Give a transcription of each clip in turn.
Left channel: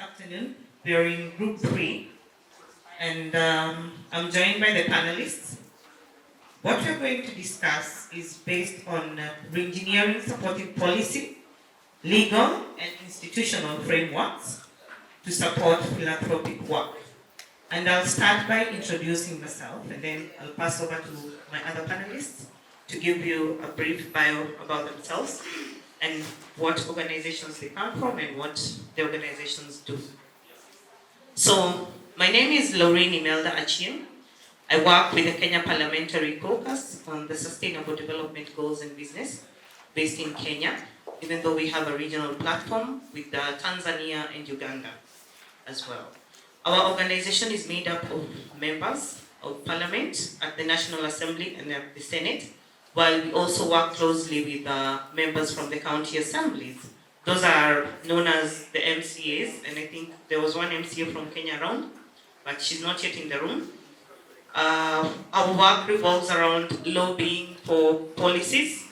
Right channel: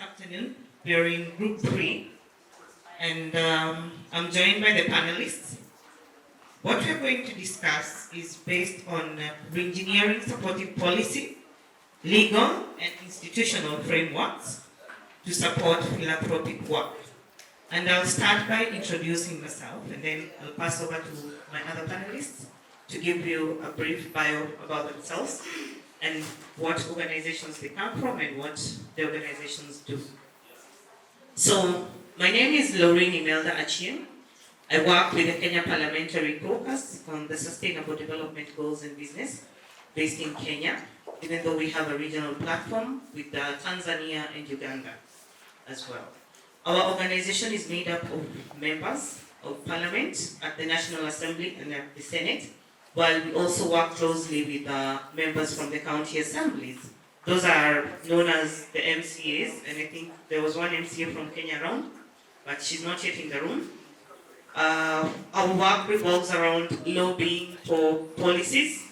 afternoon. We are in group 3, and I'm joined by the panelists. What we're going to discuss is based on reengineering supporting policy, legal, and institutional frameworks to support philanthropic work. And I'll start by introducing myself, and then I'll pass over to my other panelists to give you a brief bio about themselves and what organizations they come from and what the organizations do. So, my name is Lorraine Imelda Achien. I work with the Kenya Parliamentary Caucus on the Sustainable Development Goals and Business based in Kenya, even though we have a regional platform with Tanzania and Uganda as well. Our organization is made up of members of Parliament at the National Assembly and at the Senate, while we also work closely with members from the county assemblies. Those are known as the MCAs, and I think there was one MCA from Kenya around, but she's not yet in the room. Our work revolves around lobbying for policies,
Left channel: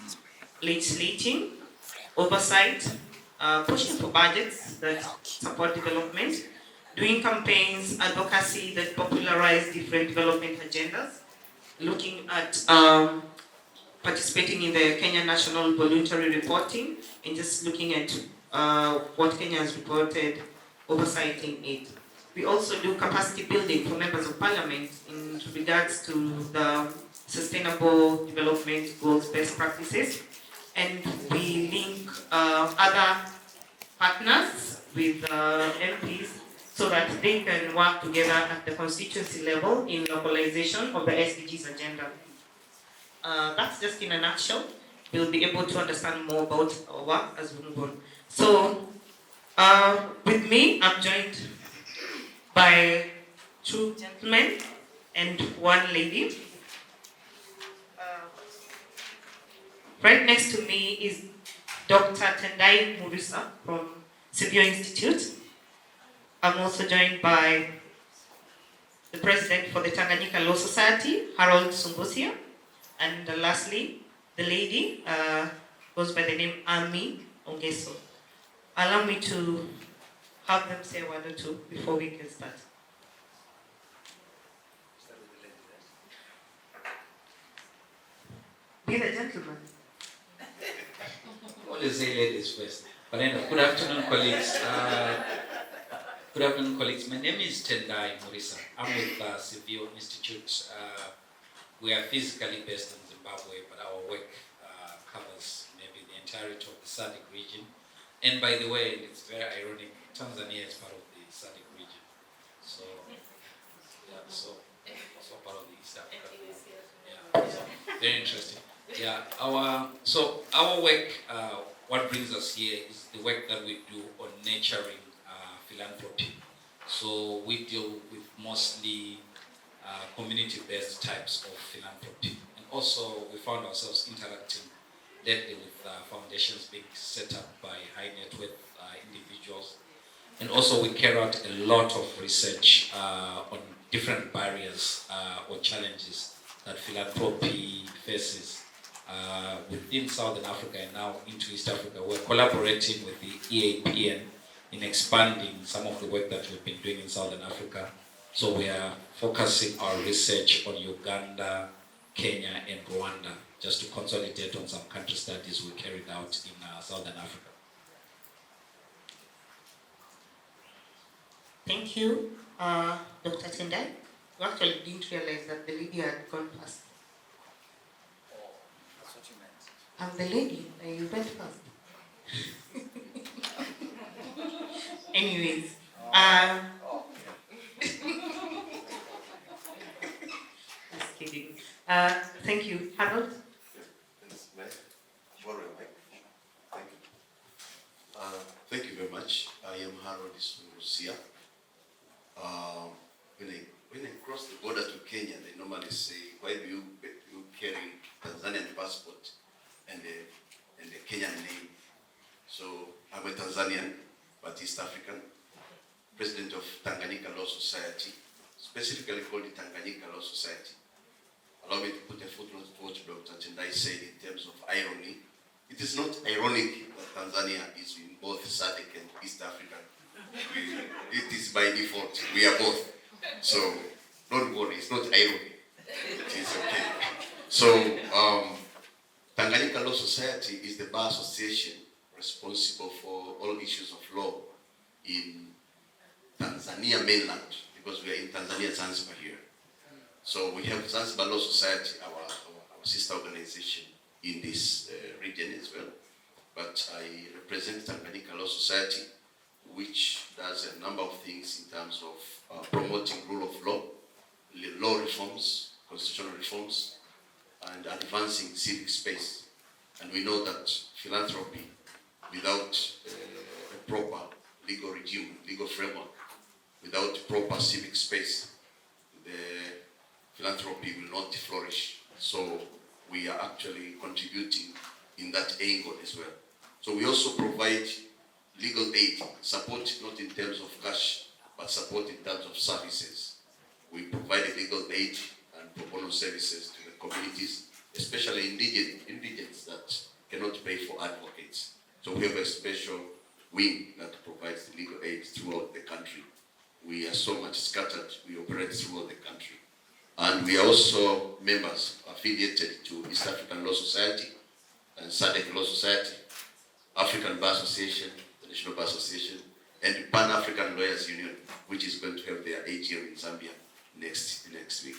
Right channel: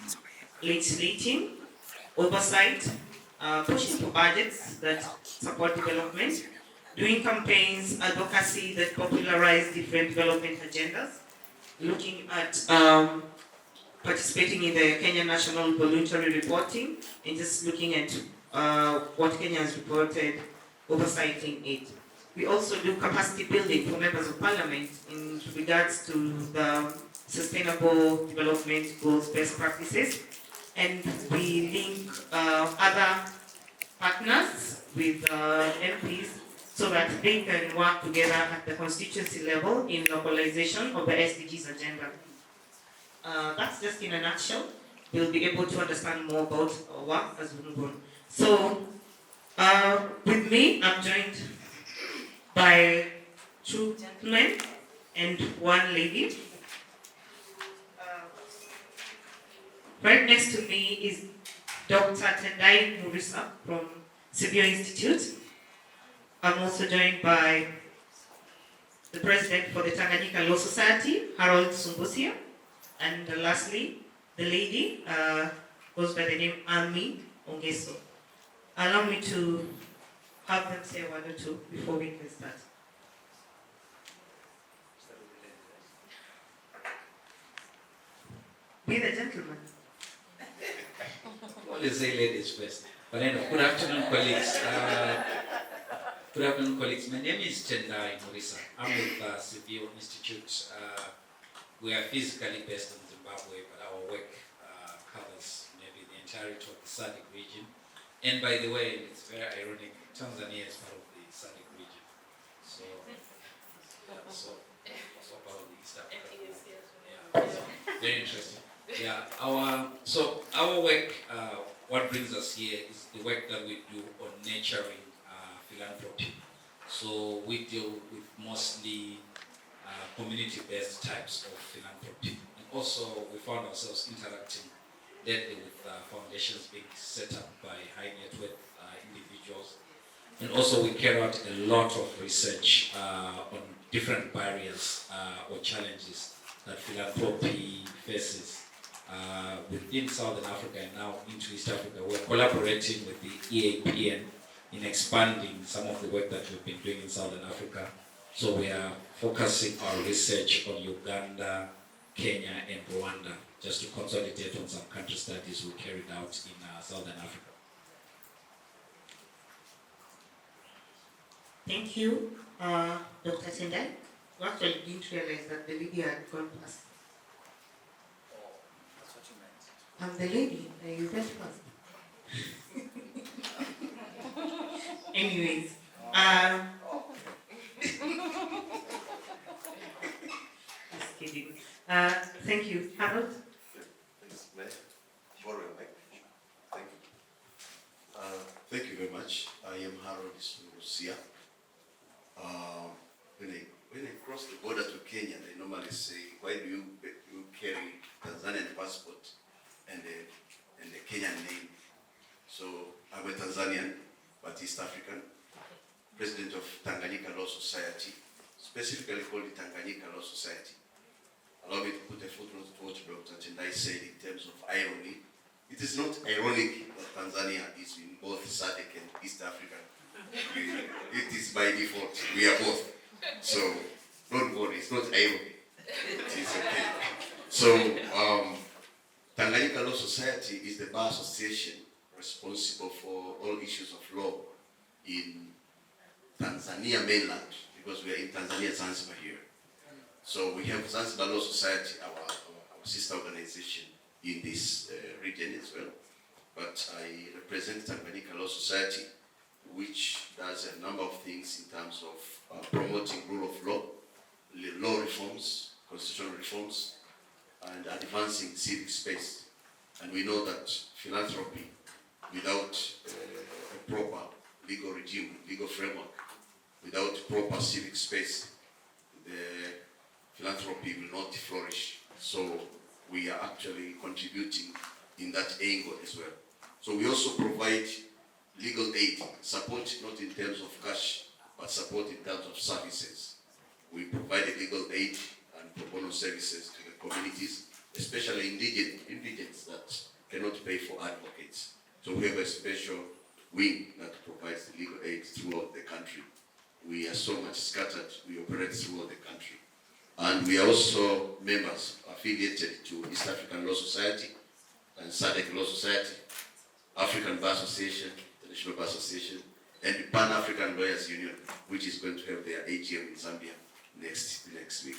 legislating, oversight, pushing for budgets that support development, doing campaigns, advocacy that popularize different development agendas, looking at participating in the Kenya National Voluntary Reporting, and just looking at what Kenya has reported, oversighting it. We also do capacity building for members of parliament in regards to the sustainable development goals best practices, and we link other partners with MPs so that they can work together at the constituency level in localization of the SDGs agenda. That's just in a nutshell. We'll be able to understand more about our work as we move on. So, with me, I'm joined by 2 gentlemen and 1 lady. Right next to me is Dr. Tendai Murisa from Severe Institute. I'm also joined by the president for the Tanganyika Law Society, Harold Sumbusia. And lastly, the lady goes by the name Ami Ongeso. Allow me to have them say 1 or 2 before we can start. Be the gentleman. Always say ladies first. But anyway, good afternoon, colleagues. Good afternoon, colleagues. My name is Tendai Murisa. I'm with Severe Institute. We are physically based in Zimbabwe, but our work covers maybe the entirety of the SADC region. And by the way, it's very ironic, Tanzania is part of the SADC region. So, yeah, so part of the East Africa. Yeah, so very interesting. Yeah, our work, what brings us here is the work that we do on nurturing philanthropy. So we deal with mostly community-based types of philanthropy. And also we found ourselves interacting lately with foundations being set up by high net worth individuals. And also we carry out a lot of research on different barriers or challenges that philanthropy faces within Southern Africa and now into East Africa. We're collaborating with the EAPN in expanding some of the work that we've been doing in Southern Africa. So we are focusing our research on Uganda, Kenya, and Rwanda, just to consolidate on some country studies we carried out in Southern Africa. Thank you, Dr. Tendai. You actually didn't realize that the lady had gone past. Oh, that's what you meant. I'm the lady, you went first. Anyways, just kidding. Thank you, Harold. Thank you very much. I am Harold Sumbusia. When I cross the border to Kenya, they normally say, "Why do you carry Tanzanian passport and the Kenyan name?" So I'm a Tanzanian, but East African, president of Tanganyika Law Society, specifically called the Tanganyika Law Society. Allow me to put a footnote to what Dr. Tendai said in terms of irony. It is not ironic that Tanzania is in both SADC and East Africa. It is by default. We are both. So don't worry, it's not irony. It is okay. So Tanganyika Law Society is the bar association responsible for all issues of law in Tanzania mainland, because we are in Tanzania, Zanzibar here. So we have Zanzibar Law Society, our sister organization in this region as well. But I represent Tanganyika Law Society, which does a number of things in terms of promoting rule of law, law reforms, constitutional reforms, and advancing civic space. And we know that philanthropy, without a proper legal regime, legal framework, without proper civic space, the philanthropy will not flourish. So we are actually contributing in that angle as well. So we also provide legal aid, support not in terms of cash, but support in terms of services. We provide legal aid and pro bono services to the communities, especially indigents that cannot pay for advocates. So we have a special wing that provides legal aid throughout the country. We are so much scattered, we operate throughout the country. And we are also members affiliated to East African Law Society and SADC Law Society, African Bar Association, the National Bar Association, and Pan-African Lawyers Union, which is going to have their AGM in Zambia next week.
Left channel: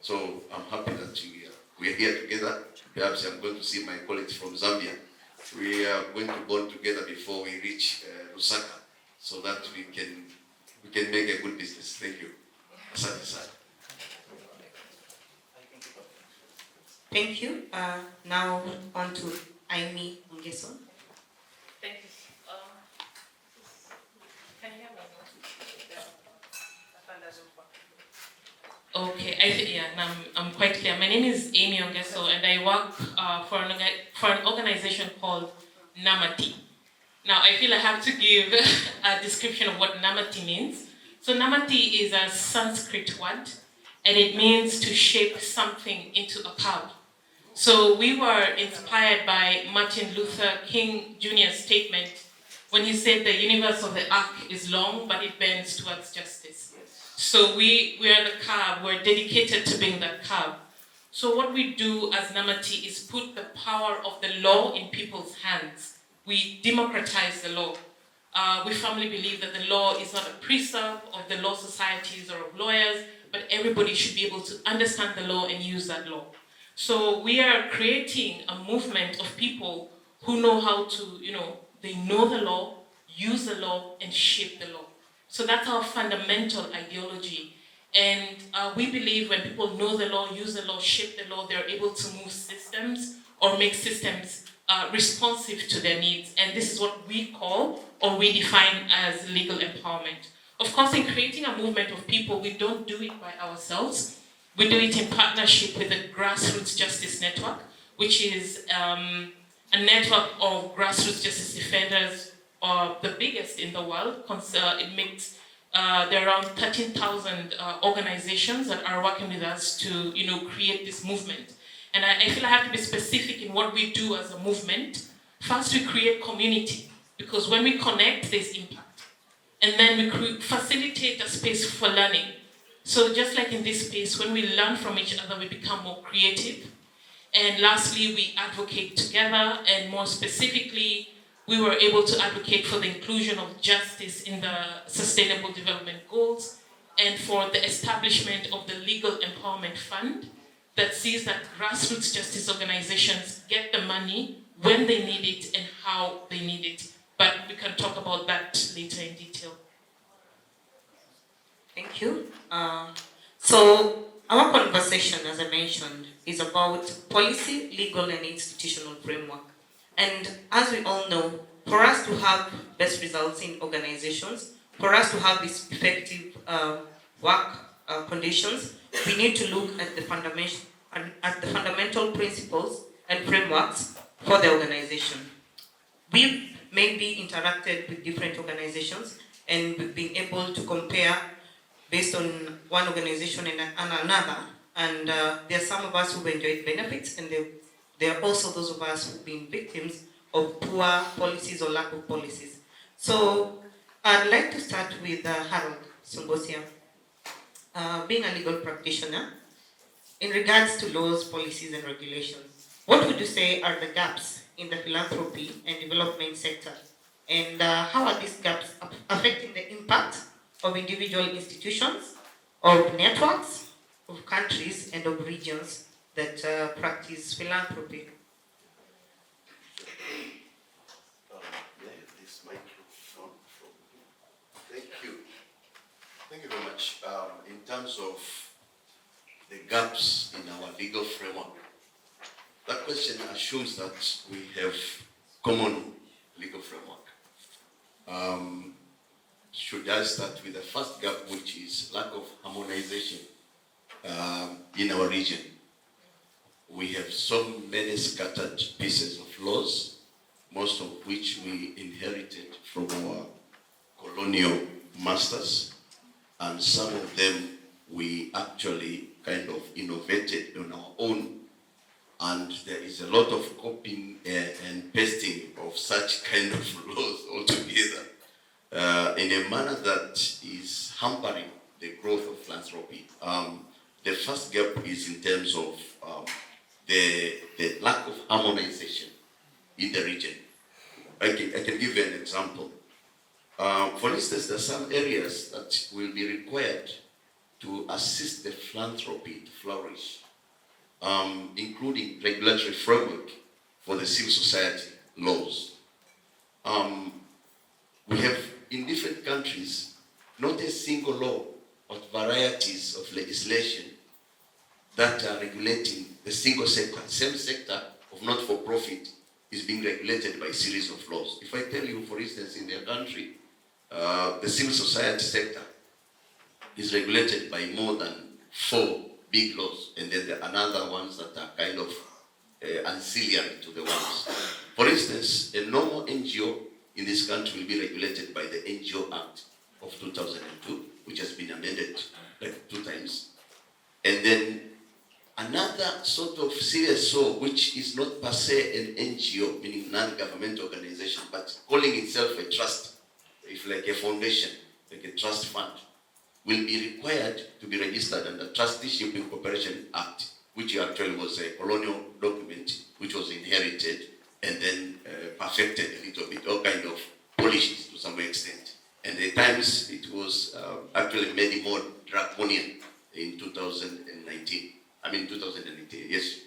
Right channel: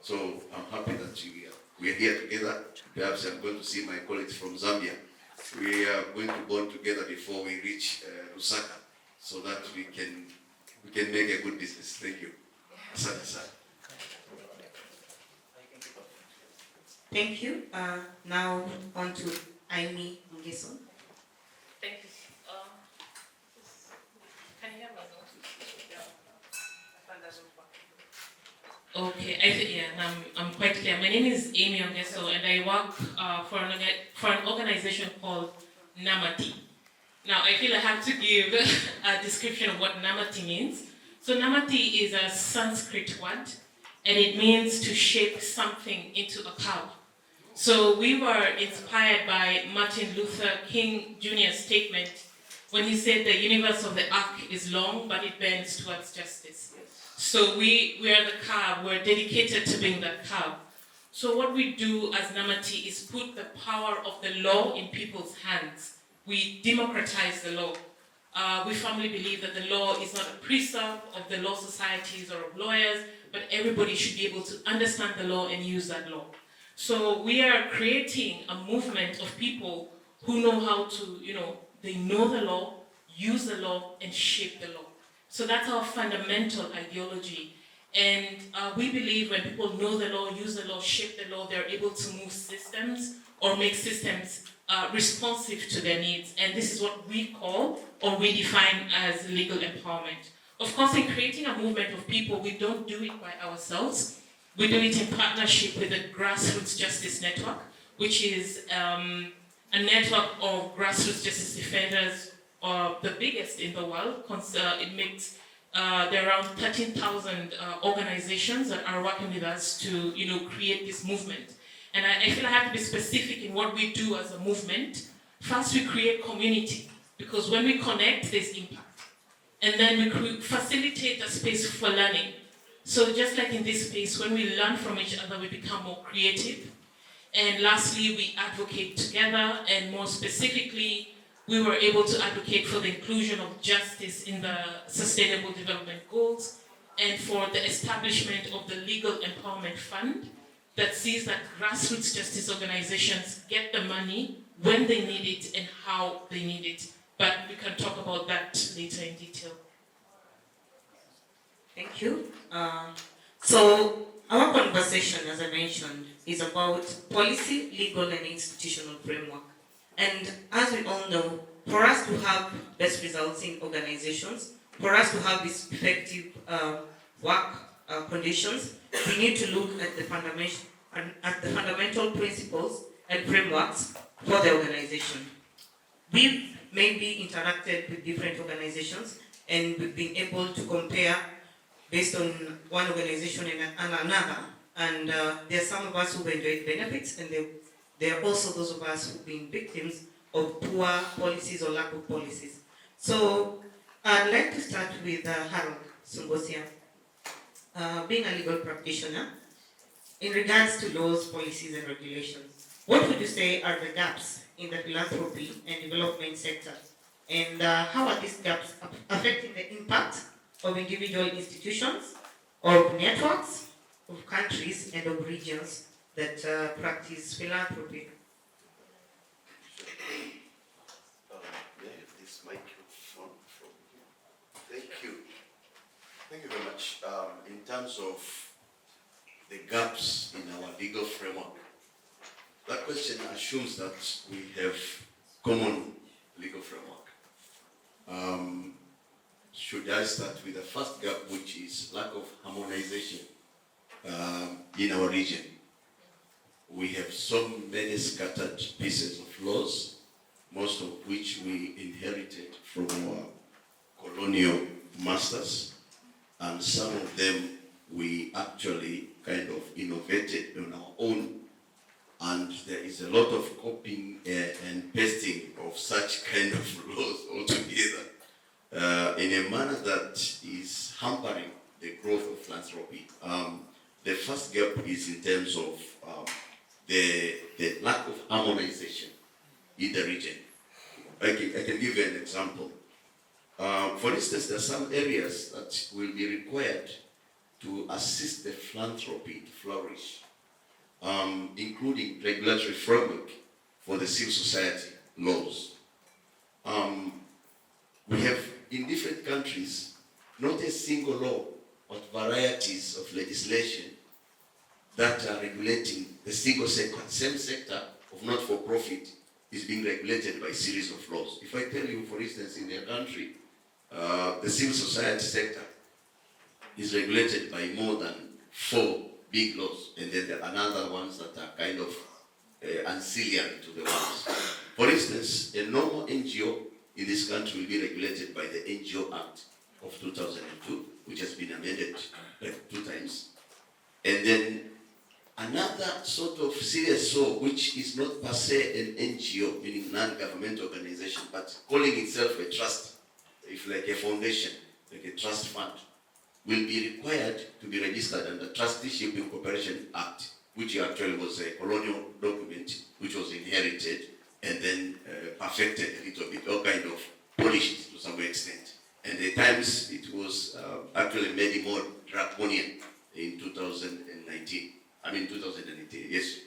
So I'm happy that we are here together. Perhaps I'm going to see my colleagues from Zambia. We are going to bond together before we reach Lusaka, so that we can make a good business. Thank you. Asante sana. Thank you. Now on to Amy Ngeso. Thank you. Can you hear me? Okay, I'm quite clear. My name is Amy Ongeso, and I work for an organization called Namati. Now, I feel I have to give a description of what Namati means. So Namati is a Sanskrit word, and it means to shape something into a cow. So we were inspired by Martin Luther King Jr.'s statement when he said the universe of the arc is long, but it bends towards justice. So we are the cow, we're dedicated to being that cow. So what we do as Namati is put the power of the law in people's hands. We democratize the law. We firmly believe that the law is not a preserve of the law societies or of lawyers, but everybody should be able to understand the law and use that law. So we are creating a movement of people who know how to, they know the law, use the law, and shape the law. So that's our fundamental ideology. And we believe when people know the law, use the law, shape the law, they're able to move systems or make systems responsive to their needs. And this is what we call or we define as legal empowerment. Of course, in creating a movement of people, we don't do it by ourselves. We do it in partnership with the Grassroots Justice Network, which is a network of grassroots justice defenders, the biggest in the world. There are around 13,000 organizations that are working with us to, create this movement. And I feel I have to be specific in what we do as a movement. First, we create community, because when we connect, there's impact. And then we facilitate a space for learning. So just like in this space, when we learn from each other, we become more creative. And lastly, we advocate together, and more specifically, we were able to advocate for the inclusion of justice in the Sustainable Development Goals and for the establishment of the Legal Empowerment Fund that sees that grassroots justice organizations get the money when they need it and how they need it. But we can talk about that later in detail. Thank you. So our conversation, as I mentioned, is about policy, legal, and institutional framework. And as we all know, for us to have best results in organizations, for us to have these effective work conditions, we need to look at the fundamental principles and frameworks for the organization. We've maybe interacted with different organizations, and we've been able to compare based on one organization and another. And there are some of us who've enjoyed benefits, and there are also those of us who've been victims of poor policies or lack of policies. So I'd like to start with Harold Sungosia. Being a legal practitioner, in regards to laws, policies, and regulations, what would you say are the gaps in the philanthropy and development sector? And how are these gaps affecting the impact of individual institutions, of networks, of countries, and of regions that practice philanthropy? This microphone. Thank you. Thank you very much. In terms of the gaps in our legal framework, that question assumes that we have common legal framework. Should I start with the first gap, which is lack of harmonization in our region? We have so many scattered pieces of laws, most of which we inherited from our colonial masters, and some of them we actually kind of innovated on our own, and there is a lot of copying and pasting of such kind of laws altogether in a manner that is hampering the growth of philanthropy. The first gap is in terms of the lack of harmonization in the region. I can give you an example. For instance, there are some areas that will be required to assist the philanthropy to flourish, including regulatory framework for the civil society laws. We have in different countries not a single law, but varieties of legislation that are regulating the single sector. Same sector of not-for-profit is being regulated by a series of laws. If I tell you, for instance, in their country, the civil society sector is regulated by more than 4 big laws, and then there are another ones that are kind of ancillary to the ones. For instance, a normal NGO in this country will be regulated by the NGO Act of 2002, which has been amended like 2 times. And then another sort of serious law, which is not per se an NGO, meaning non-government organization, but calling itself a trust, if like a foundation, like a trust fund, will be required to be registered under Trusteeship and Cooperation Act, which actually was a colonial document which was inherited and then perfected a little bit, all kind of polished to some extent. And at times it was actually made more draconian in 2019. 2018, yes.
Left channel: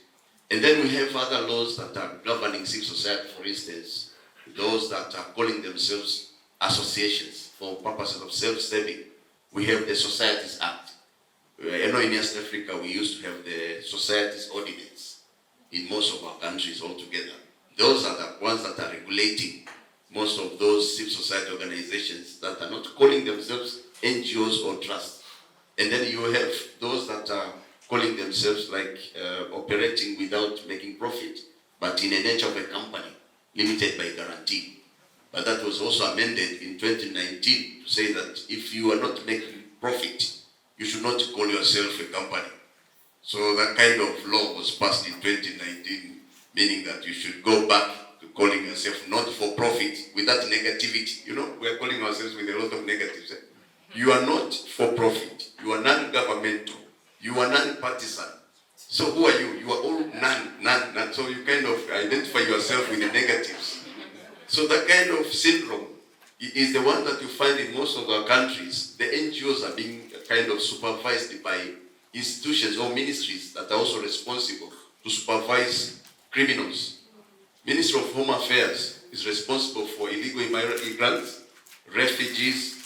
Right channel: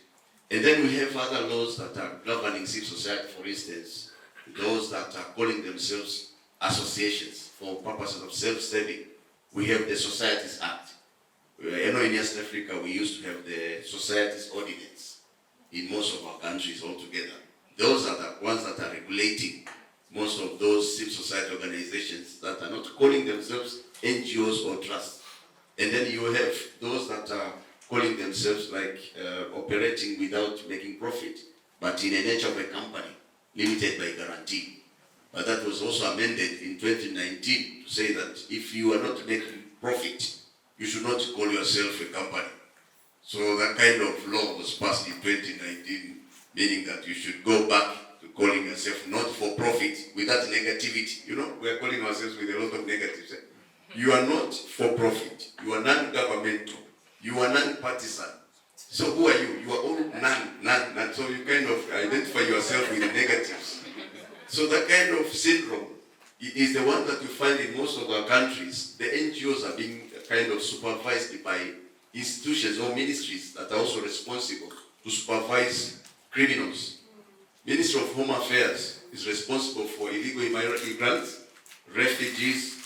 And then we have other laws that are governing civil society, for instance, those that are calling themselves associations for purposes of self-serving. We have the Societies Act. I know in East Africa we used to have the Societies Ordinance in most of our countries altogether. Those are the ones that are regulating most of those civil society organizations that are not calling themselves NGOs or trusts. And then you have those that are calling themselves like operating without making profit, but in the nature of a company, limited by guarantee. But that was also amended in 2019 to say that if you are not making profit, you should not call yourself a company. So that kind of law was passed in 2019, meaning that you should go back to calling yourself not for profit with that negativity. You know, we are calling ourselves with a lot of negatives. You are not for profit. You are non-governmental. You are non-partisan. So who are you? You are all none. So you kind of identify yourself with the negatives. So that kind of syndrome is the one that you find in most of our countries. The NGOs are being kind of supervised by institutions or ministries that are also responsible to supervise criminals. Ministry of Home Affairs is responsible for illegal immigrants, refugees,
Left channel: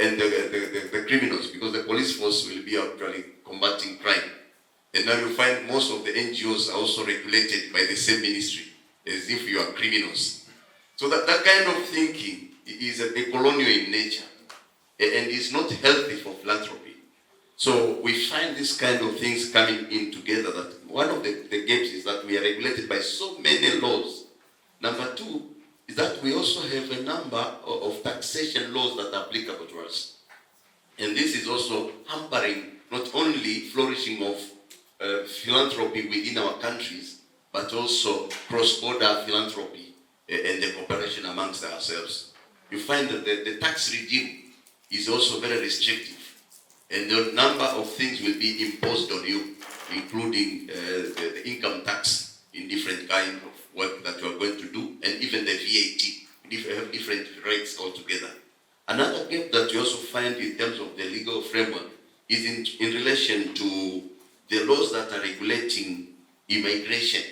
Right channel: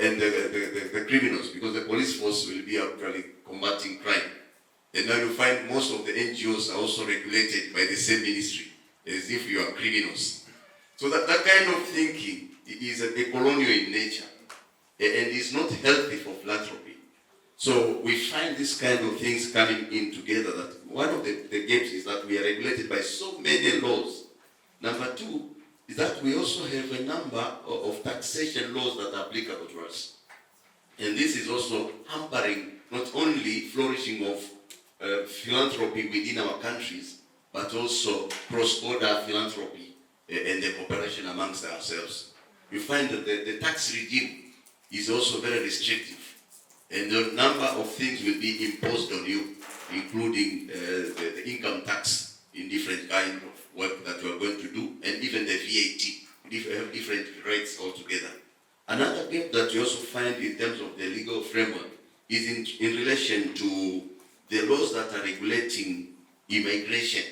and the criminals, because the police force will be actually combating crime. And now you find most of the NGOs are also regulated by the same ministry, as if you are criminals. So that kind of thinking is a colonial in nature and is not healthy for philanthropy. So we find this kind of things coming in together, that one of the gaps is that we are regulated by so many laws. Number 2 is that we also have a number of taxation laws that are applicable to us. And this is also hampering not only flourishing of philanthropy within our countries, but also cross-border philanthropy and the cooperation amongst ourselves. you find that the tax regime is also very restrictive. And the number of things will be imposed on you, including the income tax in different kind of work that you are going to do, and even the VAT, different rates altogether. Another gap that you also find in terms of the legal framework is in relation to the laws that are regulating immigration.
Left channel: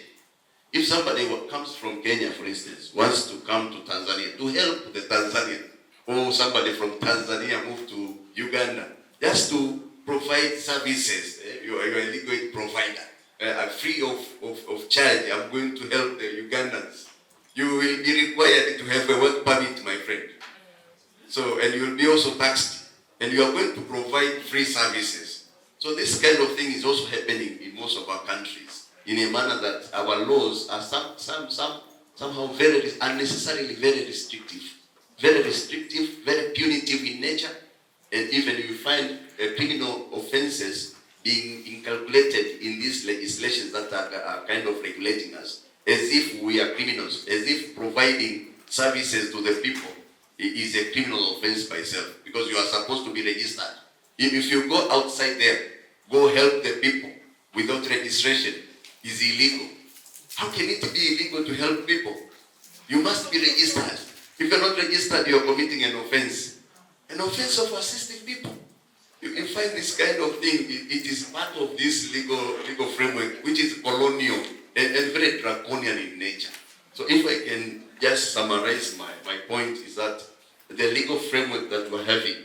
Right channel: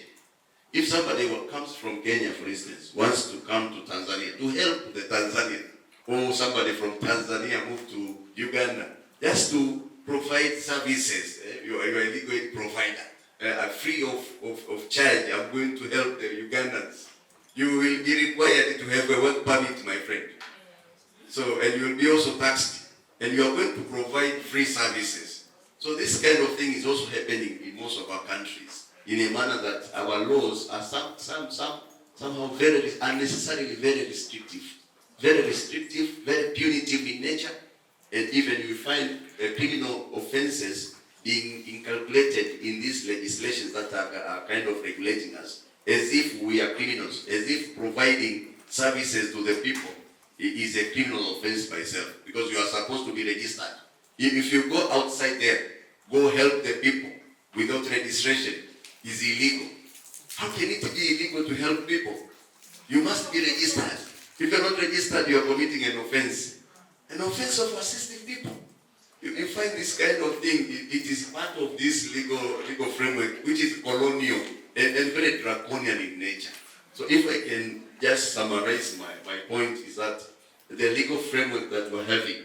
If somebody comes from Kenya, for instance, wants to come to Tanzania to help the Tanzanian, or somebody from Tanzania move to Uganda, just to provide services, you are a legal aid provider, free of charge, I'm going to help the Ugandans. You will be required to have a work permit, my friend. So, and you will be also taxed, and you are going to provide free services. So this kind of thing is also happening in most of our countries, in a manner that our laws are somehow very unnecessarily very restrictive, very punitive in nature, and even you find criminal offenses being inculcated in these legislations that are kind of regulating us, as if we are criminals, as if providing services to the people is a criminal offense by itself, because you are supposed to be registered. If you go outside there, go help the people without registration, is illegal. How can it be illegal to help people? You must be registered. If you're not registered, you are committing an offense of assisting people. You find this kind of thing, it is part of this legal framework, which is colonial and very draconian in nature. So if I can just summarize my point, is that the legal framework that we're having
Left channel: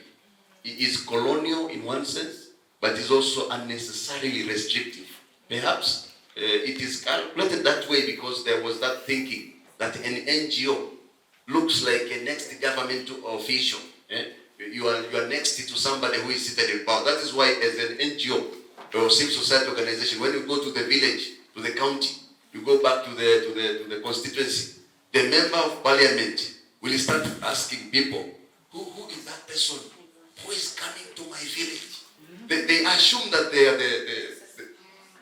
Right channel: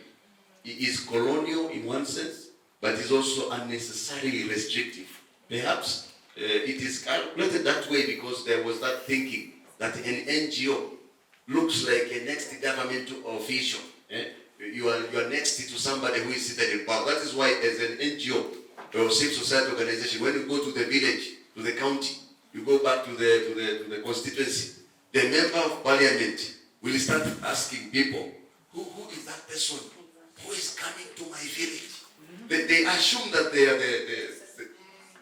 is colonial in one sense, but is also unnecessarily restrictive. Perhaps it is calculated that way because there was that thinking that an NGO looks like a next governmental official. You are next to somebody who is seated in power. That is why, as an NGO or civil society organization, when you go to the village, to the county, you go back to the constituency, the member of parliament will start asking people, who is that person who is coming to my village? They assume that they are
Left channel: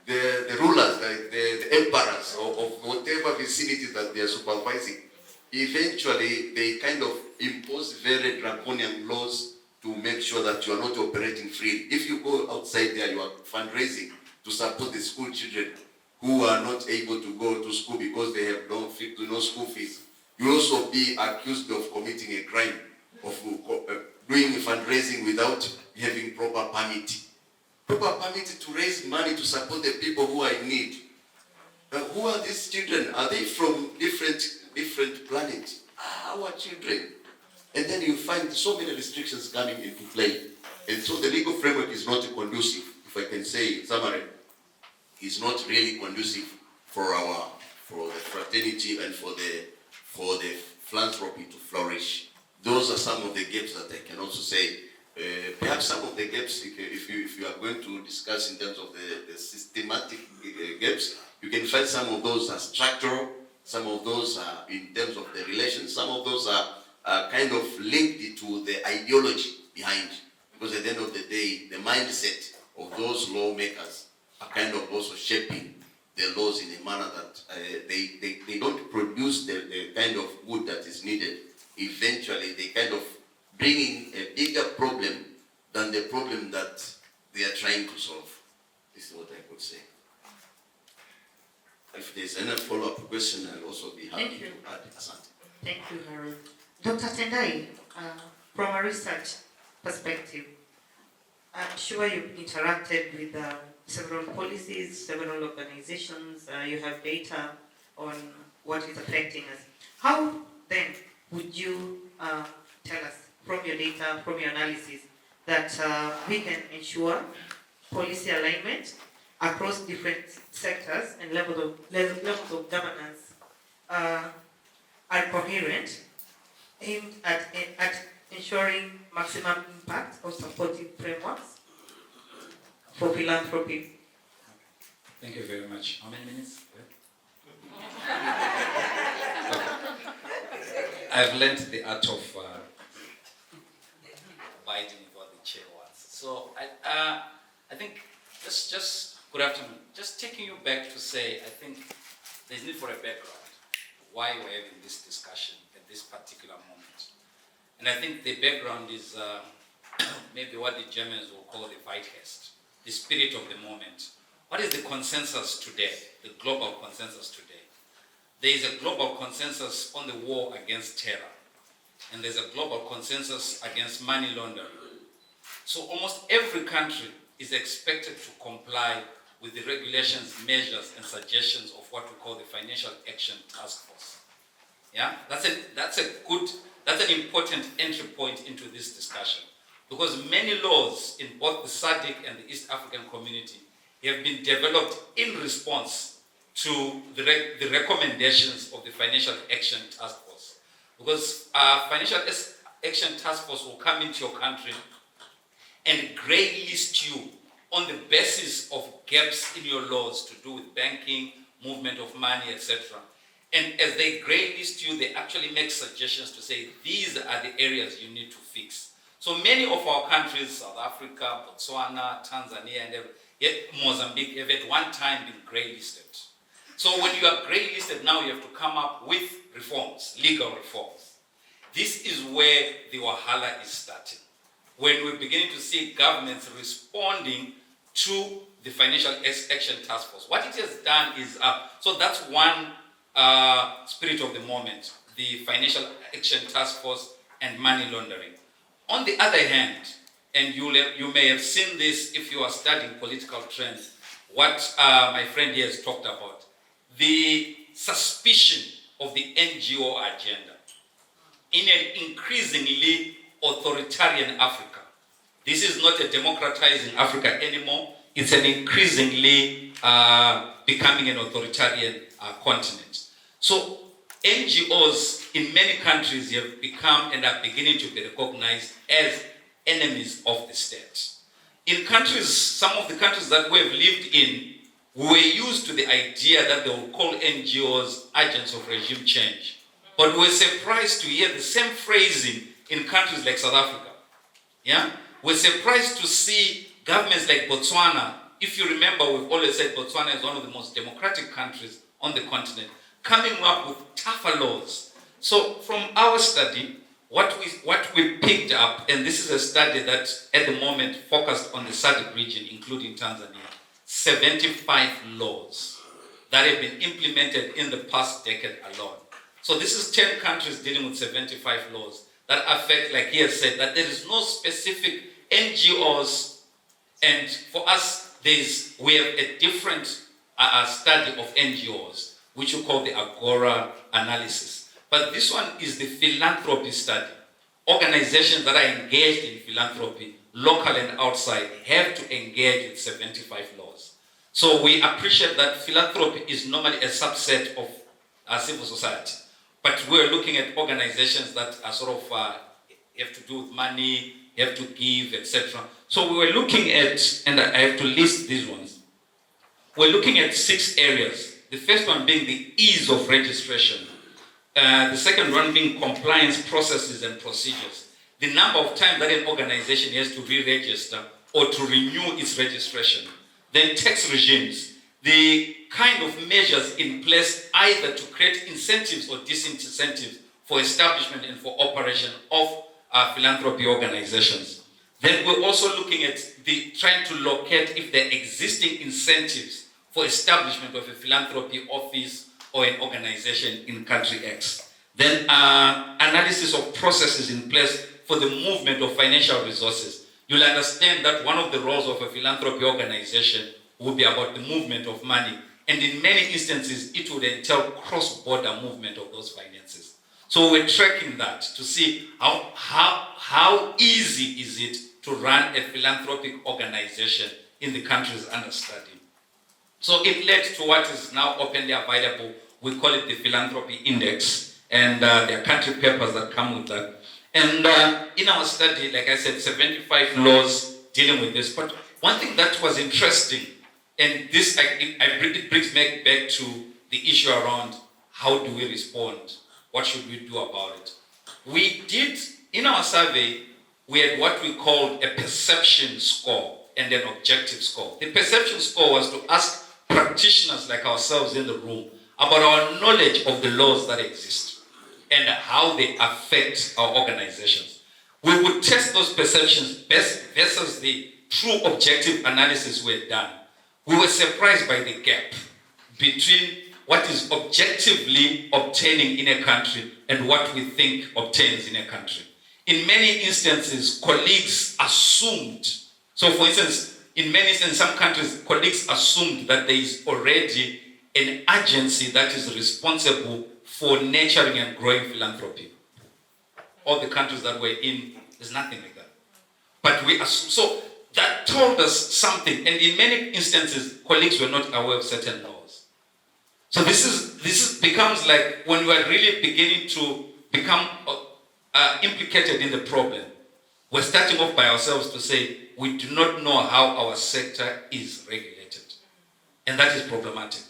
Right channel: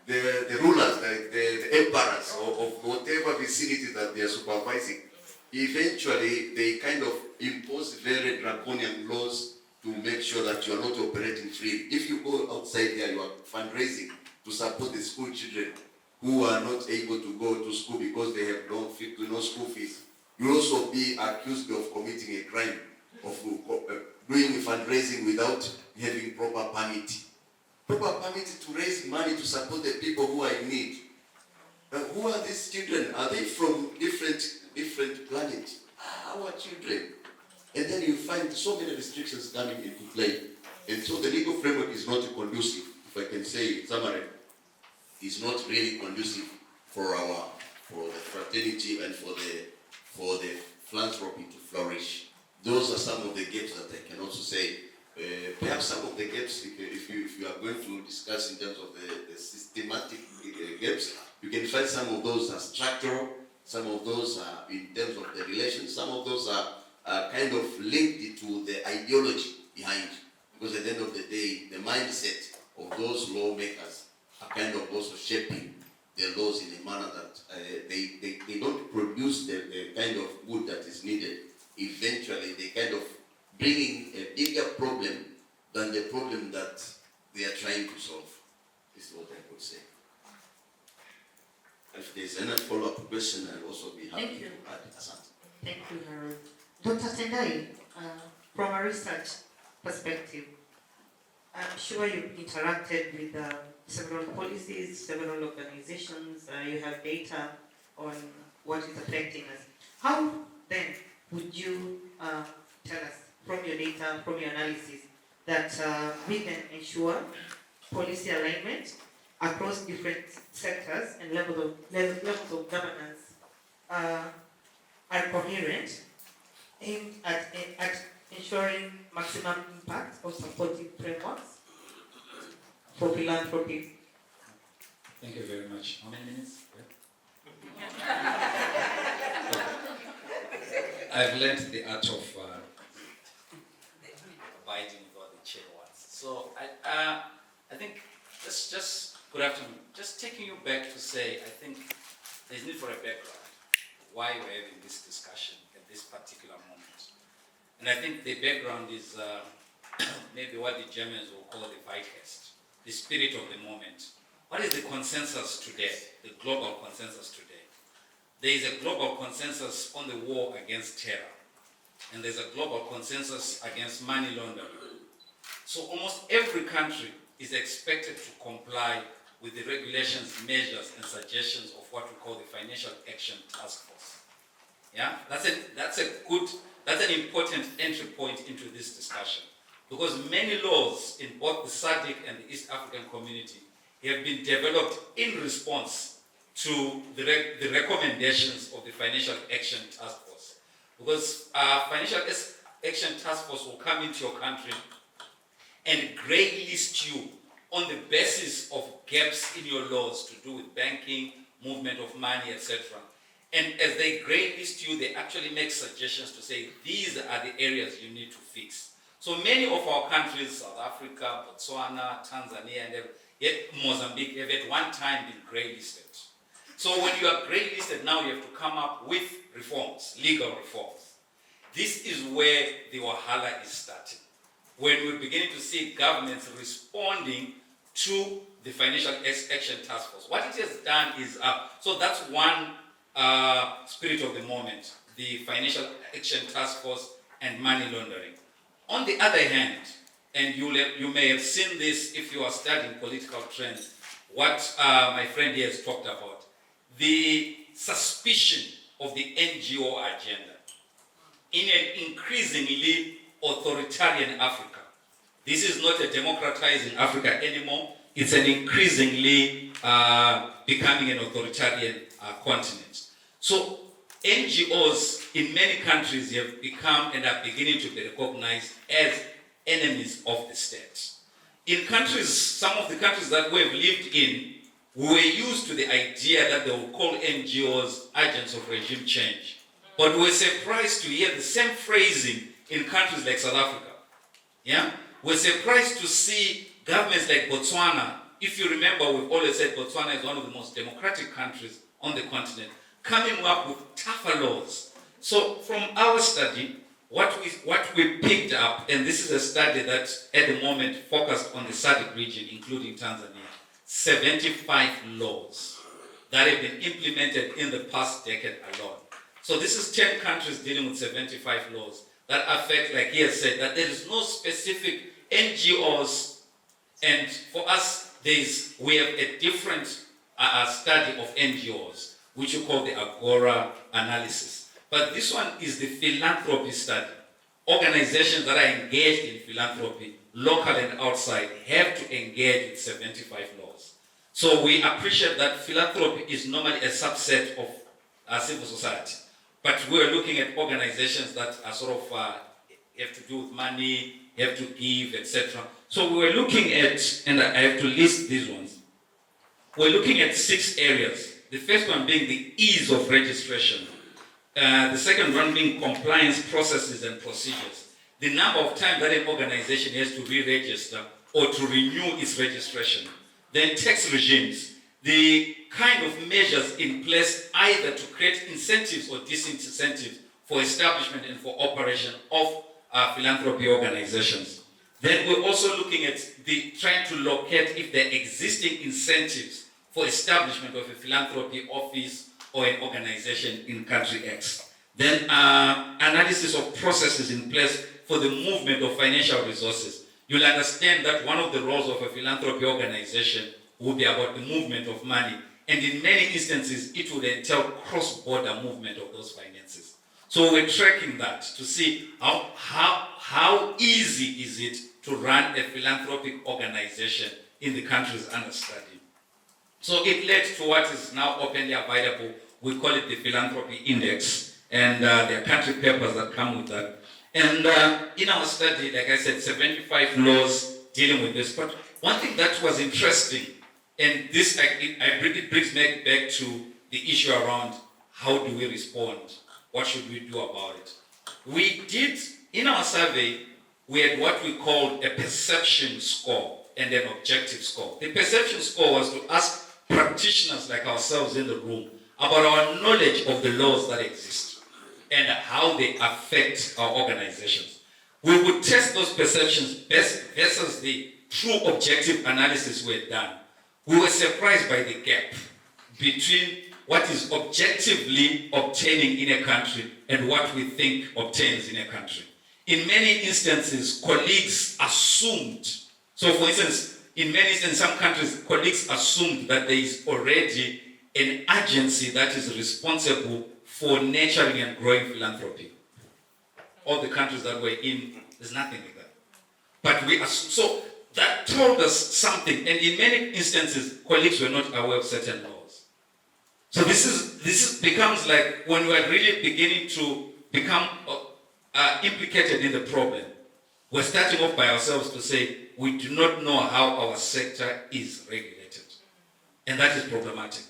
the rulers, the emperors of whatever vicinity that they are supervising. Eventually, they kind of impose very draconian laws to make sure that you are not operating freely. If you go outside there, you are fundraising to support the school children who are not able to go to school because they have no school fees. You will also be accused of committing a crime, of doing fundraising without having proper permit. Proper permit to raise money to support the people who are in need. Who are these children? Are they from different planets? Our children. And then you find so many restrictions coming into play. And so the legal framework is not conducive, if I can say in summary, is not really conducive for the fraternity and for the philanthropy to flourish. Those are some of the gaps that I can also say. Perhaps some of the gaps, if you are going to discuss in terms of the systematic gaps, you can find some of those are structural, some of those are in terms of the relations, some of those are kind of linked to the ideology behind. Because at the end of the day, the mindset of those lawmakers are kind of also shaping the laws in a manner that they don't produce the kind of good that is needed. Eventually, they kind of bringing a bigger problem than the problem that they are trying to solve. This is what I could say. If there's any follow-up question, I'll also be happy to add. Thank you, Harold. Dr. Tendai, from a research perspective, I'm sure you've interacted with several policies, several organizations, you have data on what is affecting us. How then would you tell us from your data, from your analysis, that we can ensure policy alignment across different sectors and levels of governance are coherent, aimed at ensuring maximum impact of supportive frameworks for philanthropy? Thank you very much. How many minutes? I've learned the art of abiding with what the chair wants. So I think just good afternoon. Just taking you back to say, I think there's need for a background why we're having this discussion at this particular moment. And I think the background is maybe what the Germans will call the Zeitgeist, the spirit of the moment. What is the consensus today, the global consensus today? There is a global consensus on the war against terror, and there's a global consensus against money laundering. So almost every country is expected to comply with the regulations, measures, and suggestions of what we call the Financial Action Task Force. Yeah, that's an important entry point into this discussion, because many laws in both the SADC and the East African community have been developed in response to the recommendations of the Financial Action Task Force. Because Financial Action Task Force will come into your country and grey list you on the basis of gaps in your laws to do with banking, movement of money, etc. And as they grey list you, they actually make suggestions to say, these are the areas you need to fix. So many of our countries, South Africa, Botswana, Tanzania, and Mozambique, have at one time been grey listed. So when you are grey listed, now you have to come up with reforms, legal reforms. This is where the wahala is starting. When we're beginning to see governments responding to the Financial Action Task Force. What it has done is, so that's one spirit of the moment, the Financial Action Task Force and money laundering. On the other hand, and you may have seen this if you are studying political trends, what my friend here has talked about, the suspicion of the NGO agenda in an increasingly authoritarian Africa. This is not a democratizing Africa anymore. It's an increasingly becoming an authoritarian continent. So NGOs in many countries have become and are beginning to be recognized as enemies of the state. In countries, some of the countries that we have lived in, we were used to the idea that they will call NGOs agents of regime change. But we were surprised to hear the same phrasing in countries like South Africa. Yeah? We're surprised to see governments like Botswana. If you remember, we've always said Botswana is one of the most democratic countries on the continent, coming up with tougher laws. So from our study, what we picked up, and this is a study that at the moment focused on the SADC region, including Tanzania, 75 laws that have been implemented in the past decade alone. So this is 10 countries dealing with 75 laws that affect, like he has said, that there is no specific NGOs, and for us, we have a different study of NGOs, which we call the Agora analysis. But this one is the philanthropy study. Organizations that are engaged in philanthropy, local and outside, have to engage with 75 laws. So we appreciate that philanthropy is normally a subset of civil society. But we're looking at organizations that are sort of have to do with money, have to give, etc. So we were looking at, and I have to list these ones. We're looking at 6 areas. The first one being the ease of registration. The second one being compliance processes and procedures. The number of times that an organization has to re-register or to renew its registration. Then tax regimes. The kind of measures in place either to create incentives or disincentives for establishment and for operation of philanthropy organizations. Then we're also looking at trying to locate if there are existing incentives for establishment of a philanthropy office or an organization in country X. Then analysis of processes in place for the movement of financial resources. You'll understand that one of the roles of a philanthropy organization will be about the movement of money. And in many instances, it would entail cross-border movement of those finances. So we're tracking that to see how easy is it to run a philanthropic organization in the countries under study. So it led to what is now openly available. We call it the Philanthropy Index, and there are country papers that come with that. And in our study, like I said, 75 laws dealing with this. But one thing that was interesting, and this it brings me back to the issue around how do we respond? What should we do about it? We did, in our survey, we had what we called a perception score and an objective score. The perception score was to ask practitioners like ourselves in the room about our knowledge of the laws that exist. and how they affect our organizations. We would test those perceptions versus the true objective analysis we had done. We were surprised by the gap between what is objectively obtaining in a country and what we think obtains in a country. In many instances, colleagues assumed, so for instance, in some countries, colleagues assumed that there is already an agency that is responsible for nurturing and growing philanthropy. All the countries that we're in, there's nothing like that. But we assume, so that told us something, and in many instances, colleagues were not aware of certain laws. So this becomes like when we are really beginning to become implicated in the problem. We're starting off by ourselves to say we do not know how our sector is regulated, and that is problematic.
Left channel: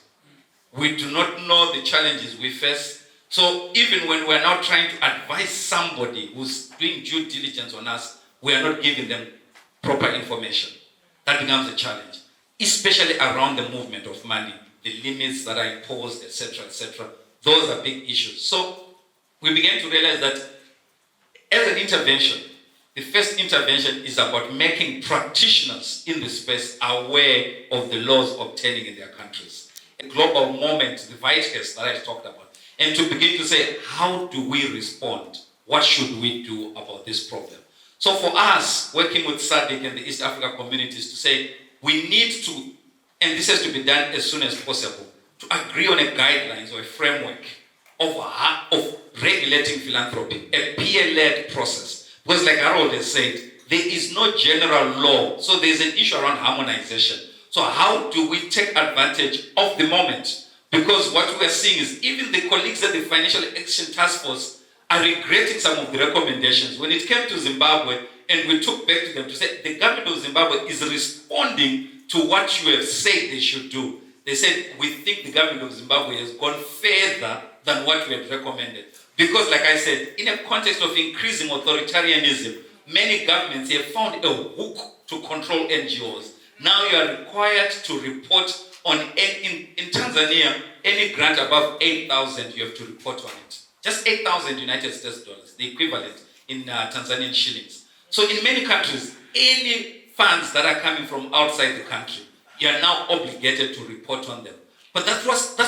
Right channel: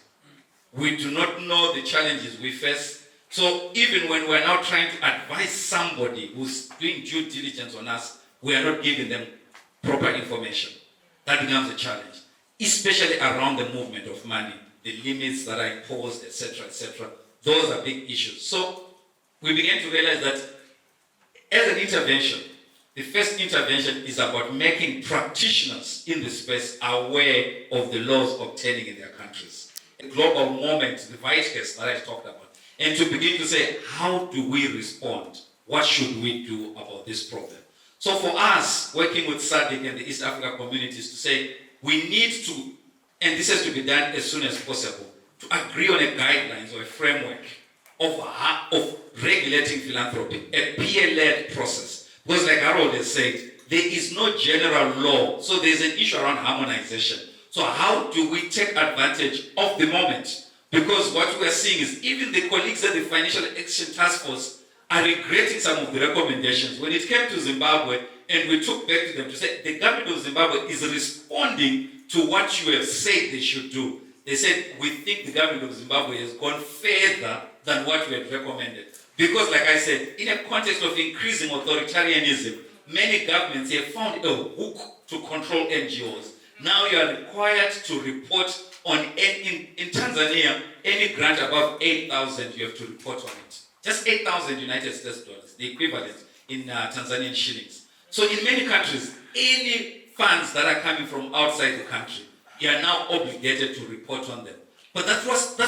We do not know the challenges we face. So even when we're now trying to advise somebody who's doing due diligence on us, we are not giving them proper information. That becomes a challenge, especially around the movement of money, the limits that are imposed, etc., etc. Those are big issues. So we began to realize that as an intervention, the first intervention is about making practitioners in the space aware of the laws obtaining in their countries. A global moment, the vitals that I talked about. And to begin to say, how do we respond? What should we do about this problem? So for us, working with SADC and the East Africa communities to say, we need to, and this has to be done as soon as possible, to agree on a guidelines or a framework of regulating philanthropy, a peer-led process. Because like Harold has said, there is no general law, so there's an issue around harmonization. So how do we take advantage of the moment? Because what we are seeing is even the colleagues at the Financial Action Task Force are regretting some of the recommendations. When it came to Zimbabwe, and we took back to them to say, the government of Zimbabwe is responding to what you have said they should do. They said, we think the government of Zimbabwe has gone further than what we had recommended. Because like I said, in a context of increasing authoritarianism, many governments have found a hook to control NGOs. Now you are required to report on, in Tanzania, any grant above 8,000, you have to report on it. Just 8,000 United States dollars, the equivalent in Tanzanian shillings. So in many countries, any funds that are coming from outside the country, you are now obligated to report on them. But that's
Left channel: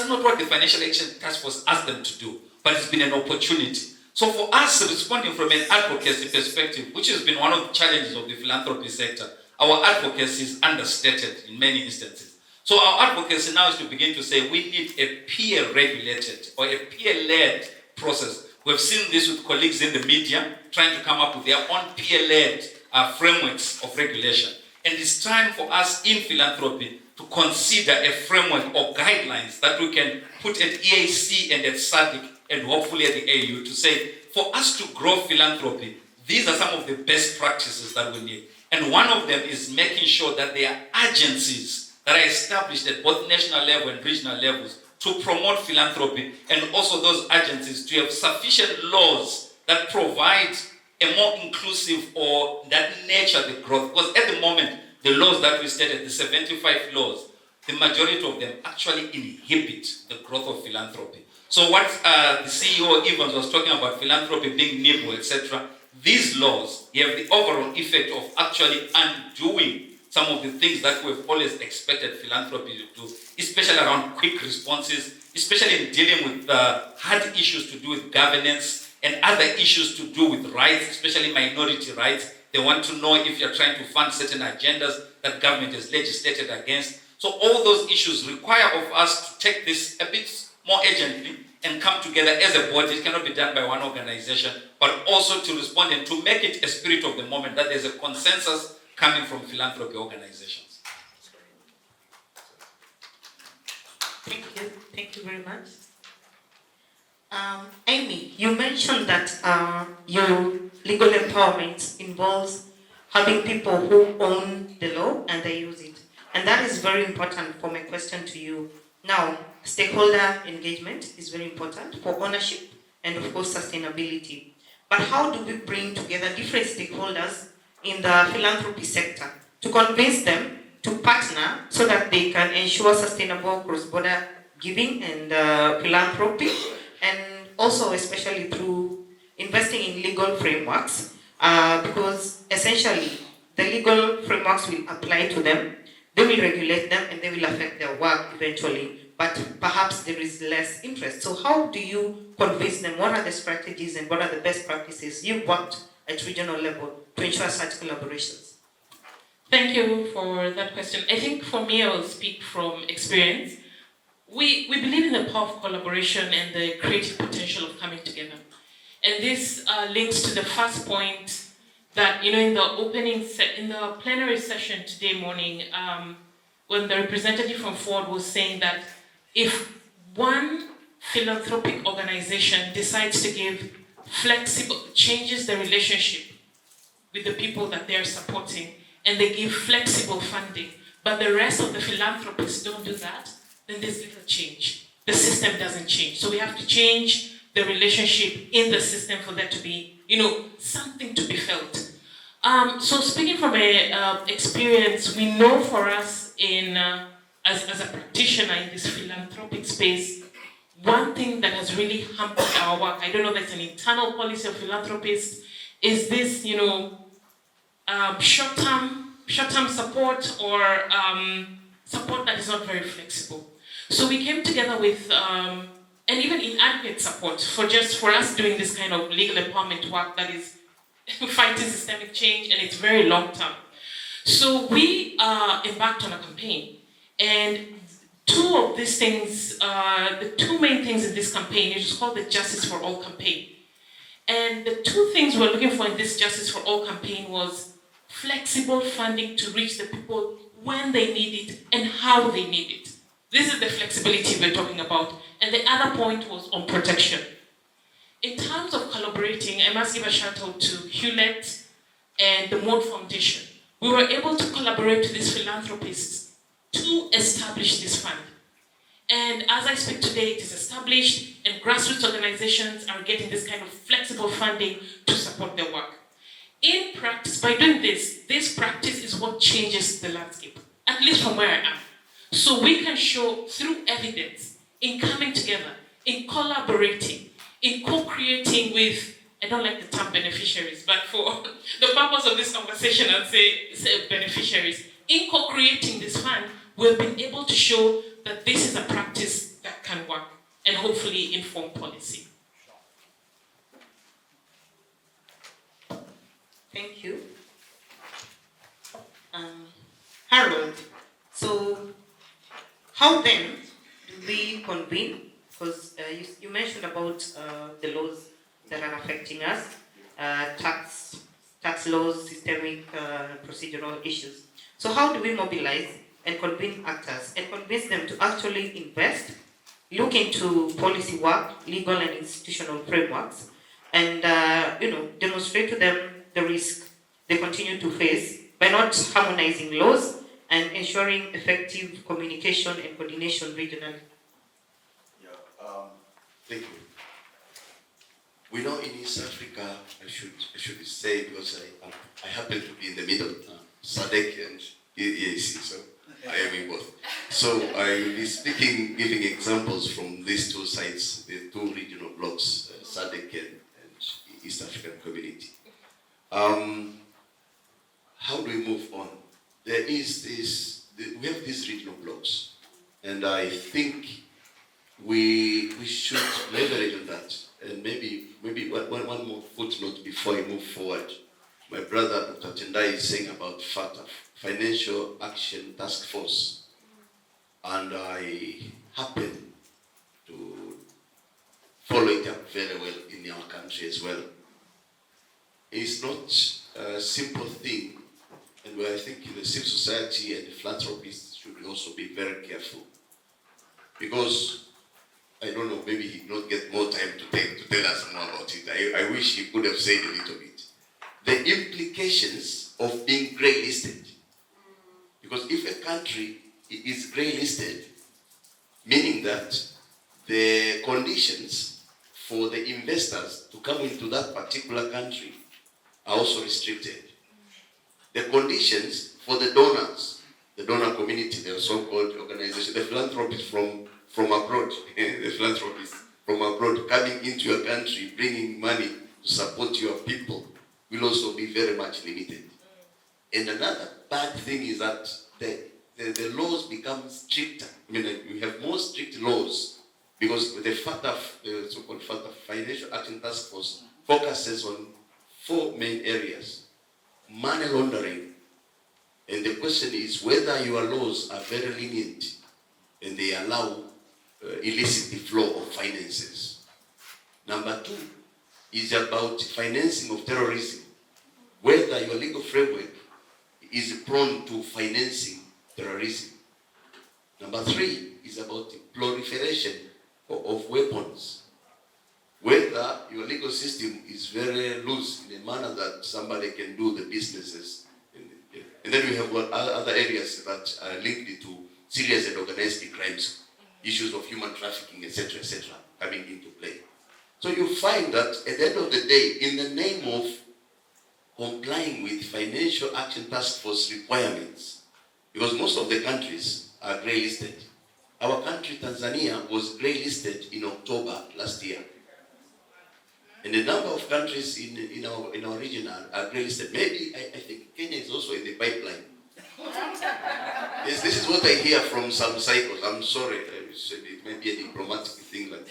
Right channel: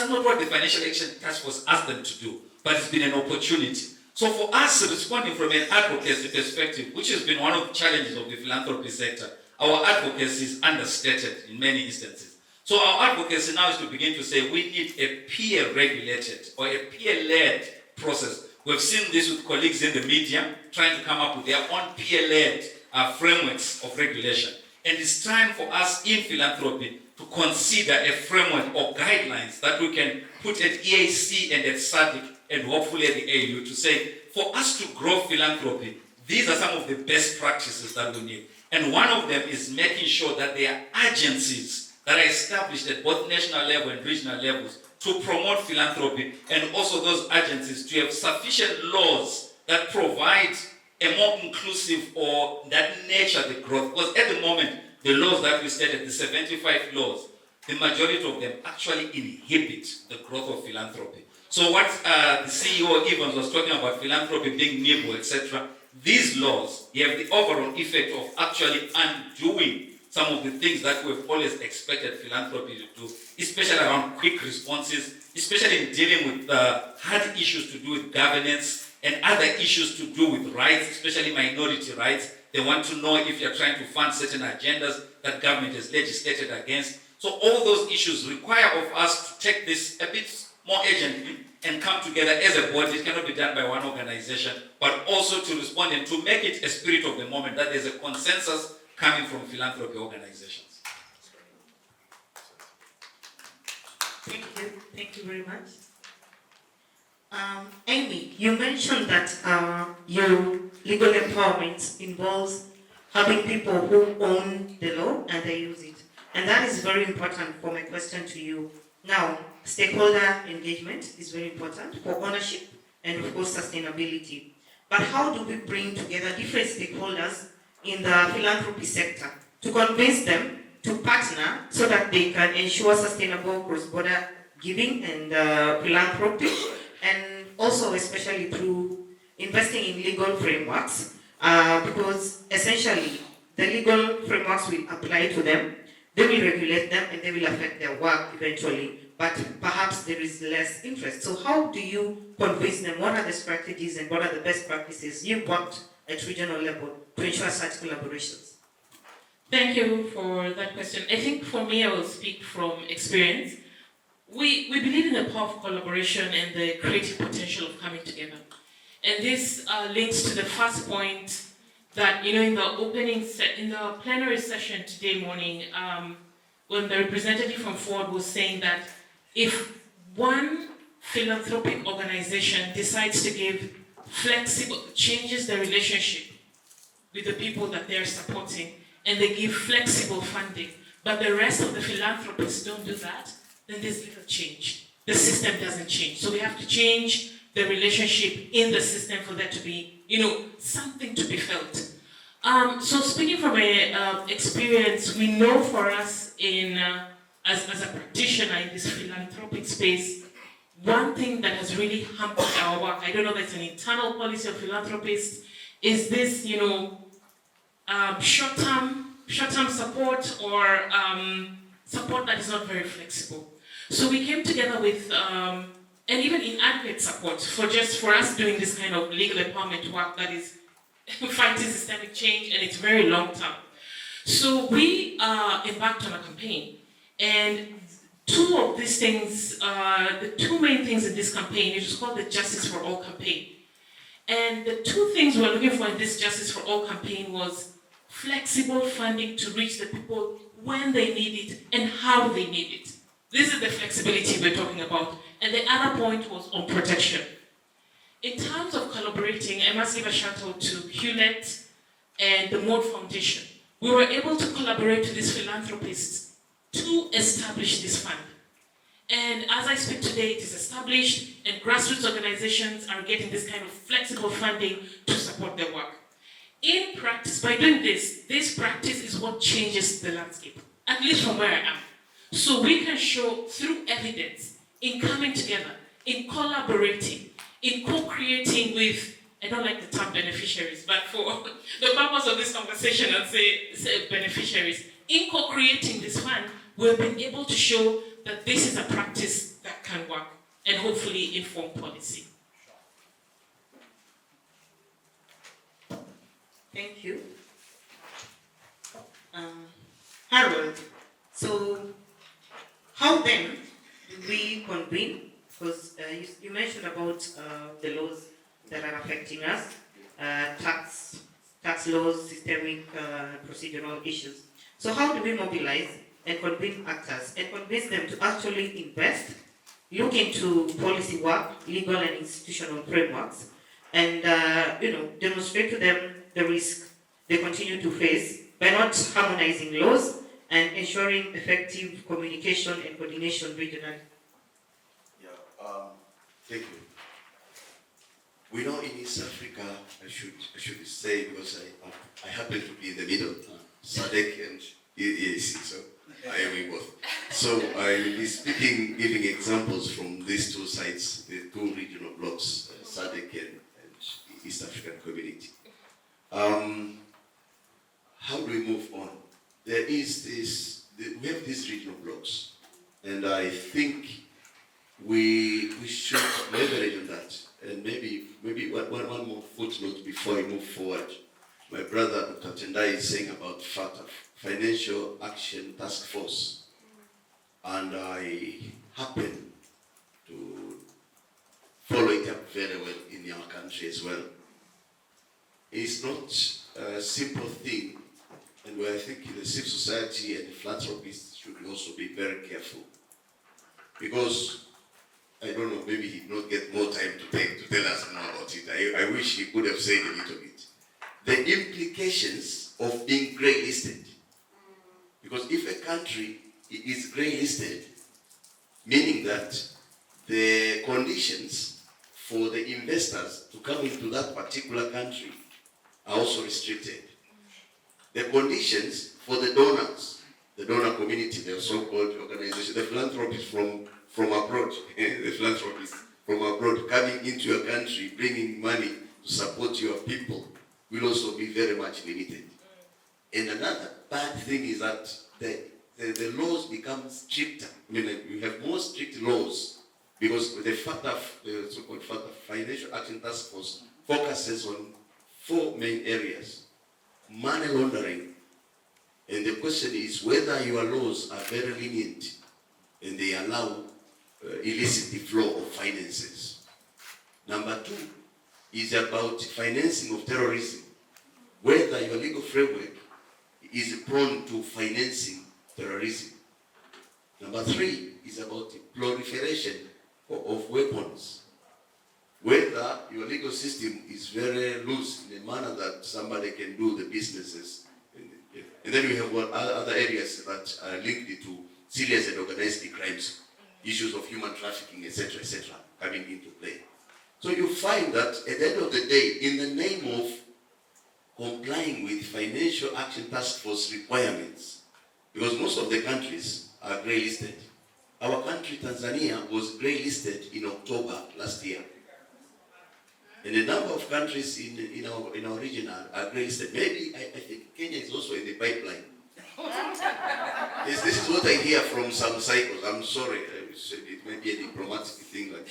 not what the Financial Action Task Force asked them to do, but it's been an opportunity. So for us, responding from an advocacy perspective, which has been one of the challenges of the philanthropy sector, our advocacy is understated in many instances. So our advocacy now is to begin to say we need a peer-regulated or a peer-led process. We've seen this with colleagues in the media trying to come up with their own peer-led frameworks of regulation. And it's time for us in philanthropy to consider a framework or guidelines that we can put at EAC and at SADC and hopefully at the AU to say, for us to grow philanthropy, these are some of the best practices that we need. And one of them is making sure that there are agencies that are established at both national level and regional levels to promote philanthropy, and also those agencies to have sufficient laws that provide a more inclusive or that nurture the growth. Because at the moment, the laws that we stated, the 75 laws, the majority of them actually inhibit the growth of philanthropy. So what the CEO Evans was talking about, philanthropy being nimble, etc., these laws have the overall effect of actually undoing some of the things that we've always expected philanthropy to do, especially around quick responses, especially in dealing with hard issues to do with governance and other issues to do with rights, especially minority rights. They want to know if you're trying to fund certain agendas that government has legislated against. So all those issues require of us to take this a bit more urgently and come together as a body. It cannot be done by one organization, but also to respond and to make it a spirit of the moment, that there's a consensus coming from philanthropy organizations. Thank you very much. Amy, you mentioned that your legal empowerment involves having people who own the law and they use it. And that is very important for my question to you. Now, stakeholder engagement is very important for ownership and of course sustainability. But how do we bring together different stakeholders in the philanthropy sector to convince them to partner so that they can ensure sustainable cross-border giving and philanthropy, and also especially through investing in legal frameworks, because essentially the legal frameworks will apply to them, they will regulate them, and they will affect their work eventually, but perhaps there is less interest. So how do you convince them? What are the strategies and what are the best practices you want at regional level to ensure such collaborations? Thank you for that question. I think for me, I will speak from experience. We believe in the power of collaboration and the creative potential of coming together. And this links to the first point that, in the plenary session today morning, when the representative from Ford was saying that if one philanthropic organization decides to changes the relationship with the people that they are supporting, and they give flexible funding, but the rest of the philanthropists don't do that, then there's little change. The system doesn't change. So we have to change the relationship in the system for there to be, something to be felt. So speaking from experience, we know for us as a practitioner in this philanthropic space, one thing that has really hampered our work, I don't know if it's an internal policy of philanthropists, is this, short-term support or support that is not very flexible. So we came together with, and even inadequate support for us doing this kind of legal empowerment work that is fighting systemic change, and it's very long term. So we embarked on a campaign, and two of these things, the two main things in this campaign, it is called the Justice for All campaign. And the two things we're looking for in this Justice for All campaign was flexible funding to reach the people when they need it and how they need it. This is the flexibility we're talking about. And the other point was on protection. In terms of collaborating, I must give a shout out to Hewlett and the Moore Foundation. We were able to collaborate with these philanthropists to establish this fund. And as I speak today, it is established, and grassroots organizations are getting this kind of flexible funding to support their work. In practice, by doing this practice is what changes the landscape, at least from where I am. So we can show through evidence, in coming together, in collaborating, in co-creating with, I don't like the term beneficiaries, but for the purpose of this conversation, I'll say beneficiaries. In co-creating this fund, we've been able to show that this is a practice that can work and hopefully inform policy. Thank you. Harold, so how then do we convene? Because you mentioned about the laws that are affecting us, tax laws, systemic procedural issues. So how do we mobilize and convince actors and convince them to actually invest, look into policy work, legal and institutional frameworks, and demonstrate to them the risk they continue to face by not harmonizing laws and ensuring effective communication and coordination regionally? Thank you. We know in East Africa, I should say, because I happen to be in the middle, SADC and EAPC, so I am in both. So I will be speaking, giving examples from these two sides, the two regional blocks, SADC and East African Community. How do we move on? There is we have these regional blocks, and I think we should leverage on that. And maybe one more footnote before I move forward. My brother, Dr. Tendai, is saying about FATF, Financial Action Task Force. And I happen to follow it up very well in our country as well. It's not a simple thing, and I think the civil society and the philanthropists should also be very careful. Because I don't know, maybe he did not get more time to tell us more about it. I wish he could have said a little bit. The implications of being grey listed. Because if a country is grey listed, meaning that the conditions for the investors to come into that particular country are also restricted. The conditions for the donors, the donor community, the so-called organization, the philanthropists from abroad, the philanthropists from abroad coming into your country, bringing money to support your people, will also be very much limited. And another bad thing is that the laws become stricter. I mean, like, we have more strict laws because the FATF, the so-called FATF, Financial Action Task Force, focuses on 4 main areas: money laundering. And the question is whether your laws are very lenient and they allow illicit flow of finances. Number 2 is about financing of terrorism, whether your legal framework is prone to financing terrorism. Number 3 is about the proliferation of weapons, whether your legal system is very loose in a manner that somebody can do the businesses. And then we have other areas that are linked to serious and organized crimes, issues of human trafficking, etc., coming into play. So you find that at the end of the day, in the name of complying with Financial Action Task Force requirements, because most of the countries are grey listed. Our country, Tanzania, was grey listed in October last year. And a number of countries in our region are grey listed. Maybe I think Kenya is also in the pipeline. This is what I hear from some cycles. I'm sorry, it may be a diplomatic thing like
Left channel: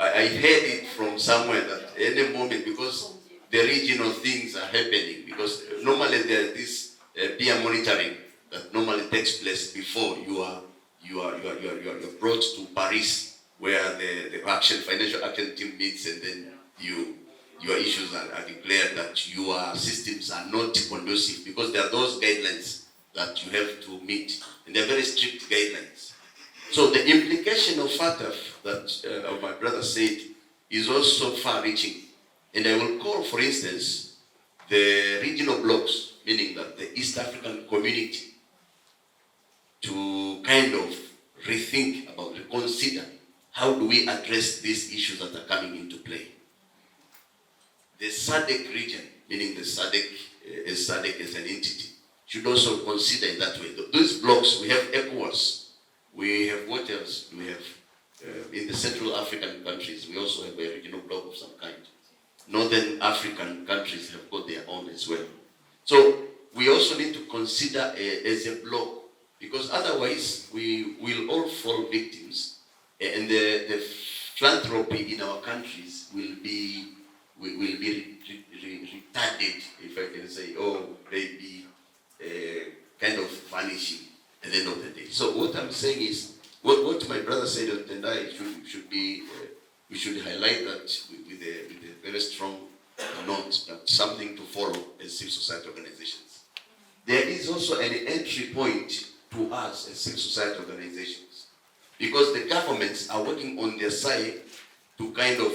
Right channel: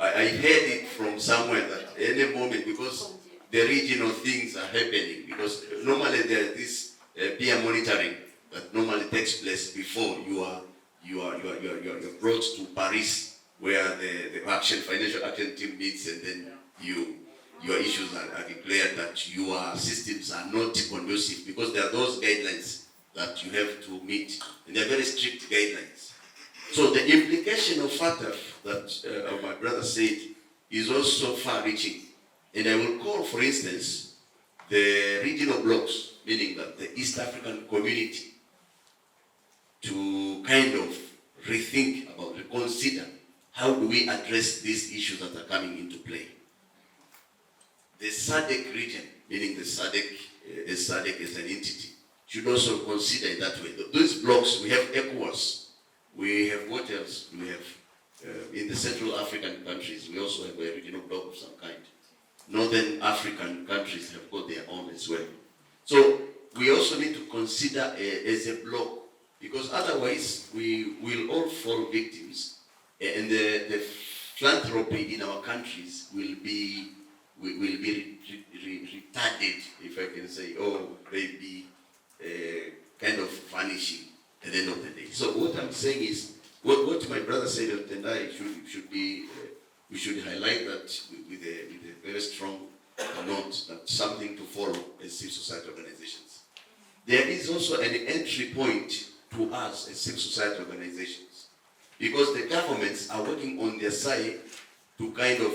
I heard it from somewhere that any moment, because the regional things are happening, because normally there is this peer monitoring that normally takes place before you are brought to Paris, where the financial action team meets, and then your issues are declared that your systems are not conducive, because there are those guidelines that you have to meet, and they are very strict guidelines. So the implication of FATF that my brother said is also far-reaching. And I will call, for instance, the regional blocs, meaning that the East African community, to kind of rethink about, reconsider, how do we address these issues that are coming into play. The SADC region, meaning the SADC as an entity, should also consider in that way. Those blocks, we have ECOWAS, we have what else? We have, in the Central African countries, we also have a regional bloc of some kind. Northern African countries have got their own as well. So we also need to consider as a bloc, because otherwise we will all fall victims, and the philanthropy in our countries will be retarded, if I can say, or maybe kind of vanishing at the end of the day. So what I'm saying is, what my brother said, and I should be, we should highlight that with a very strong note, that something to follow as civil society organizations. There is also an entry point to us as civil society organizations, because the governments are working on their side to kind of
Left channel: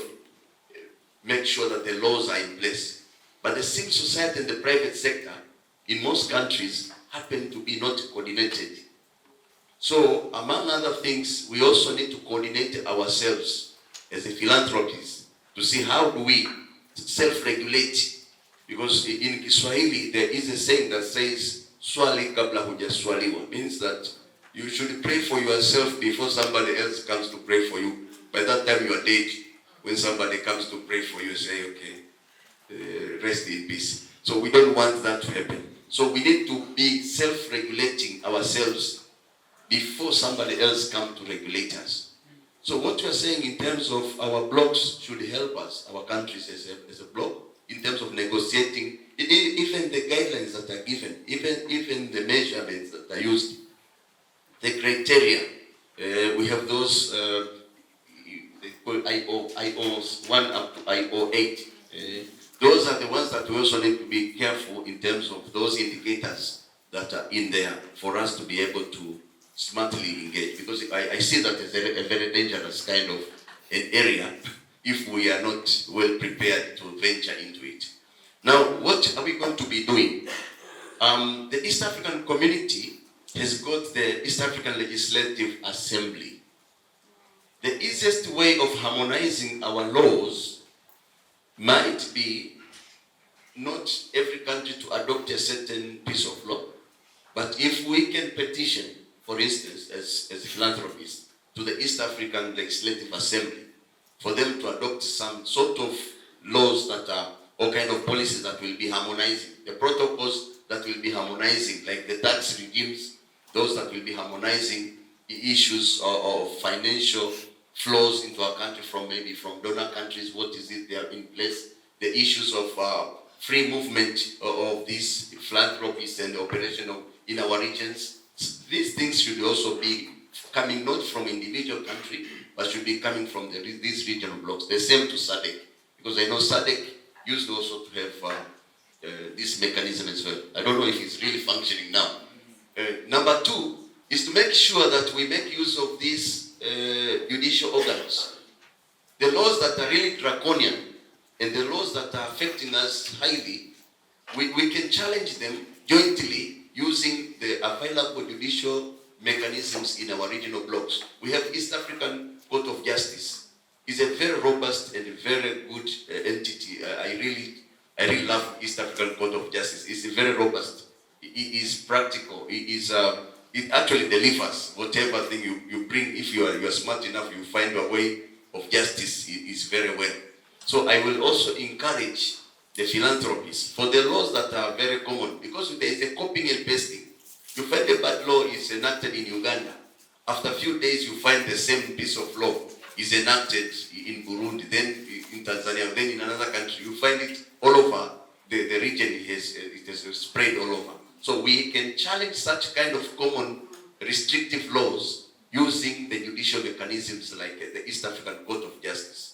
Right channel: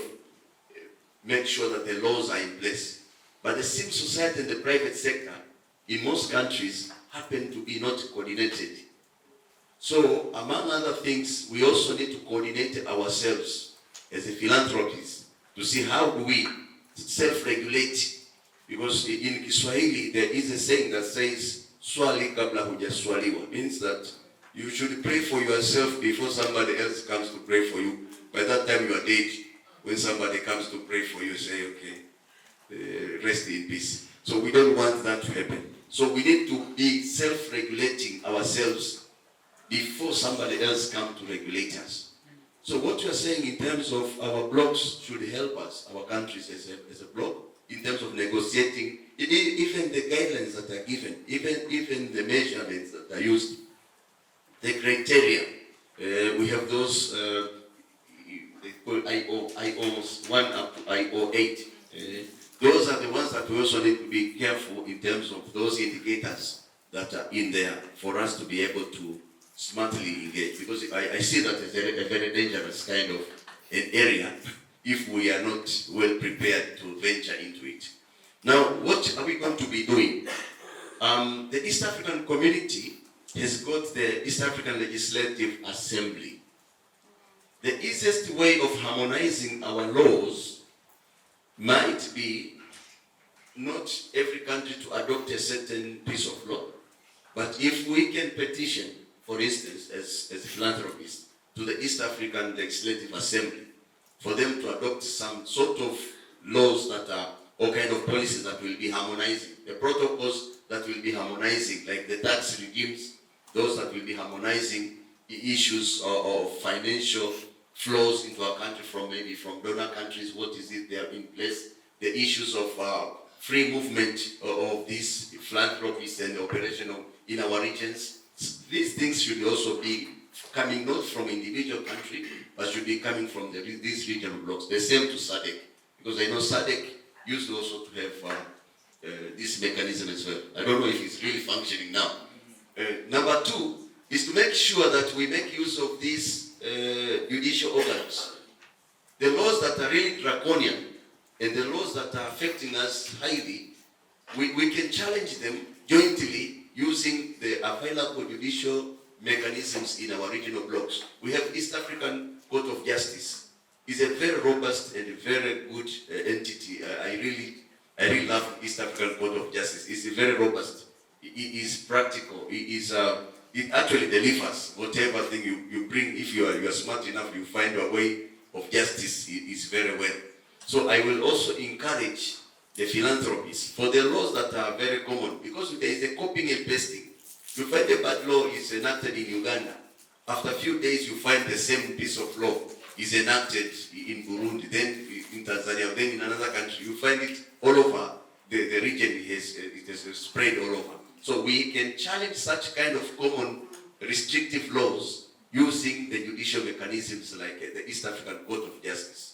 make sure that the laws are in place. But the civil society and the private sector in most countries happen to be not coordinated. So, among other things, we also need to coordinate ourselves as a philanthropists to see how do we self-regulate. Because in Kiswahili, there is a saying that says, swali kabla hujaswaliwa, means that you should pray for yourself before somebody else comes to pray for you. By that time, you are dead. When somebody comes to pray for you, say, okay, rest in peace. So we don't want that to happen. So we need to be self-regulating ourselves before somebody else comes to regulate us. So what you are saying in terms of our blocks should help us, our countries as a bloc, in terms of negotiating, even the guidelines that are given, even the measurements that are used, the criteria. We have those, they call IOs 1 up to IO 8. Those are the ones that we also need to be careful in terms of those indicators that are in there for us to be able to smartly engage. Because I see that as a very dangerous kind of an area if we are not well prepared to venture into it. Now, what are we going to be doing? The East African community has got the East African Legislative Assembly. The easiest way of harmonizing our laws might be not every country to adopt a certain piece of law, but if we can petition, for instance, as philanthropists, to the East African Legislative Assembly for them to adopt some sort of laws that are, or kind of policies that will be harmonizing, the protocols that will be harmonizing, like the tax regimes, those that will be harmonizing the issues of financial flows into our country from maybe from donor countries, what is it they have in place, the issues of free movement of these philanthropies and operation in our regions. These things should also be coming not from individual country, but should be coming from these regional blocks. The same to SADC, because I know SADC used also to have this mechanism as well. I don't know if it's really functioning now. Number two is to make sure that we make use of these judicial organs. The laws that are really draconian and the laws that are affecting us highly, we can challenge them jointly using the available judicial mechanisms in our regional blocks. We have East African Court of Justice. It's a very robust and very good entity. I really love East African Court of Justice. It's very robust. It is practical. It actually delivers whatever thing you bring. If you are smart enough, you find a way of justice. It is very well. So I will also encourage the philanthropies for the laws that are very common, because there is a copying and pasting. You find a bad law is enacted in Uganda. After a few days, you find the same piece of law is enacted in Burundi, then in Tanzania, then in another country. You find it all over the region. It has spread all over. So we can challenge such kind of common restrictive laws using the judicial mechanisms like the East African Court of Justice.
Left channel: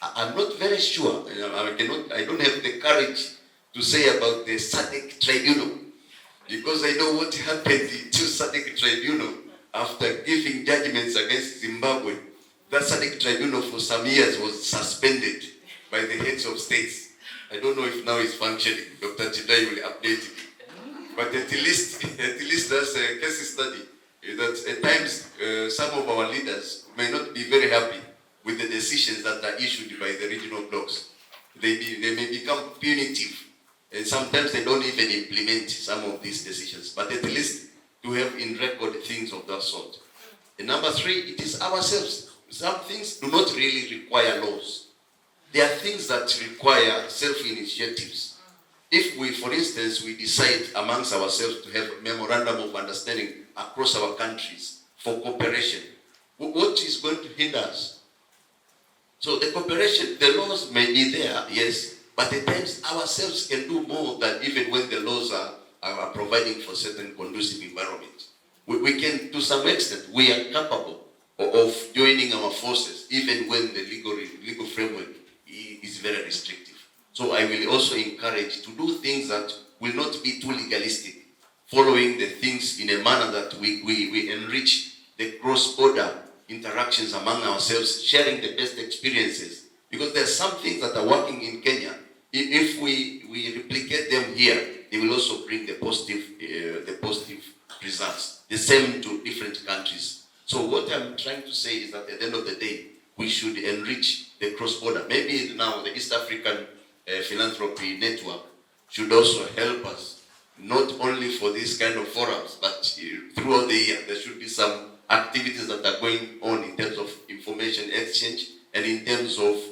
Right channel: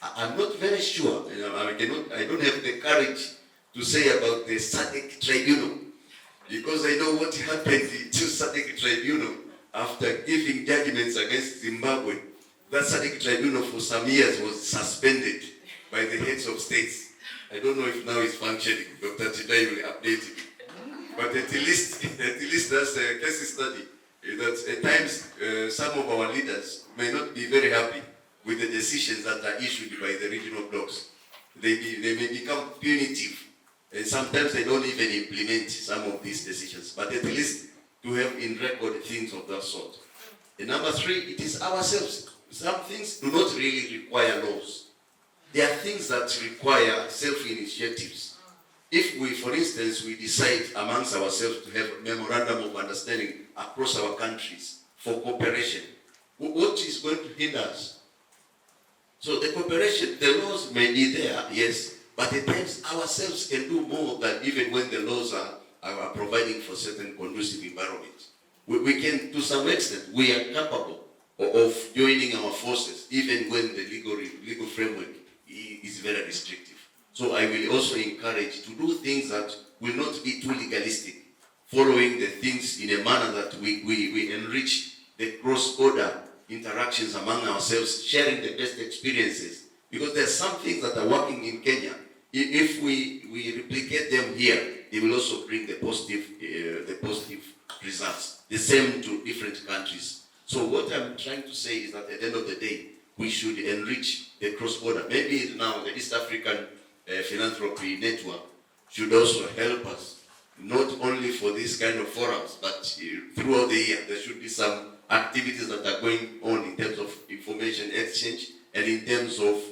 I'm not very sure, I don't have the courage to say about the SADC tribunal, because I know what happened to SADC tribunal after giving judgments against Zimbabwe. That SADC tribunal for some years was suspended by the heads of states. I don't know if now it's functioning. Dr. Chidai will update it. But at least that's a case study that at times some of our leaders may not be very happy with the decisions that are issued by the regional blocks. They may become punitive, and sometimes they don't even implement some of these decisions. But at least to have in record things of that sort. And number three, it is ourselves. Some things do not really require laws. There are things that require self-initiatives. If we, for instance, we decide amongst ourselves to have a memorandum of understanding across our countries for cooperation, what is going to hinder us? So the cooperation, the laws may be there, yes, but at times ourselves can do more than even when the laws are providing for certain conducive environment. We can, to some extent, we are capable of joining our forces, even when the legal framework is very restrictive. So I will also encourage to do things that will not be too legalistic, following the things in a manner that we enrich the cross-border interactions among ourselves, sharing the best experiences. Because there are some things that are working in Kenya. If we replicate them here, they will also bring the positive results. The same to different countries. So what I'm trying to say is that at the end of the day, we should enrich the cross-border. Maybe now the East African Philanthropy Network should also help us, not only for these kind of forums, but throughout the year. There should be some activities that are going on in terms of information exchange and in terms of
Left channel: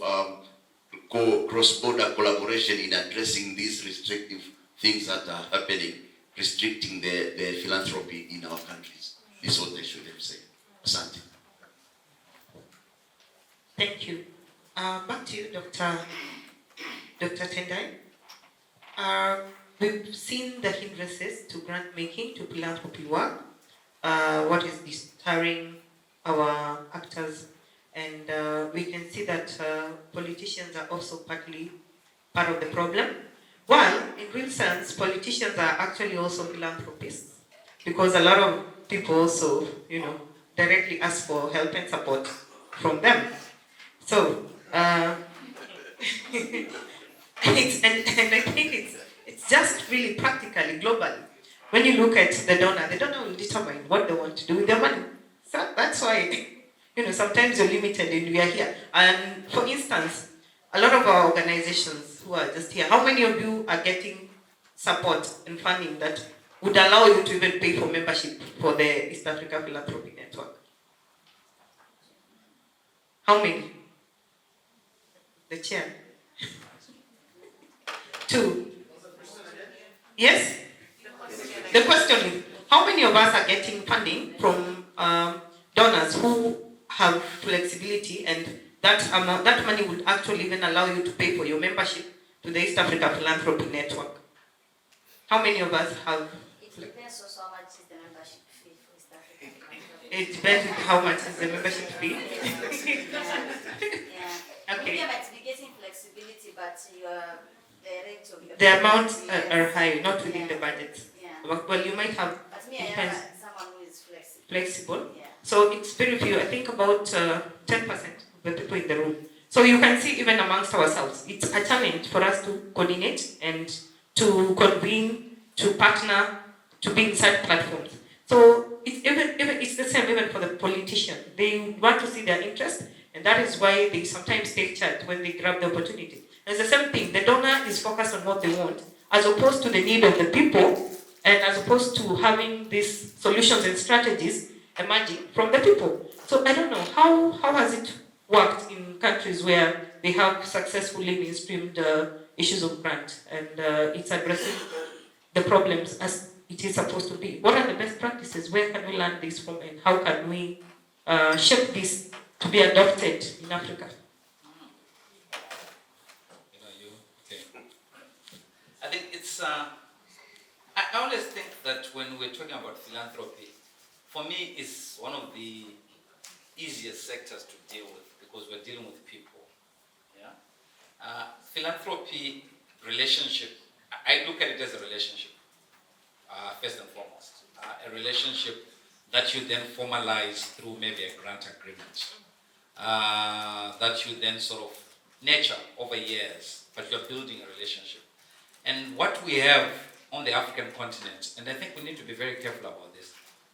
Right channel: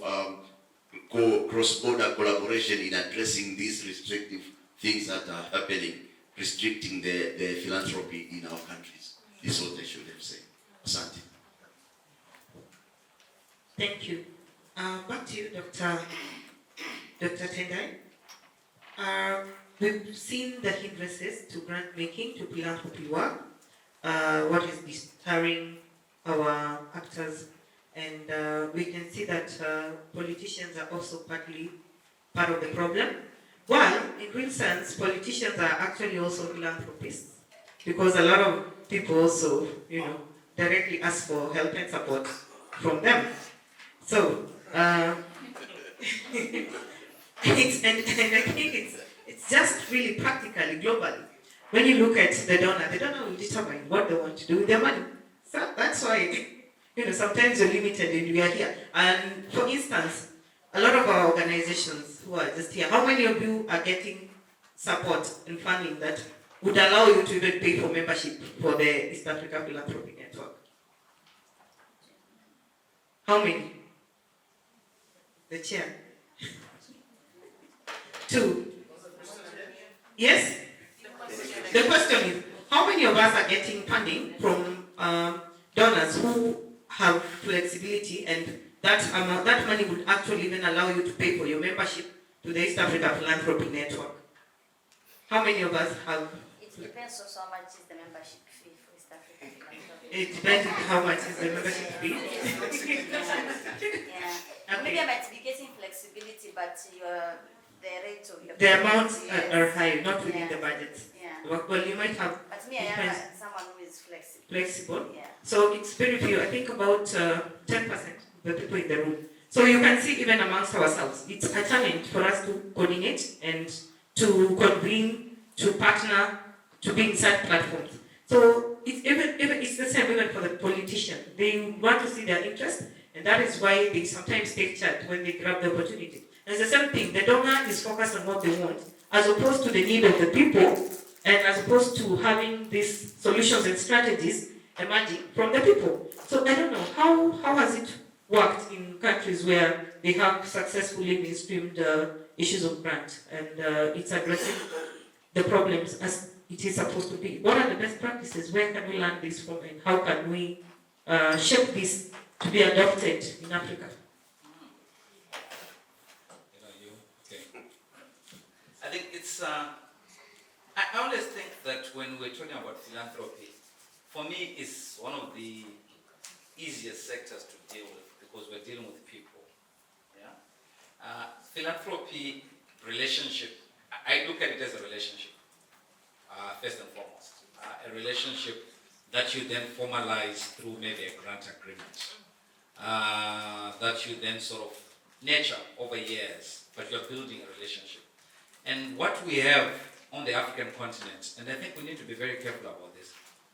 cross-border collaboration in addressing these restrictive things that are happening, restricting the philanthropy in our countries. This is what I should have said. Asante. Thank you. Back to you, Dr. Tendai. We've seen the hindrances to grant making, to philanthropy work, what is deterring our actors, and we can see that politicians are also partly part of the problem. While, in real sense, politicians are actually also philanthropists, because a lot of people also, directly ask for help and support from them. So, and I think it's just really practically, globally. When you look at the donor will determine what they want to do with their money. So that's why, sometimes you're limited and we are here. And for instance, a lot of our organizations who are just here, how many of you are getting support and funding that would allow you to even pay for membership for the East Africa Philanthropy Network? How many? The chair. 2. Yes? The question is, how many of us are getting funding from donors who have flexibility, and that money would actually even allow you to pay for your membership to the East Africa Philanthropy Network? How many of us have? It depends also how much is the membership fee for East African Philanthropy. It depends on how much is the membership fee. Yeah. Okay. Media might be getting flexibility, but the rates of your The amounts yes. are high, not within Yeah. the budget. Yeah. Well, you might have But me, I depends. am someone who is flexible. Flexible. Yeah. So it's very few. I think about 10% of the people in the room. So you can see even amongst ourselves, it's a challenge for us to coordinate and to convene, to partner, to be inside platforms. So it's the same even for the politician. They want to see their interest, and that is why they sometimes take charge when they grab the opportunity. And it's the same thing. The donor is focused on what they want, as opposed to the need of the people, and as opposed to having these solutions and strategies emerging from the people. So I don't know, how has it worked in countries where they have successfully mainstreamed issues of grant, and it's addressing the problems as it is supposed to be? What are the best practices? Where can we learn this from, and how can we shape this to be adopted in Africa? Okay. I think it's, I always think that when we're talking about philanthropy, for me, it's one of the easiest sectors to deal with because we're dealing with people. Yeah. Philanthropy relationship, I look at it as a relationship, first and foremost. A relationship that you then formalize through maybe a grant agreement, that you then sort of nurture over years, but you're building a relationship. And what we have on the African continent, and I think we need to be very careful about this,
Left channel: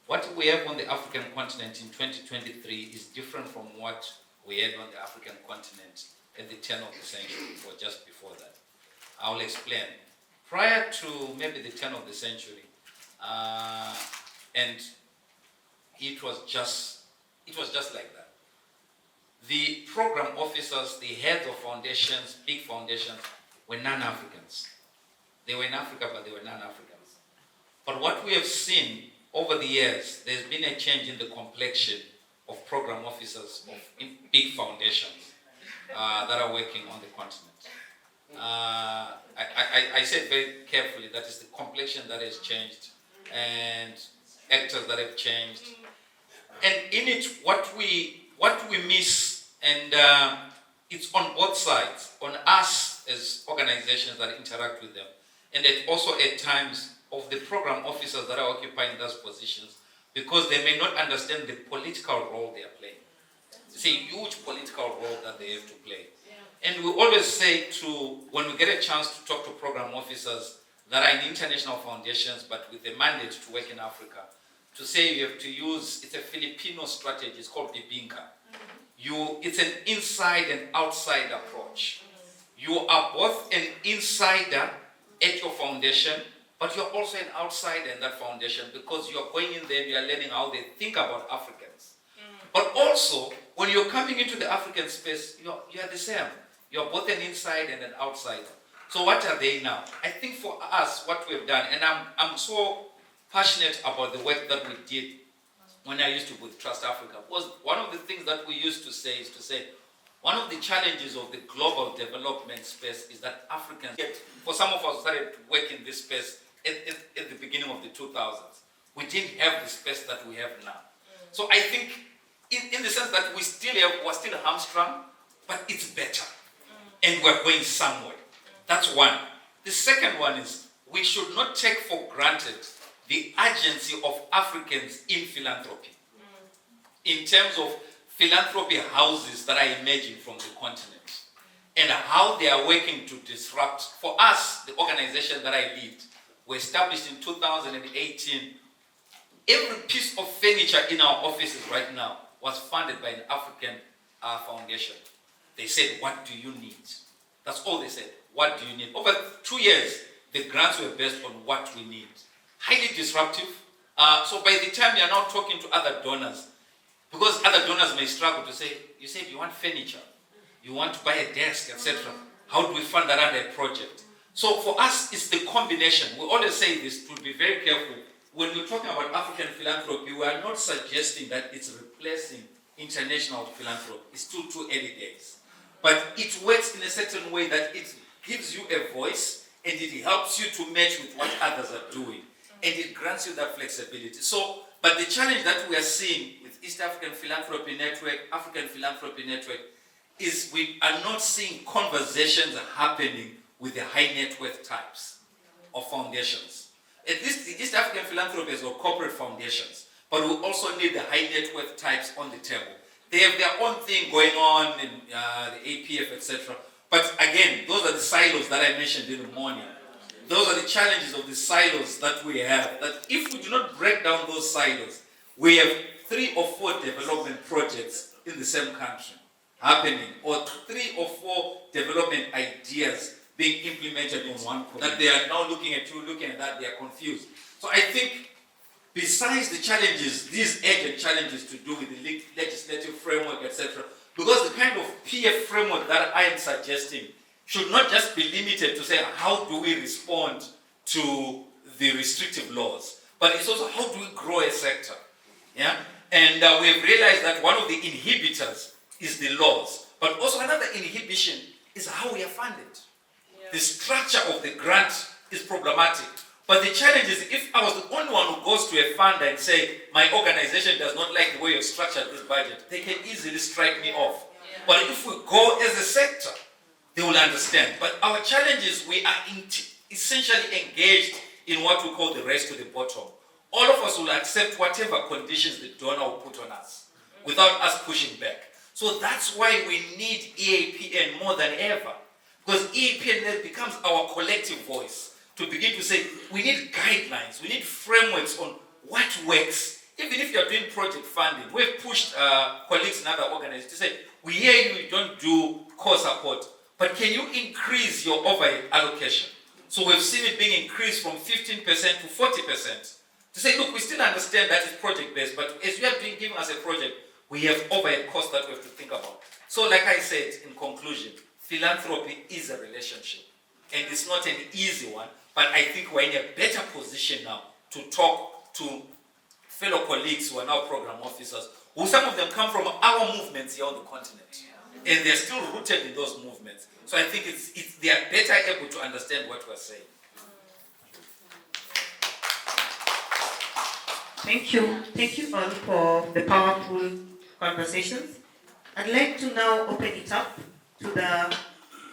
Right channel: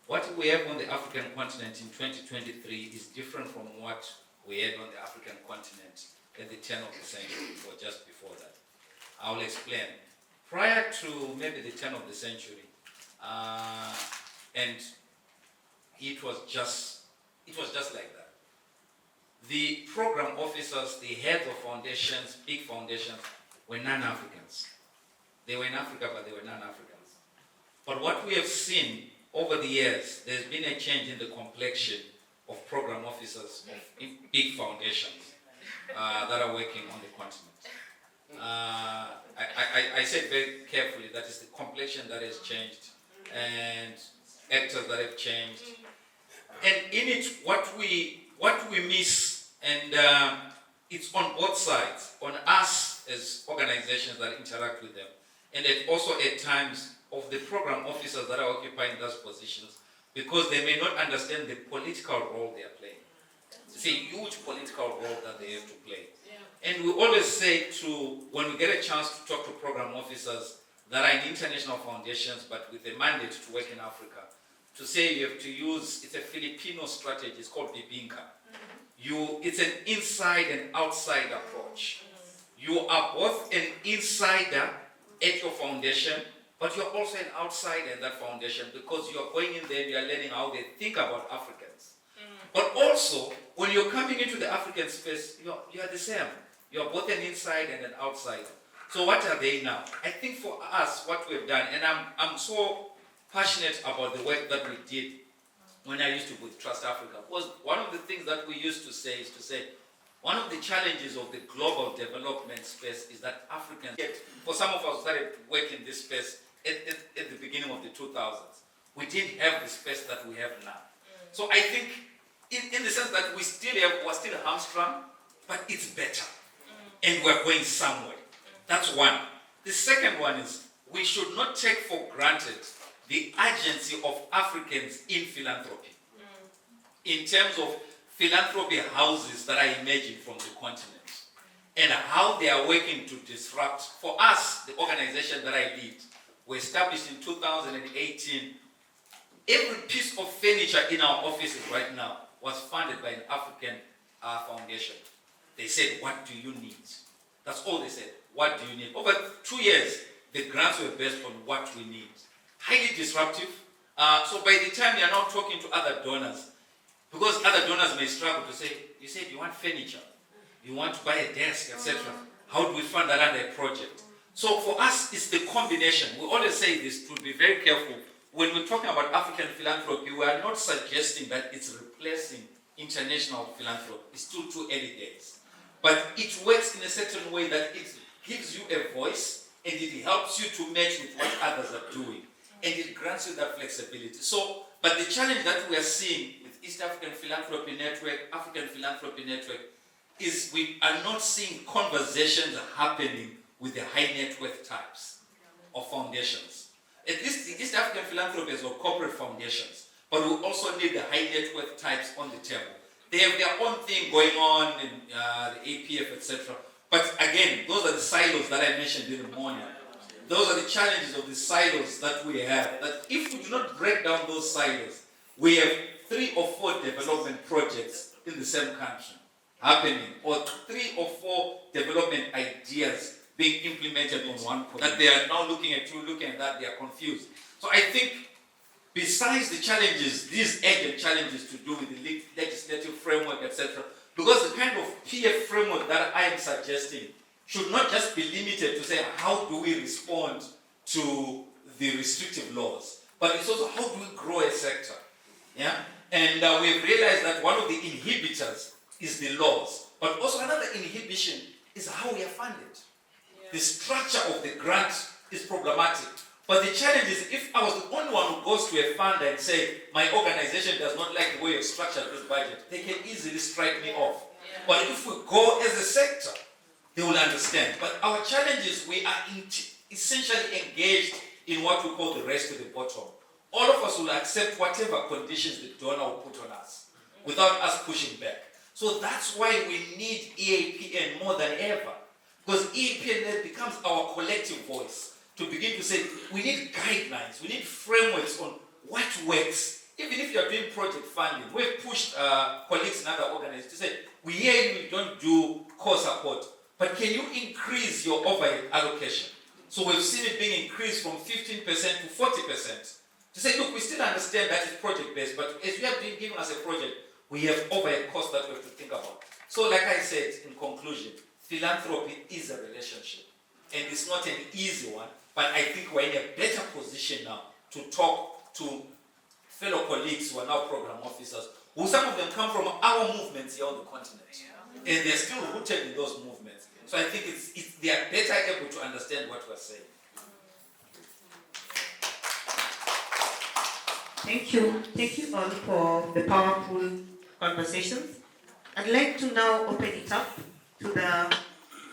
what we have on the African continent in 2023 is different from what we had on the African continent at the turn of the century or just before that. I'll explain. Prior to maybe the turn of the century, and it was just like that. The program officers, the heads of foundations, big foundations, were non-Africans. They were in Africa, but they were non-Africans. But what we have seen over the years, there's been a change in the complexion of program officers of big foundations that are working on the continent. I said very carefully that is the complexion that has changed and actors that have changed. And in it, what we miss, and it's on both sides, on us as organizations that interact with them, and also at times of the program officers that are occupying those positions, because they may not understand the political role they are playing. It's a huge political role that they have to play. And we always say when we get a chance to talk to program officers that are in international foundations but with a mandate to work in Africa, to say you have to use, it's a Filipino strategy, it's called Bibinka. It's an inside and outside approach. You are both an insider at your foundation, but you're also an outsider in that foundation because you're going in there and you're learning how they think about Africans. But also, when you're coming into the African space, you're the same. You're both an insider and an outsider. So what are they now? I think for us, what we've done, and I'm so passionate about the work that we did when I used to with Trust Africa, was one of the things that we used to say is to say, one of the challenges of the global development space is that Africans, for some of us who started to work in this space at the beginning of the 2000s, we didn't have the space that we have now. So I think, in the sense that we're still hamstrung, but it's better. And we're going somewhere. That's one. The second one is, we should not take for granted the urgency of Africans in philanthropy. In terms of philanthropy houses that are emerging from the continent and how they are working to disrupt. For us, the organization that I lead, we established in 2018. Every piece of furniture in our offices right now was funded by an African foundation. They said, what do you need? That's all they said. What do you need? Over 2 years, the grants were based on what we need. Highly disruptive. So by the time you are now talking to other donors, Because other donors may struggle to say, you said you want furniture, you want to buy a desk, etc. How do we fund that under a project? So for us, it's the combination. We always say this, to be very careful. When we're talking about African philanthropy, we are not suggesting that it's replacing international philanthropy. It's too early days. But it works in a certain way that it gives you a voice and it helps you to match with what others are doing. And it grants you that flexibility. So, but the challenge that we are seeing with East African Philanthropy Network, African Philanthropy Network, is we are not seeing conversations happening with the high net worth types of foundations. At least the East African Philanthropy has got corporate foundations, but we also need the high net worth types on the table. They have their own thing going on in the APF, etc. But again, those are the silos that I mentioned in the morning. Those are the challenges of the silos that we have. That if we do not break down those silos, we have 3 or 4 development projects in the same country happening, or 3 or 4 development ideas being implemented on one project. That they are now looking at that, they are confused. So I think, besides the challenges, these urgent challenges to do with the legislative framework, etc., because the kind of PF framework that I am suggesting should not just be limited to say, how do we respond to the restrictive laws, but it's also how do we grow a sector. Yeah? And we've realized that one of the inhibitors is the laws, but also another inhibition is how we are funded. The structure of the grant is problematic. But the challenge is, if I was the only one who goes to a funder and say, my organization does not like the way you've structured this budget, they can easily strike me off. But if we go as a sector, they will understand. But our challenge is we are essentially engaged in what we call the race to the bottom. All of us will accept whatever conditions the donor will put on us without us pushing back. So that's why we need EAPN more than ever. Because EAPN then becomes our collective voice to begin to say, we need guidelines, we need frameworks on what works. Even if you're doing project funding, we've pushed colleagues in other organizations to say, we hear you don't do core support, but can you increase your overhead allocation? So we've seen it being increased from 15% to 40%. To say, look, we still understand that it's project-based, but as you have been giving us a project, we have overhead costs that we have to think about. So like I said, in conclusion, philanthropy is a relationship. And it's not an easy one, but I think we're in a better position now to talk to fellow colleagues who are now program officers, who some of them come from our movements here on the continent. And they're still rooted in those movements. So I think they are better able to understand what we're saying. Thank you. Thank you all for the powerful conversations. I'd like to now open it up to the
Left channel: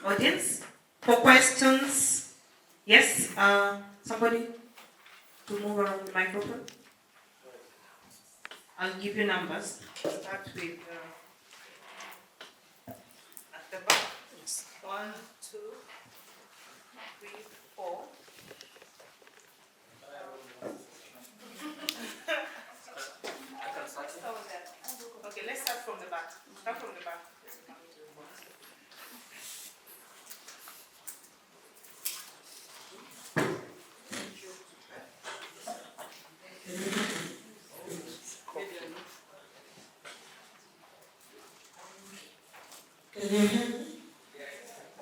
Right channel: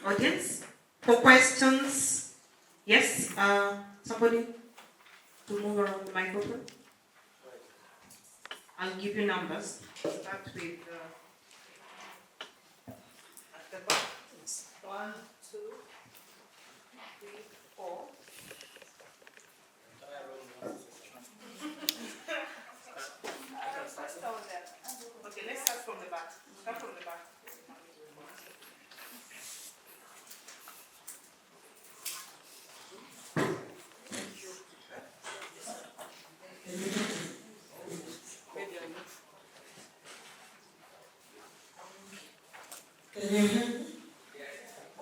audience for questions. Yes, somebody to move around the microphone. I'll give you numbers. Start with at the back. 1, 2, 3, 4. Okay, let's start from the back. Start from the back.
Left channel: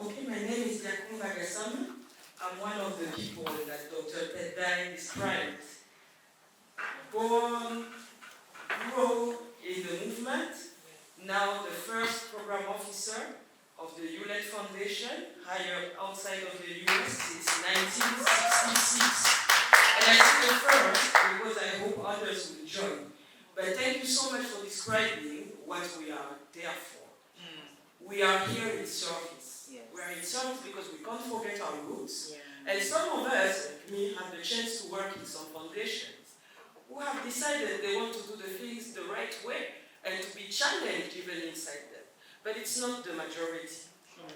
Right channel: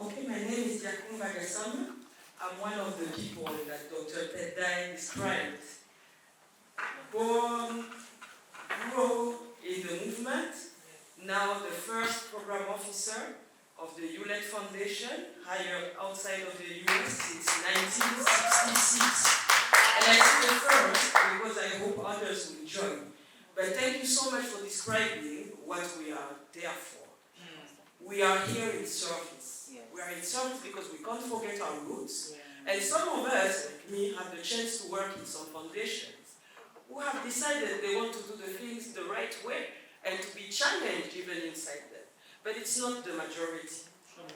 Okay, my name is Yakumba Gasama. I'm one of the people that Dr. Tedai described. Born, grew in the movement, now the first program officer of the Hewlett Foundation, hired outside of the US since 1966. And I say the first because I hope others will join. But thank you so much for describing what we are there for. We are here in service. Yes. We are in service because we can't forget our roots. Yeah. And some of us, like me, have the chance to work in some foundations who have decided they want to do the things the right way and to be challenged even inside them. But it's not the majority.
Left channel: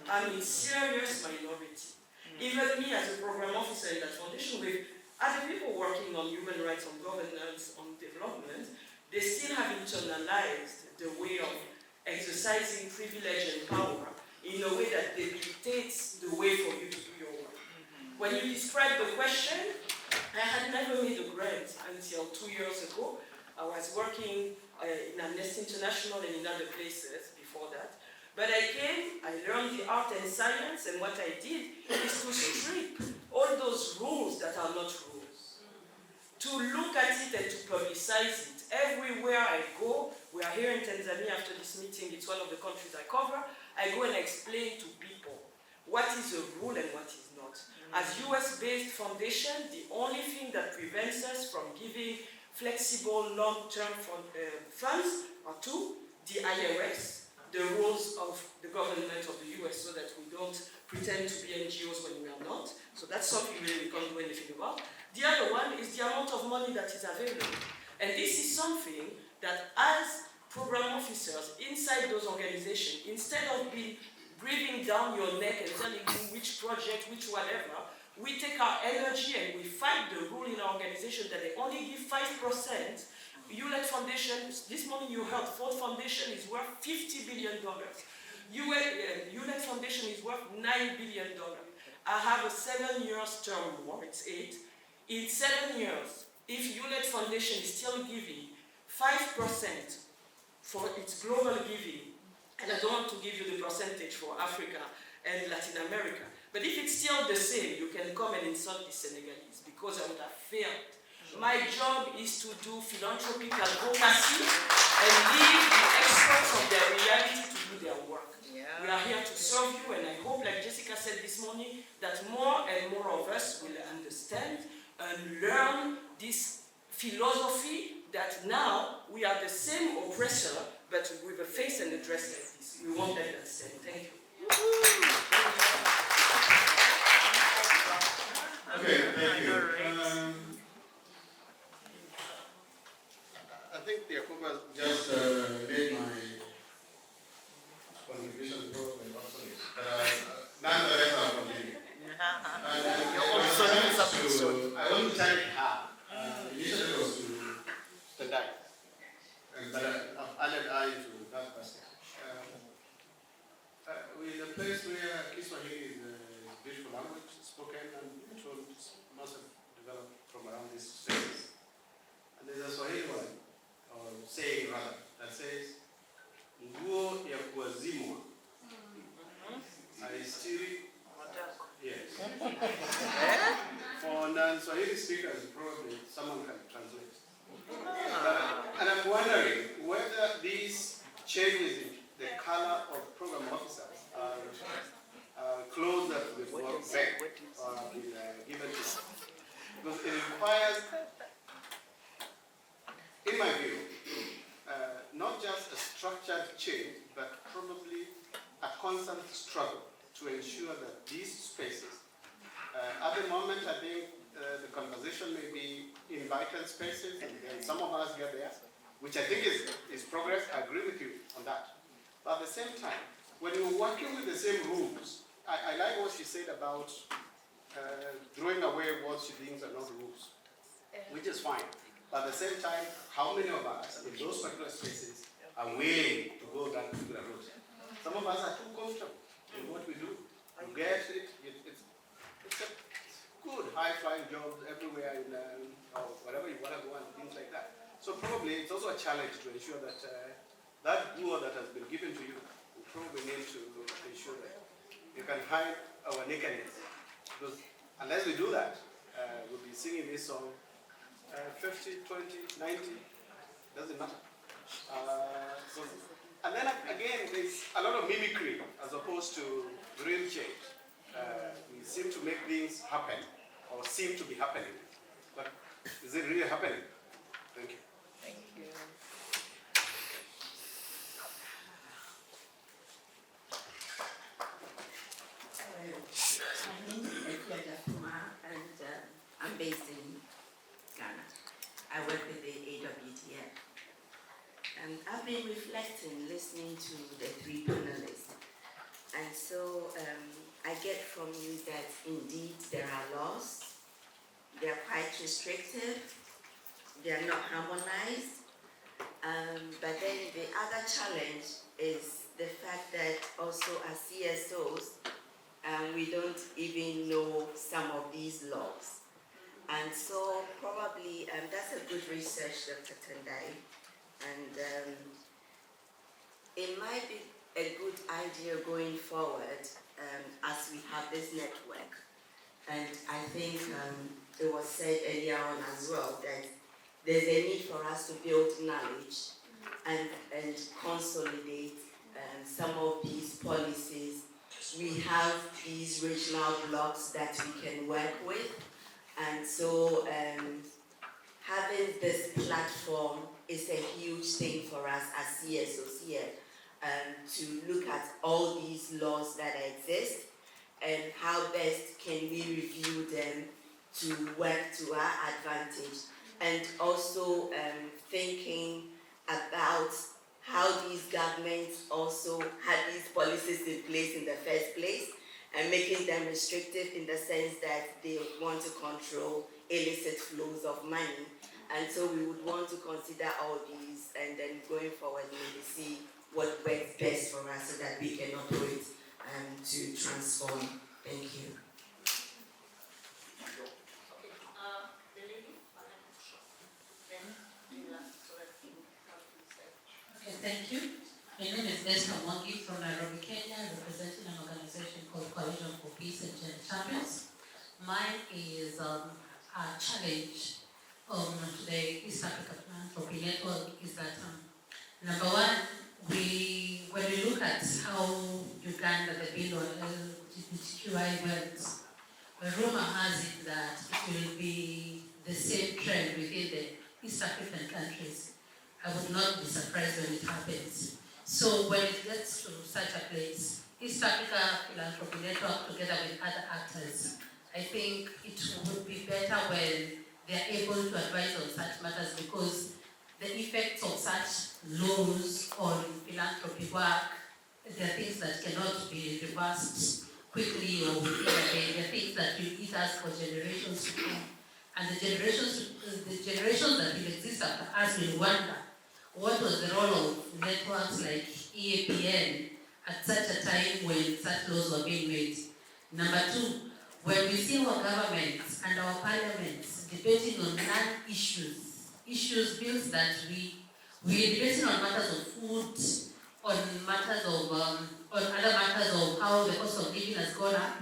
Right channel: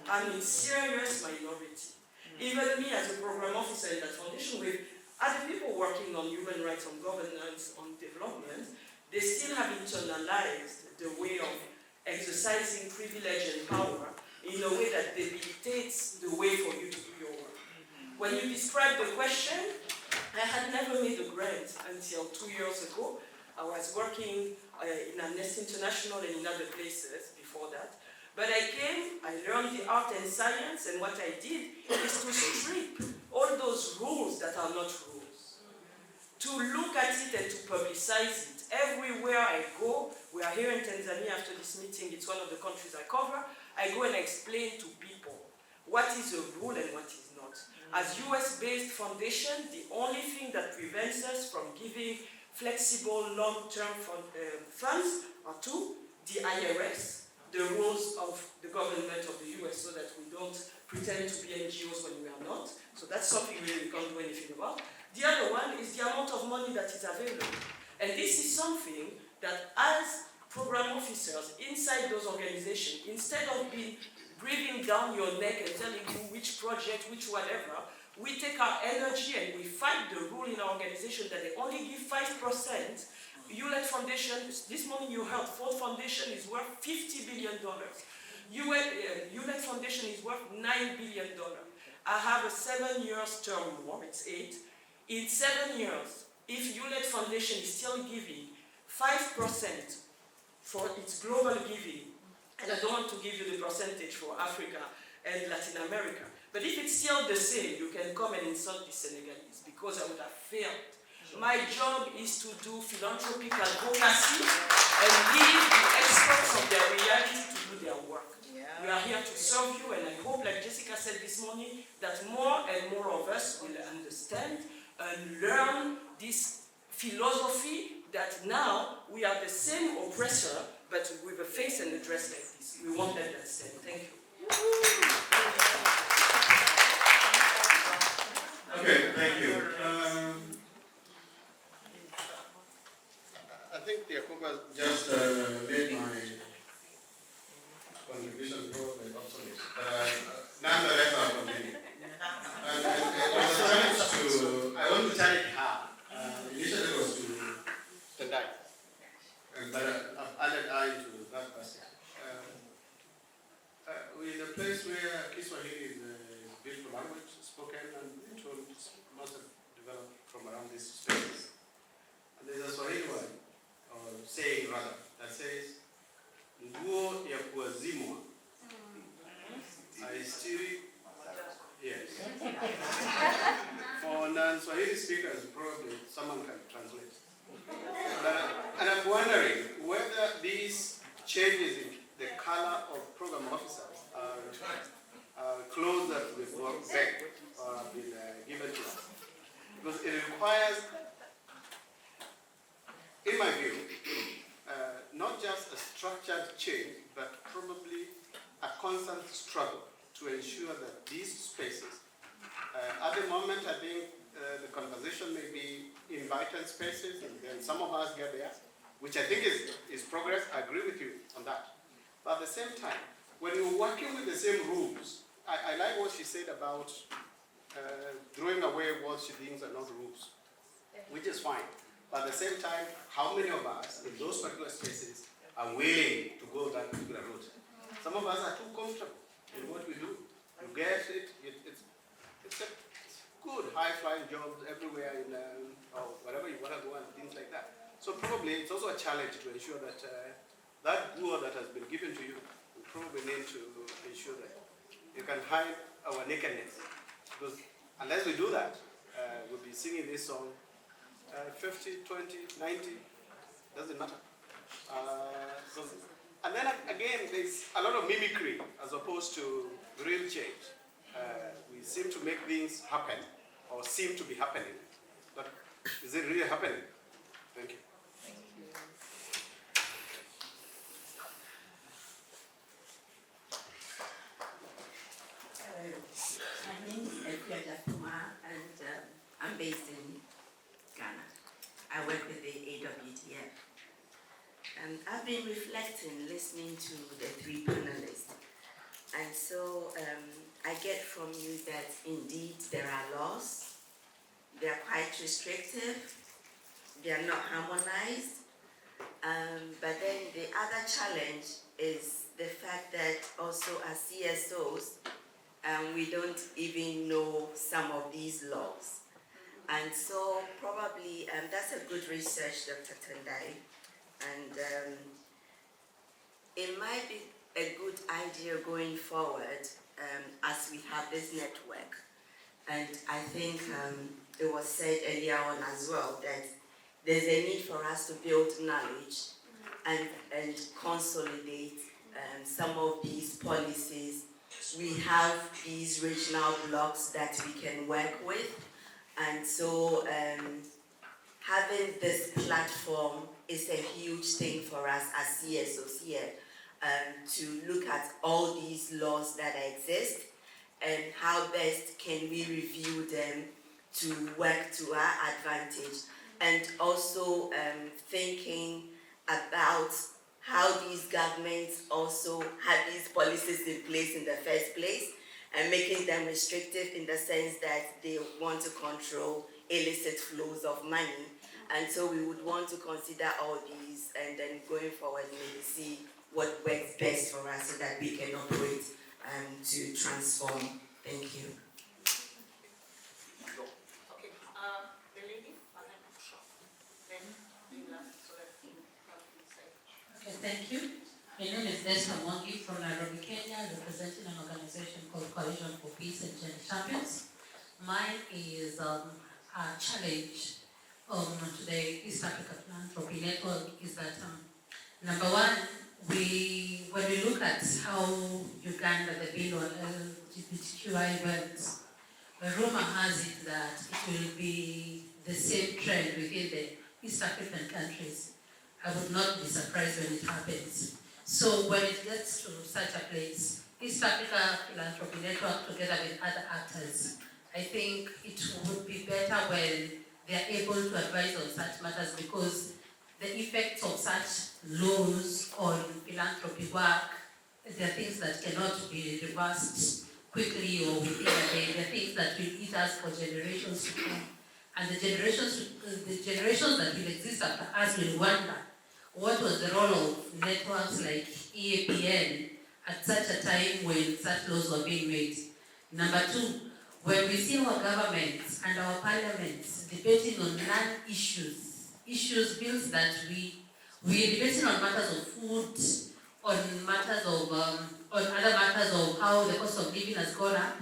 I'm a serious minority. Even me as a program officer in that foundation with other people working on human rights, on governance, on development, they still have internalized the way of exercising privilege and power in a way that debilitates the way for you to do your work. When you described the question, I had never made a grant until 2 years ago. I was working in Amnesty International and in other places before that. But I came, I learned the art and science, and what I did is to strip all those rules that are not rules. To look at it and to publicize it. Everywhere I go, we are here in Tanzania after this meeting, it's one of the countries I cover, I go and explain to people what is a rule and what is not. As US-based foundation, the only thing that prevents us from giving flexible long-term funds are two, the IRS, the rules of the government of the US so that we don't pretend to be NGOs when we are not. So that's something really we can't do anything about. The other one is the amount of money that is available. And this is something that as program officers inside those organizations, instead of being breathing down your neck and telling you which project, which whatever, we take our energy and we fight the rule in our organization that they only give 5%. ULED Foundation, this morning you heard Ford Foundation is worth $50 billion. ULED Foundation is worth $9 billion. I have a 7 years term, or it's 8. In 7 years, if ULED Foundation is still giving 5% for its global giving, and I don't want to give you the percentage for Africa and Latin America, but if it's still the same, you can come and insult the Senegalese because I would have failed. My job is to do philanthropic advocacy and leave the experts of their reality to do their work. Yeah. We are here to serve you, and I hope, like Jessica said this morning, that more and more of us will understand and learn this philosophy that now we are the same oppressor, but with a face and a dress like this. We won't let that stand. Thank you. Okay, thank you. I think the Akuba just made my contributions probably obsolete. Nonetheless, I'll continue. I want to thank her. Initially it was to Tendai, but I've added I to that person. We're in a place where Kiswahili is a beautiful language, spoken and told, must have developed from around these spaces. And there's a Swahili one, or saying rather, that says, Nguo ya kuazimwa, aistiri, yes. For non-Swahili speakers, probably someone can translate. And I'm wondering whether these changes in the color of program officers are clothes that will work back or have been given to them. Because it requires, in my view, not just a structured change, but probably a constant struggle to ensure that these spaces, at the moment I think the conversation may be invited spaces, and then some of us get there, which I think is progress. I agree with you on that. But at the same time, when you're working with the same rules, I like what she said about throwing away what she thinks are not rules, which is fine. But at the same time, how many of us in those particular spaces are willing to go that particular route? Some of us are too comfortable in what we do. You get it, it's a good high-flying jobs everywhere in or wherever you want to go and things like that. So probably it's also a challenge to ensure that that guru that has been given to you, we probably need to ensure that you can hide our nakedness. Because unless we do that, we'll be singing this song 50, 20, 90, doesn't matter. And then again, there's a lot of mimicry as opposed to real change. We seem to make things happen, or seem to be happening. But is it really happening? Thank you. Thank you. My name is Efia Jatuma, and I'm based in Ghana. I work with the AWTF. And I've been reflecting, listening to the three panelists. And so I get from you that indeed there are laws, they're quite restrictive, they are not harmonized. But then the other challenge is the fact that also as CSOs, we don't even know some of these laws. And so probably that's a good research, Dr. Tendai, And it might be a good idea going forward as we have this network. And I think it was said earlier on as well that there's a need for us to build knowledge and consolidate some of these policies. We have these regional blocks that we can work with, and so having this platform is a huge thing for us as CSOs here, to look at all these laws that exist and how best can we review them to work to our advantage, and also thinking about how these governments also had these policies in place in the first place and making them restrictive in the sense that they want to control illicit flows of money. And so we would want to consider all these and then going forward maybe see what works best for us so that we can operate to transform. Thank you. The lady, then Okay, thank you. My name is Esther Mwangi from Nairobi, Kenya, representing an organization called Coalition for Peace and Gender Champions. Mine is a challenge to the East Africa Philanthropy Network is that number one, when we look at how Uganda, the bill on LGBTQI went, a rumor has it that it will be the same trend within the East African countries. I would not be surprised when it happens. So when it gets to such a place, East Africa Philanthropy Network together with other actors, I think it would be better when they are able to advise on such matters, because the effects of such laws on philanthropy work, there are things that cannot be reversed quickly or within a day. There are things that will eat us for generations to come. And the generations that will exist after us will wonder what was the role of networks like EAPN at such a time when such laws were being made. Number two, when we see our governments and our parliaments debating on issues, bills that we're debating on matters of food, on matters of on other matters of how the cost of living has gone up.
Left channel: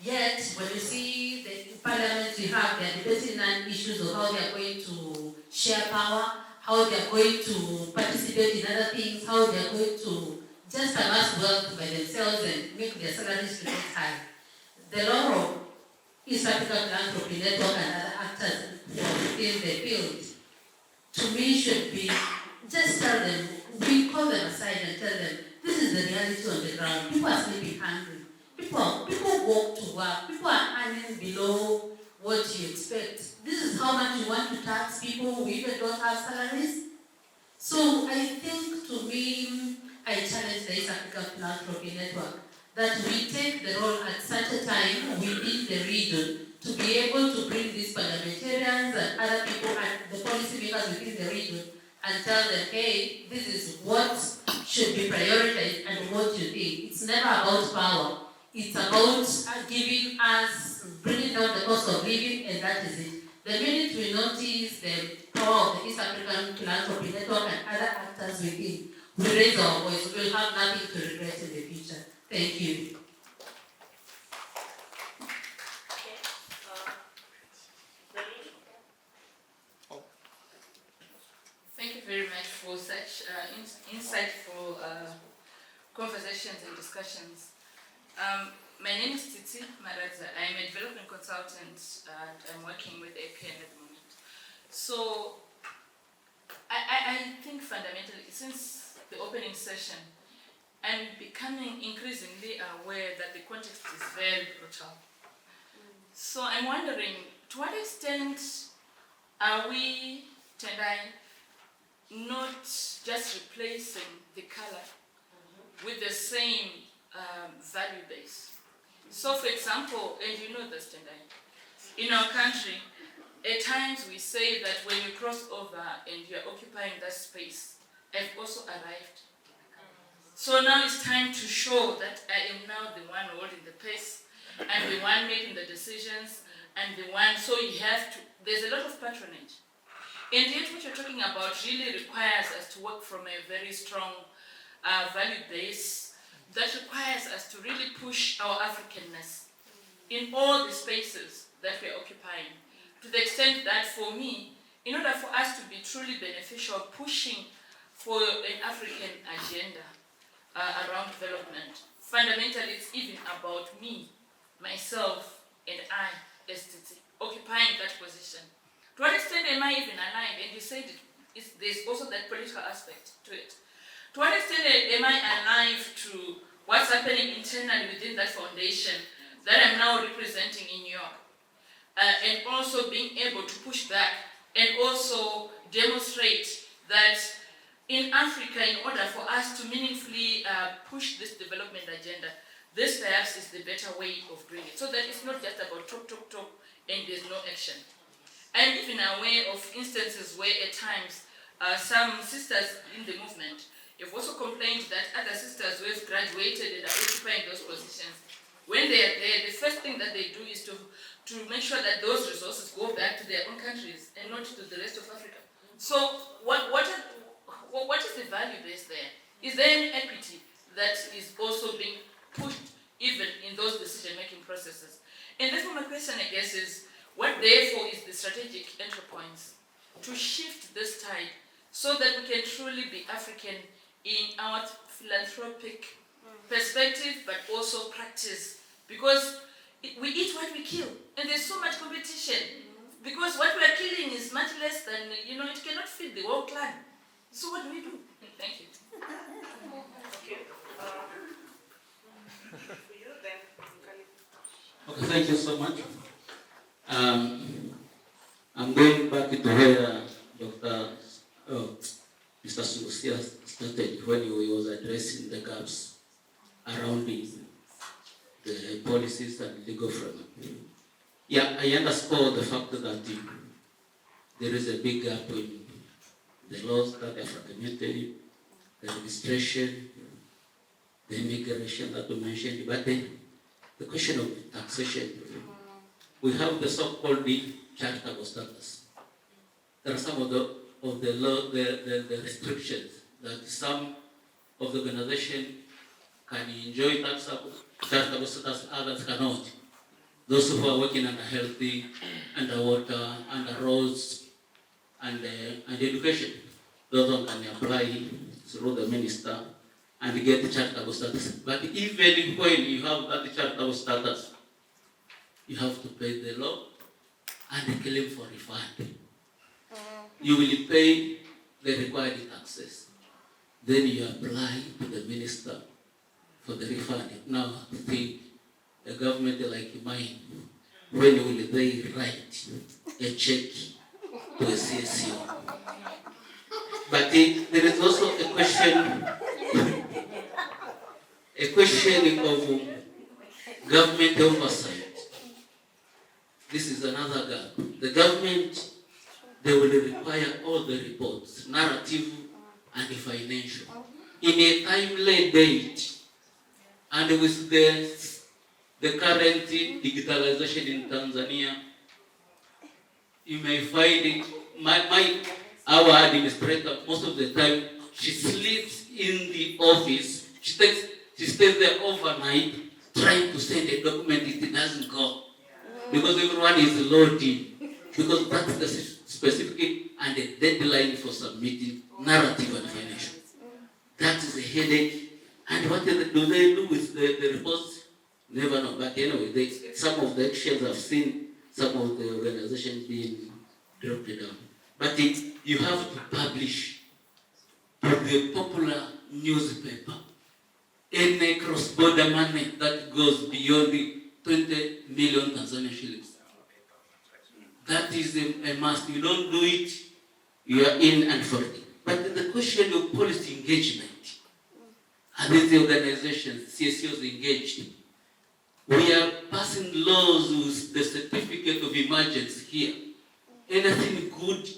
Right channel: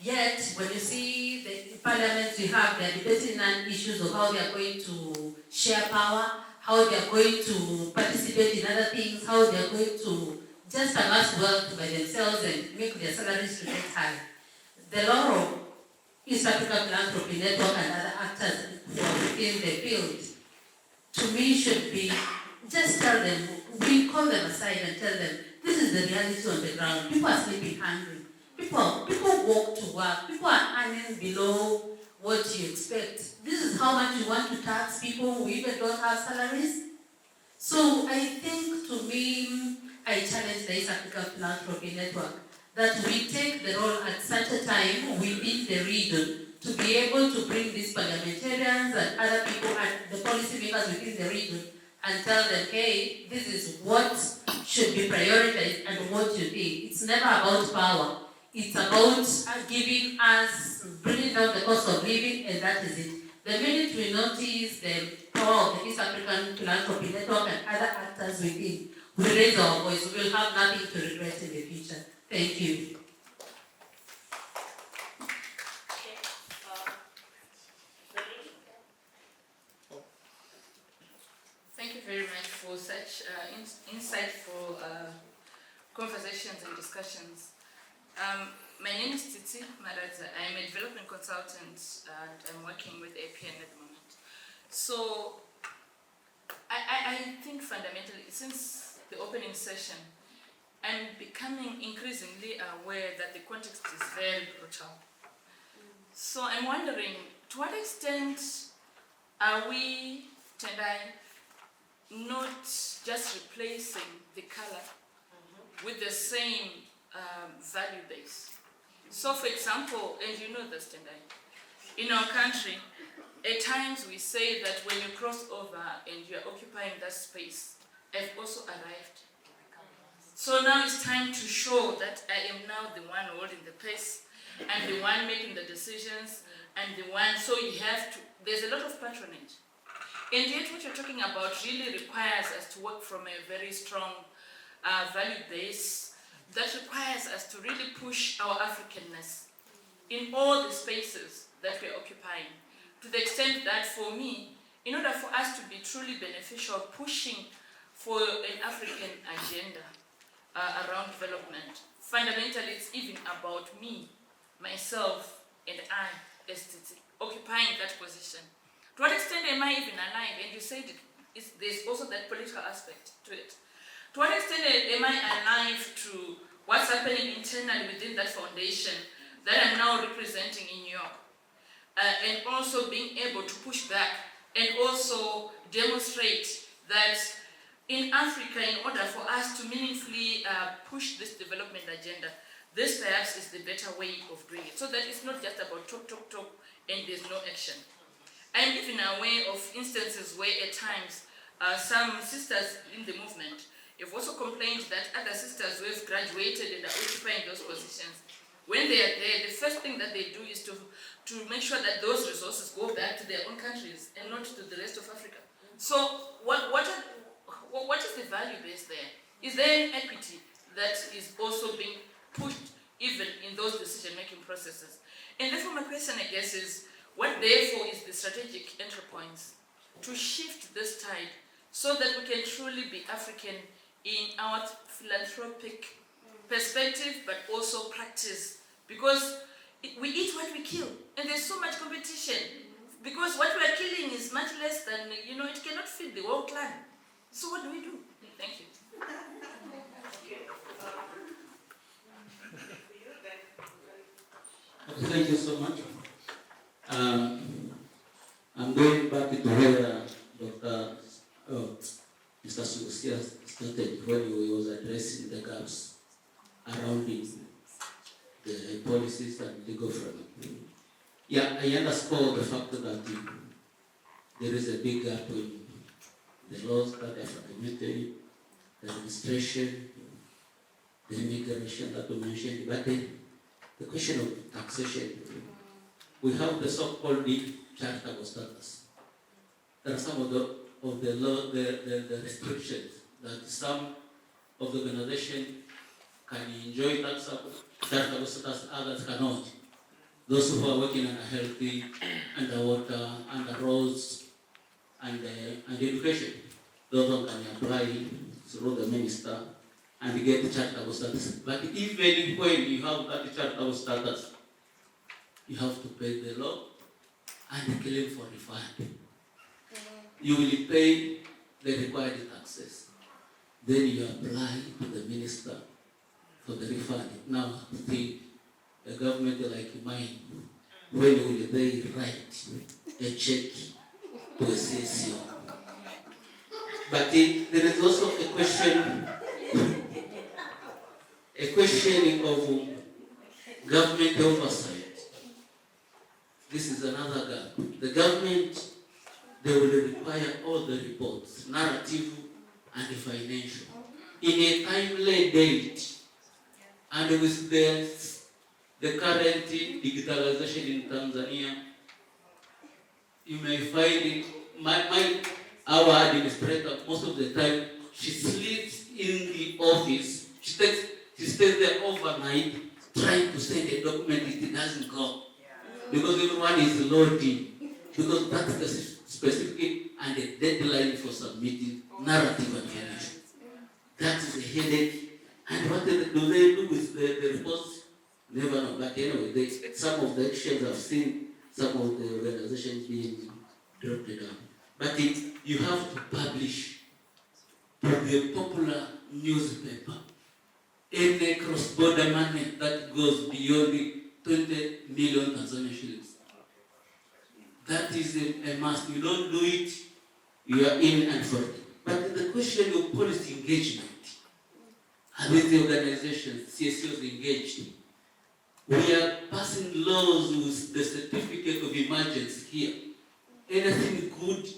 Yet, when you see the parliaments we have, they're debating issues of how they are going to share power, how they are going to participate in other things, how they are going to just amass wealth by themselves and make their salaries to get high. The law of East Africa Philanthropy Network and other actors within the field, to me, should be just tell them, we call them aside and tell them, this is the reality on the ground. People are sleeping hungry. People walk to work. People are earning below what you expect. This is how much you want to tax people who even don't have salaries. So I think, to me, I challenge the East Africa Philanthropy Network that we take the role at such a time within the region to be able to bring these parliamentarians and other people and the policymakers within the region and tell them, hey, this is what should be prioritized and what you think. It's never about power. It's about giving us, bringing down the cost of living, and that is it. The minute we notice the power of the East African Philanthropy Network and other actors within, we raise our voice. We will have nothing to regret in the future. Thank you. Thank you very much for such insightful conversations and discussions. My name is Titi Maradza. I'm a development consultant and I'm working with APN at the moment. So I think fundamentally, since the opening session, I'm becoming increasingly aware that the context is very brutal. So I'm wondering, to what extent are we, Tendai, not just replacing the color with the same value base? So for example, and you know this, Tendai, in our country, at times we say that when you cross over and you're occupying that space, I've also arrived. So now it's time to show that I am now the one holding the pace, I'm the one making the decisions, I'm the one, so you have to, there's a lot of patronage. And yet what you're talking about really requires us to work from a very strong value base that requires us to really push our Africanness in all the spaces that we're occupying, to the extent that for me, in order for us to be truly beneficial, pushing for an African agenda around development, fundamentally it's even about me, myself, and I, as Titi, occupying that position. To what extent am I even aligned? And you said there's also that political aspect to it. To what extent am I alive to what's happening internally within that foundation that I'm now representing in New York? And also being able to push back and also demonstrate that in Africa, in order for us to meaningfully push this development agenda, this perhaps is the better way of doing it. So that it's not just about talk, talk, talk, and there's no action. I'm even aware of instances where at times some sisters in the movement have also complained that other sisters who have graduated and are occupying those positions, when they are there, the first thing that they do is to make sure that those resources go back to their own countries and not to the rest of Africa. So what is the value base there? Is there any equity that is also being pushed even in those decision-making processes? And therefore my question, I guess, is what therefore is the strategic entry points to shift this tide so that we can truly be African in our philanthropic perspective, but also practice? Because we eat what we kill, and there's so much competition. Because what we are killing is much less than, it cannot feed the whole clan. So what do we do? Thank you. Okay, thank you so much. I'm going back to where Mr. Susia started when he was addressing the gaps around the policies and legal framework. Yeah, I underscore the fact that there is a big gap in the laws that are fragmented, the administration, the immigration that we mentioned, but the question of taxation. We have the so-called charitable status. There are some of the law, the restrictions that some of the organization can enjoy charitable status, others cannot. Those who are working under healthy, underwater, under roads, and education, those who can apply through the minister and get charitable status. But even when you have that charitable status, you have to pay the law and claim for refund. You will pay the required taxes. Then you apply to the minister for the refund. Now, think a government like mine, when will they write a check to a CSO? But there is also a question of government oversight. This is another gap. The government, they will require all the reports, narrative and financial, in a timely date. And with the current digitalization in Tanzania, you may find our administrator, most of the time, she sleeps in the office. She stays there overnight trying to send a document, it doesn't go. Because everyone is loading. Because that's the specific and the deadline for submitting narrative and financial. That is a headache. And what do they do with the reports? Never know. But anyway, some of the actions I've seen, some of the organizations being dropped down. But you have to publish to the popular newspaper any cross-border money that goes beyond the 20 million Tanzanian shillings. That is a must. You don't do it, you are in and for it. But the question of policy engagement, are these organizations, CSOs engaged? We are passing laws with the certificate of emergency here. Anything good,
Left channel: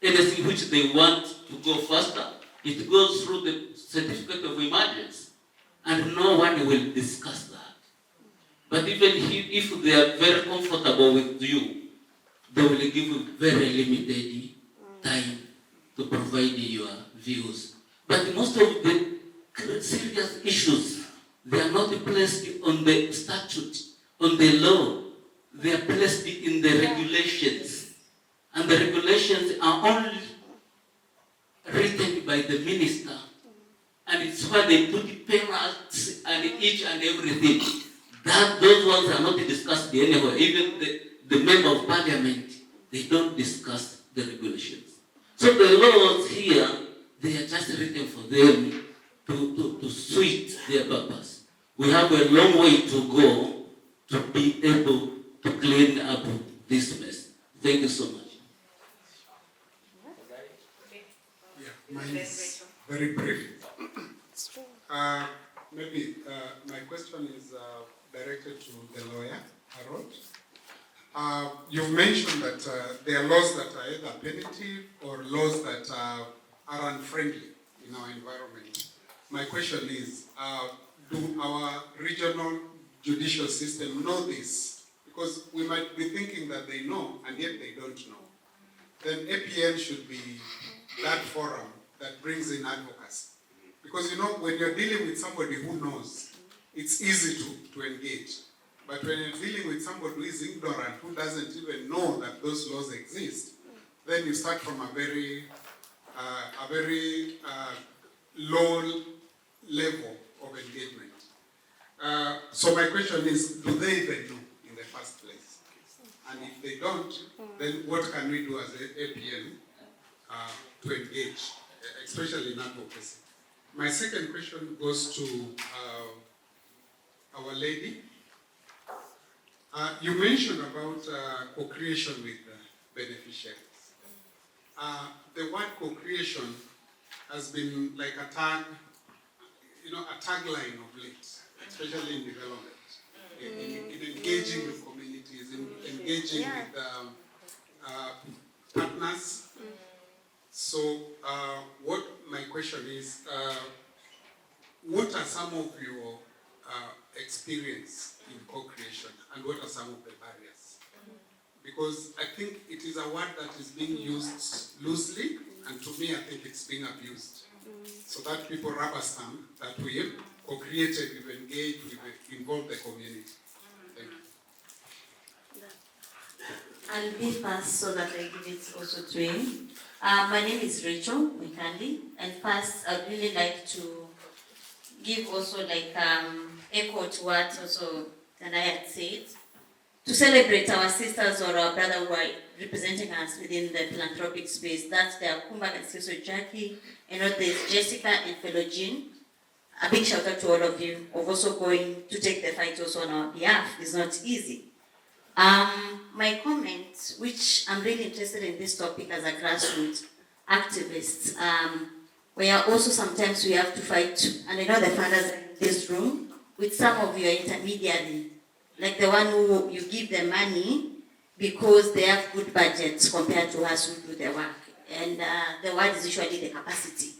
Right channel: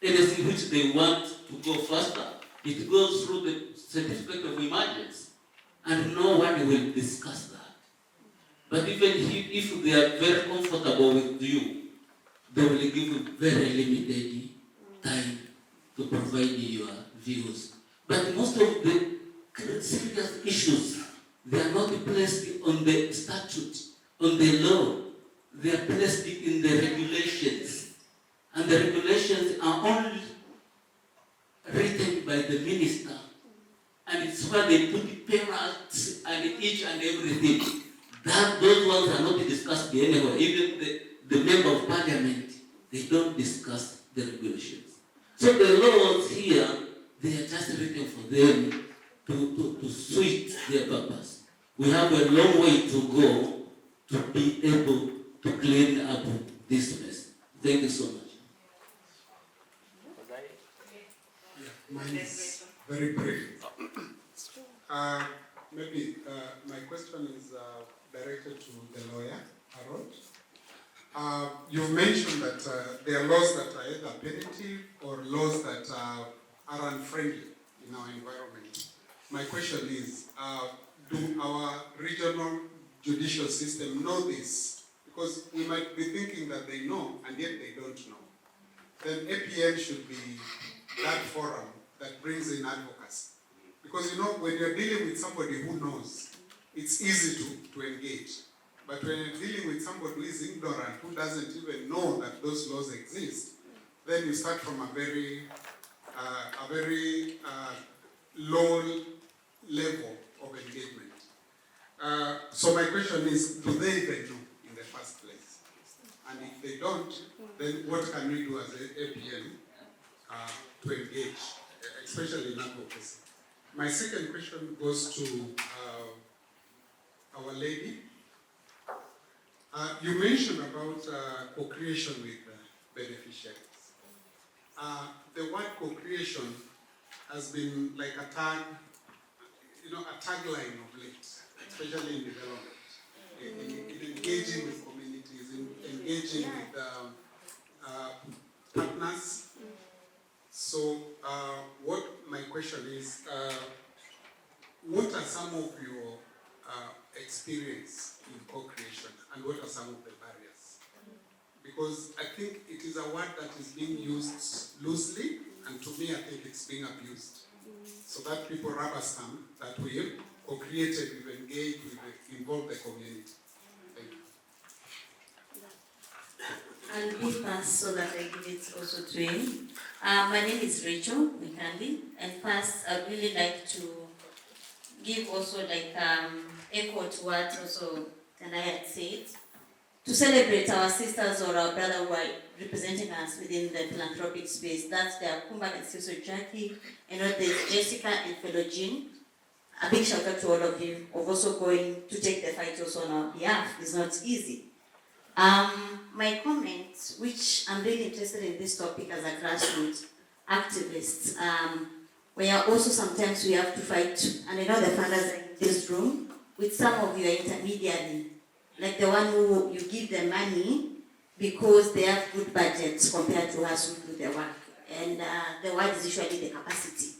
anything which they want to go faster, it goes through the certificate of emergency. And no one will discuss that. But even if they are very comfortable with you, they will give you very limited time to provide your views. But most of the serious issues, they are not placed on the statute, on the law. They are placed in the regulations. And the regulations are only written by the minister. And it's where they put penalties and each and everything. Those ones are not discussed anywhere. Even the member of parliament, they don't discuss the regulations. So the laws here, they are just written for them to suit their purpose. We have a long way to go to be able to clean up this mess. Thank you so much. Yeah, mine is very brief. Maybe my question is directed to the lawyer, Harold. You've mentioned that there are laws that are either punitive or laws that are unfriendly in our environment. My question is, do our regional judicial system know this? Because we might be thinking that they know, and yet they don't know. Then APN should be that forum that brings in advocacy. Because when you're dealing with somebody who knows, it's easy to engage. But when you're dealing with somebody who is ignorant, who doesn't even know that those laws exist, then you start from a very low level of engagement. So my question is, do they even know in the first place? And if they don't, then what can we do as APN to engage, especially in advocacy? My second question goes to our lady. You mentioned about co-creation with beneficiaries. The word co-creation has been like a tagline of late, especially in development, in engaging with communities, in engaging with partners. So, what my question is, what are some of your experience in co-creation, and what are some of the barriers? Because I think it is a word that is being used loosely, and to me I think it's being abused. So that people rubber stamp that we've co-created, we've engaged, we've involved the community. Thank you. I'll be fast so that I give it also to him. My name is Rachel Mikandi, and first I'd really like to give also echo to what also Tana had said, to celebrate our sisters or our brother who are representing us within the philanthropic space. That's the Kumba and Sister Jackie, and there's Jessica and fellow Jean. A big shout out to all of you of also going to take the fight also on our behalf. It's not easy. My comment, which I'm really interested in this topic as a grassroots activist, where also sometimes we have to fight, and I know the funders are in this room, with some of your intermediary, like the one who you give them money because they have good budgets compared to us who do the work. And the word is usually the capacity.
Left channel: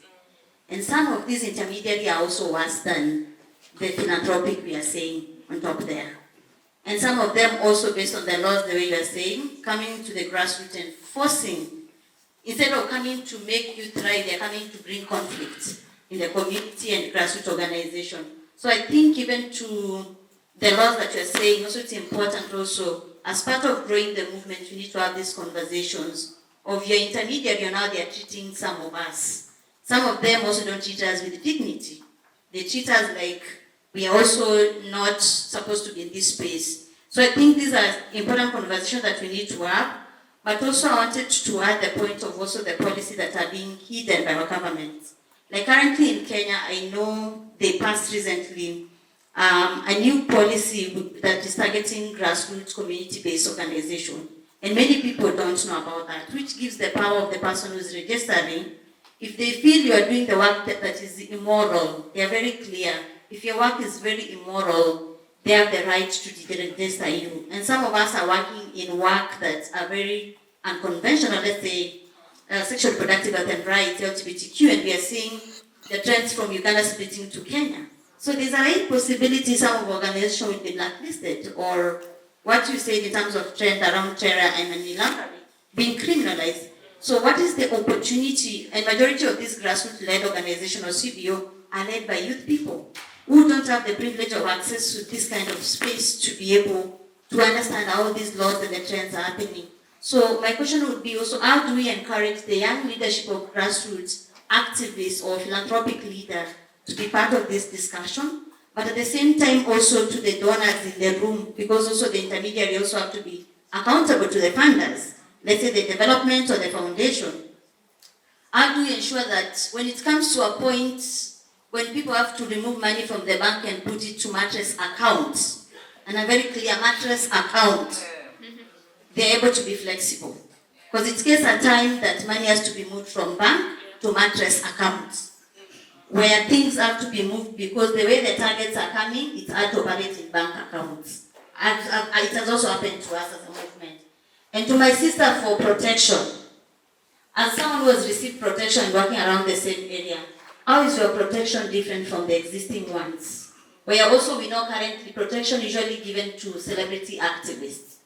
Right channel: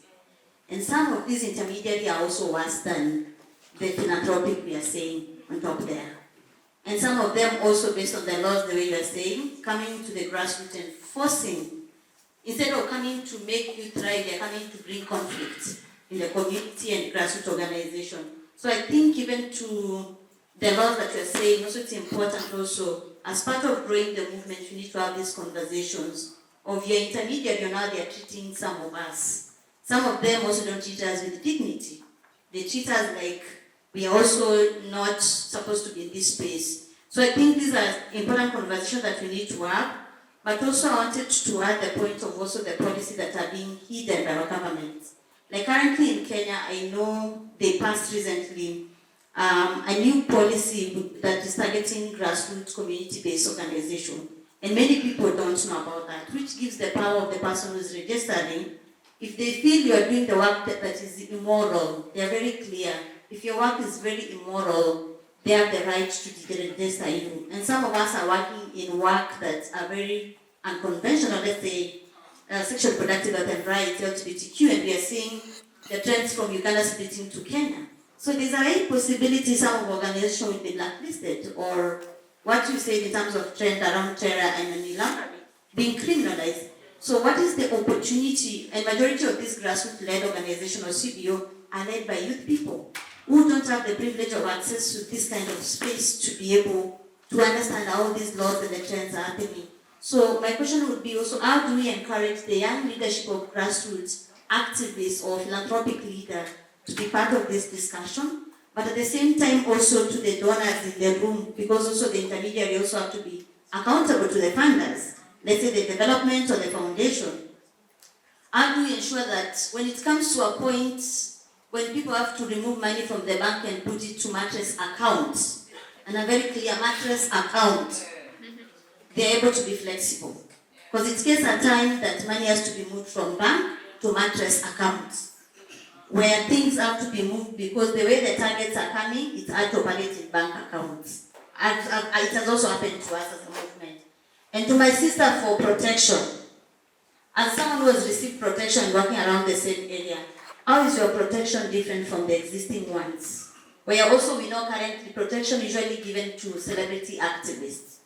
And some of these intermediaries are also worse than the philanthropic we are saying on top there. And some of them also, based on the laws, the way you are saying, coming to the grassroots and forcing, instead of coming to make you thrive, they are coming to bring conflict in the community and grassroots organization. So I think even to the laws that you are saying, also it's important also, as part of growing the movement, you need to have these conversations of your intermediary and how they are treating some of us. Some of them also don't treat us with dignity. They treat us like we are also not supposed to be in this space. So I think these are important conversations that we need to have, but also I wanted to add the point of also the policies that are being hidden by our government. Like currently in Kenya, I know they passed recently a new policy that is targeting grassroots community-based organization. And many people don't know about that, which gives the power of the person who is registering. If they feel you are doing the work that is immoral, they are very clear. If your work is very immoral, they have the right to register you. And some of us are working in work that are very unconventional, let's say sexual reproductive health and rights, LGBTQ, and we are seeing the trends from Uganda splitting to Kenya. So there's a high possibility some of organizations will be blacklisted, or what you said in terms of trend around terror and money laundering being criminalized. So what is the opportunity, and majority of these grassroots-led organizations or CBO are led by youth people who don't have the privilege of access to this kind of space to be able to understand how these laws and the trends are happening. So my question would be also, how do we encourage the young leadership of grassroots activists or philanthropic leaders to be part of this discussion, but at the same time also to the donors in the room, because also the intermediary also have to be accountable to the funders, let's say the development or the foundation. How do we ensure that when it comes to a point when people have to remove money from the bank and put it to mattress accounts, and a very clear mattress account, they're able to be flexible? Because it's case at time that money has to be moved from bank to mattress accounts, where things have to be moved because the way the targets are coming, it's hard to operate in bank accounts. It has also happened to us as a movement. And to my sister for protection, as someone who has received protection working around the same area, how is your protection different from the existing ones? Where also we know currently protection usually given to celebrity activists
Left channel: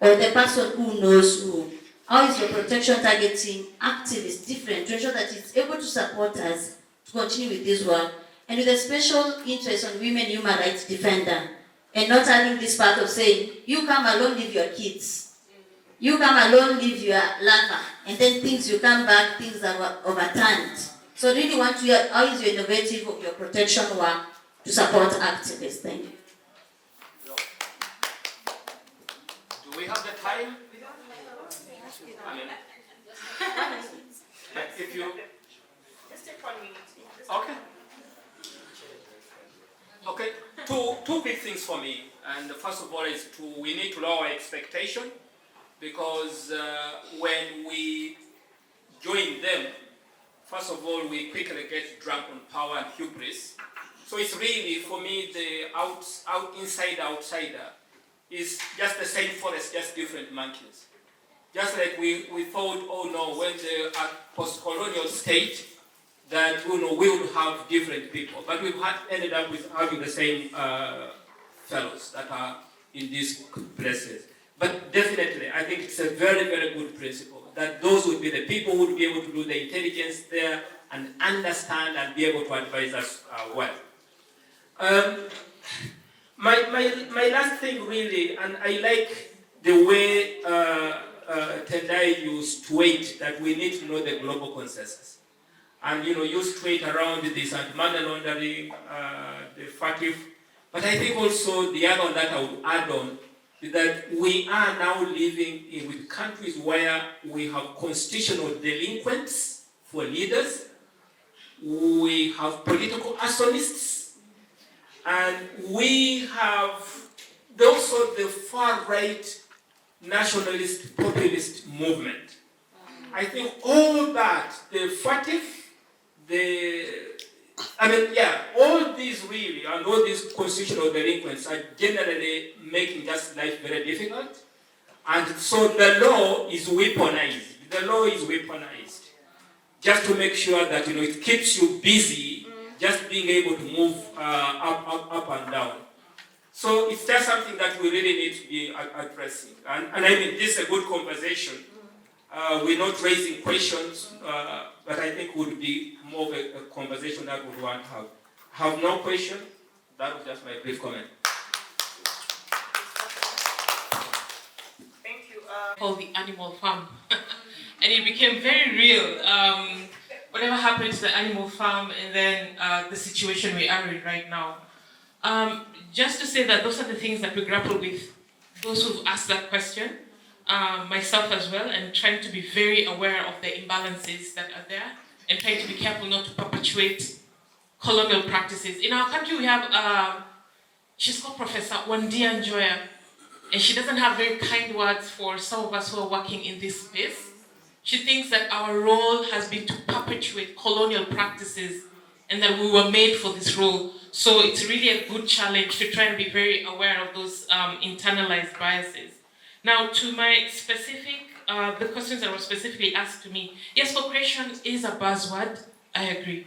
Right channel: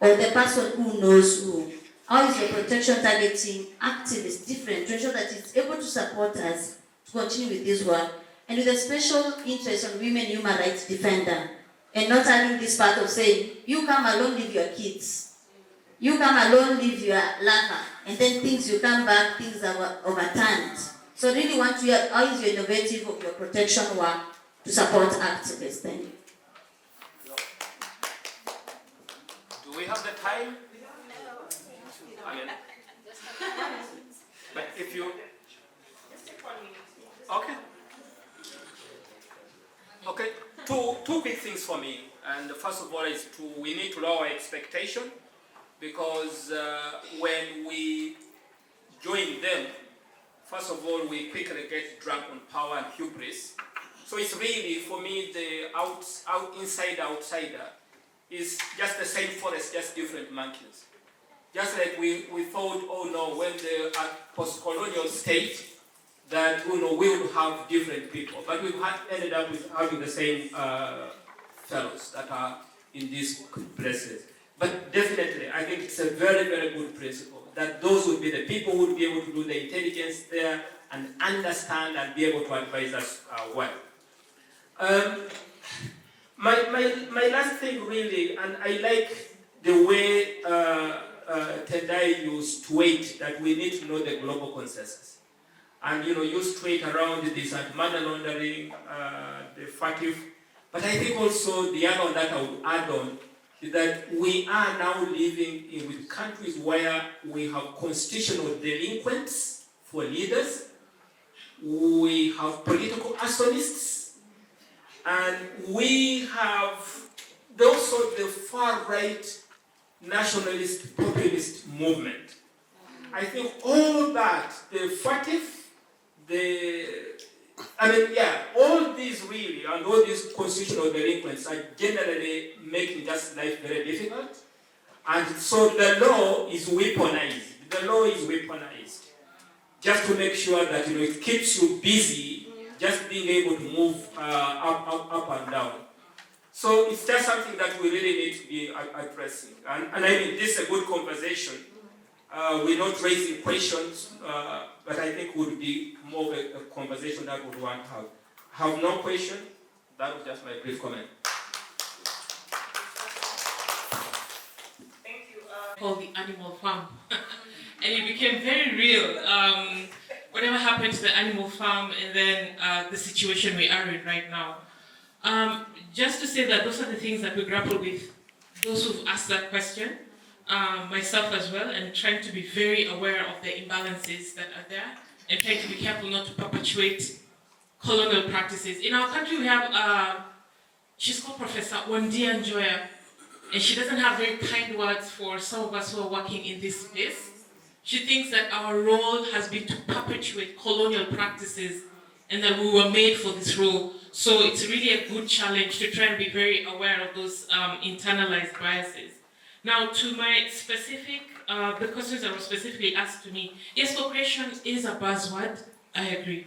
or the person who knows who. How is your protection targeting activists different to ensure that it's able to support us to continue with this work, and with a special interest on women human rights defender, and not having this part of saying, you come alone, leave your kids. You come alone, leave your lover, and then things you come back, things are overturned. So really want to hear, how is your innovative of your protection work to support activists? Thank you. Do we have the time? I mean, but if you... Just take 1 minute. Okay. Okay, two big things for me. And the first of all is we need to lower expectation, because when we join them, first of all, we quickly get drunk on power and hubris. So it's really, for me, the outsider is just the same forest, just different monkeys. Just like we thought, oh no, when the post-colonial state, that we would have different people. But we've ended up with having the same fellows that are in these places. But definitely, I think it's a very, very good principle that those would be the people who would be able to do the intelligence there and understand and be able to advise us well. My last thing really, and I like the way Tendai used to wait, that we need to know the global consensus. And used to wait around this anti-money laundering, the FATF. But I think also the other one that I would add on is that we are now living with countries where we have constitutional delinquents for leaders, we have political arsonists, and we have also the far-right nationalist populist movement. I think all that, the FATF, all these really, and all these constitutional delinquents are generally making just life very difficult. And so the law is weaponized. The law is weaponized just to make sure that it keeps you busy, just being able to move up and down. So it's just something that we really need to be addressing. And I mean, this is a good conversation. We're not raising questions, but I think would be more of a conversation that we would want to have. Have no question? That was just my brief comment. Thank you. Called the animal farm. And it became very real. Whatever happened to the animal farm, and then the situation we are in right now. Just to say that those are the things that we grapple with, those who've asked that question, myself as well, and trying to be very aware of the imbalances that are there, and trying to be careful not to perpetuate colonial practices. In our country, we have, she's called Professor Wandia Njoya, and she doesn't have very kind words for some of us who are working in this space. She thinks that our role has been to perpetuate colonial practices and that we were made for this role. So it's really a good challenge to try and be very aware of those internalized biases. Now, to my specific, the questions that were specifically asked to me, yes, co-creation is a buzzword, I agree.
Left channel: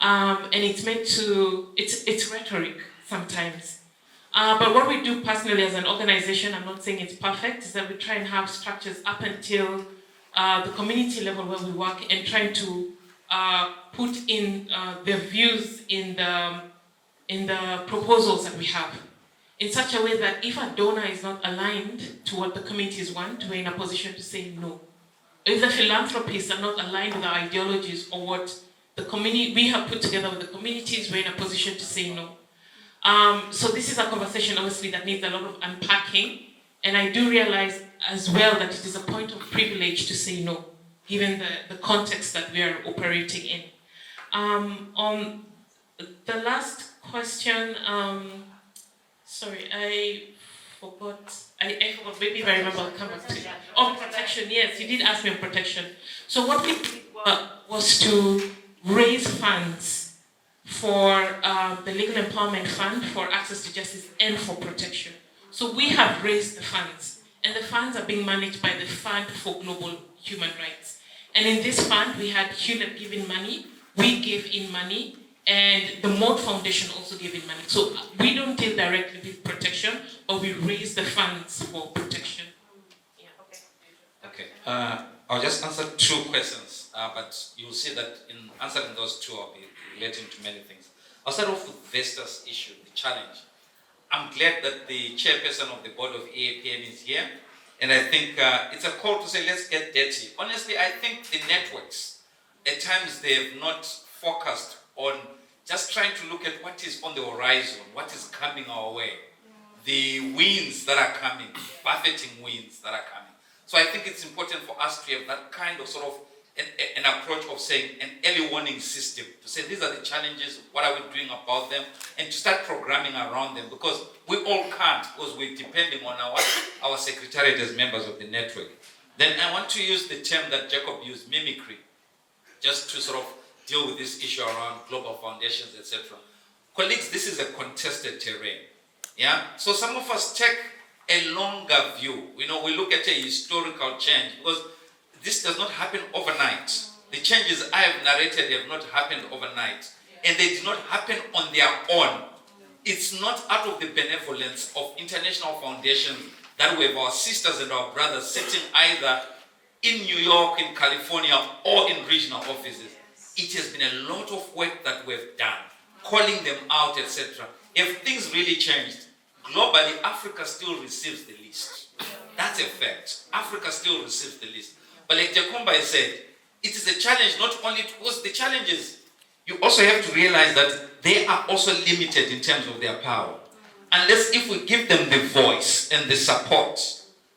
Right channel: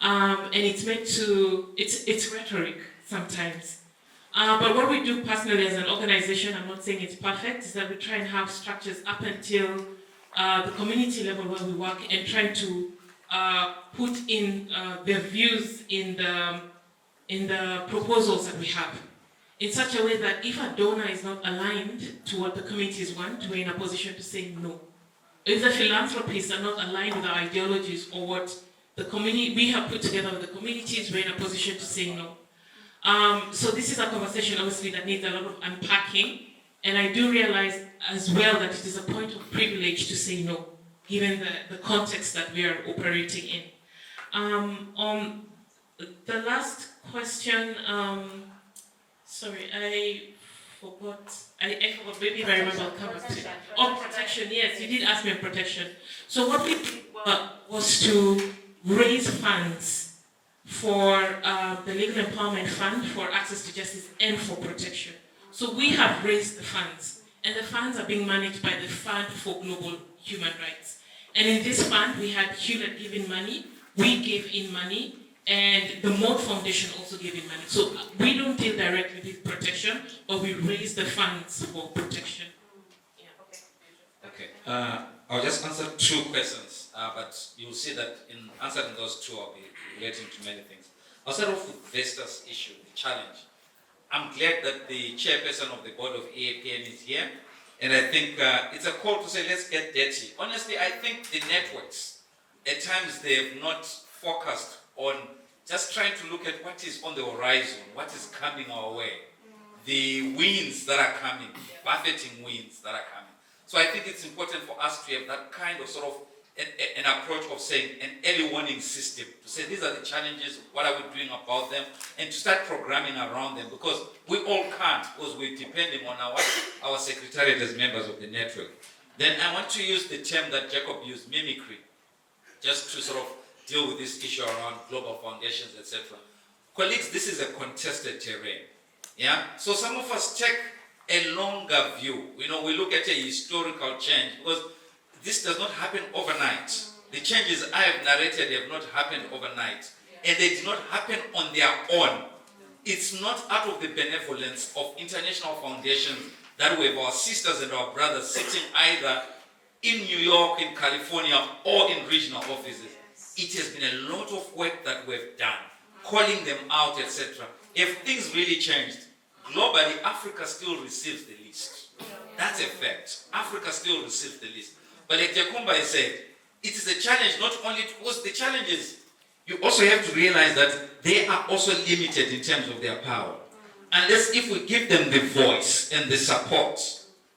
And it's meant to, it's rhetoric sometimes. But what we do personally as an organization, I'm not saying it's perfect, is that we try and have structures up until the community level where we work and trying to put in their views in the proposals that we have, in such a way that if a donor is not aligned to what the communities want, we're in a position to say no. If the philanthropists are not aligned with our ideologies or what the community we have put together with the communities, we're in a position to say no. So this is a conversation, obviously, that needs a lot of unpacking, and I do realize as well that it is a point of privilege to say no, given the context that we are operating in. On the last question, sorry, I forgot. I forgot. Maybe if I remember, I'll come back to that. Oh, protection. Yes, you did ask me on protection. So what we did was to raise funds for the Legal Empowerment Fund for access to justice and for protection. So we have raised the funds, and the funds are being managed by the Fund for Global Human Rights. And in this fund, we had Hewlett give in money, we gave in money, and the Mold Foundation also gave in money. So we don't deal directly with protection, but we raise the funds for protection. Yeah, Okay. I'll just answer two questions, but you'll see that in answering those two, I'll be relating to many things. I'll start off with Vesta's issue, the challenge. I'm glad that the chairperson of the board of EAPN is here, and I think it's a call to say, let's get dirty. Honestly, I think the networks, at times they have not focused on just trying to look at what is on the horizon, what is coming our way, the winds that are coming, buffeting winds that are coming. So I think it's important for us to have that kind of sort of an approach of saying an early warning system, to say these are the challenges, what are we doing about them, and to start programming around them, because we all can't, because we're depending on our secretariat as members of the network. Then I want to use the term that Jacob used, mimicry, just to sort of deal with this issue around global foundations, etc. Colleagues, this is a contested terrain. Yeah? So some of us take a longer view. We look at a historical change, because this does not happen overnight. The changes I have narrated have not happened overnight. And they did not happen on their own. It's not out of the benevolence of international foundations that we have our sisters and our brothers sitting either in New York, in California, or in regional offices. It has been a lot of work that we've done, calling them out, etc. If things really changed, globally, Africa still receives the least. That's a fact. Africa still receives the least. But like Jakumba said, it is a challenge not only because the challenges, you also have to realize that they are also limited in terms of their power. Unless if we give them the voice and the support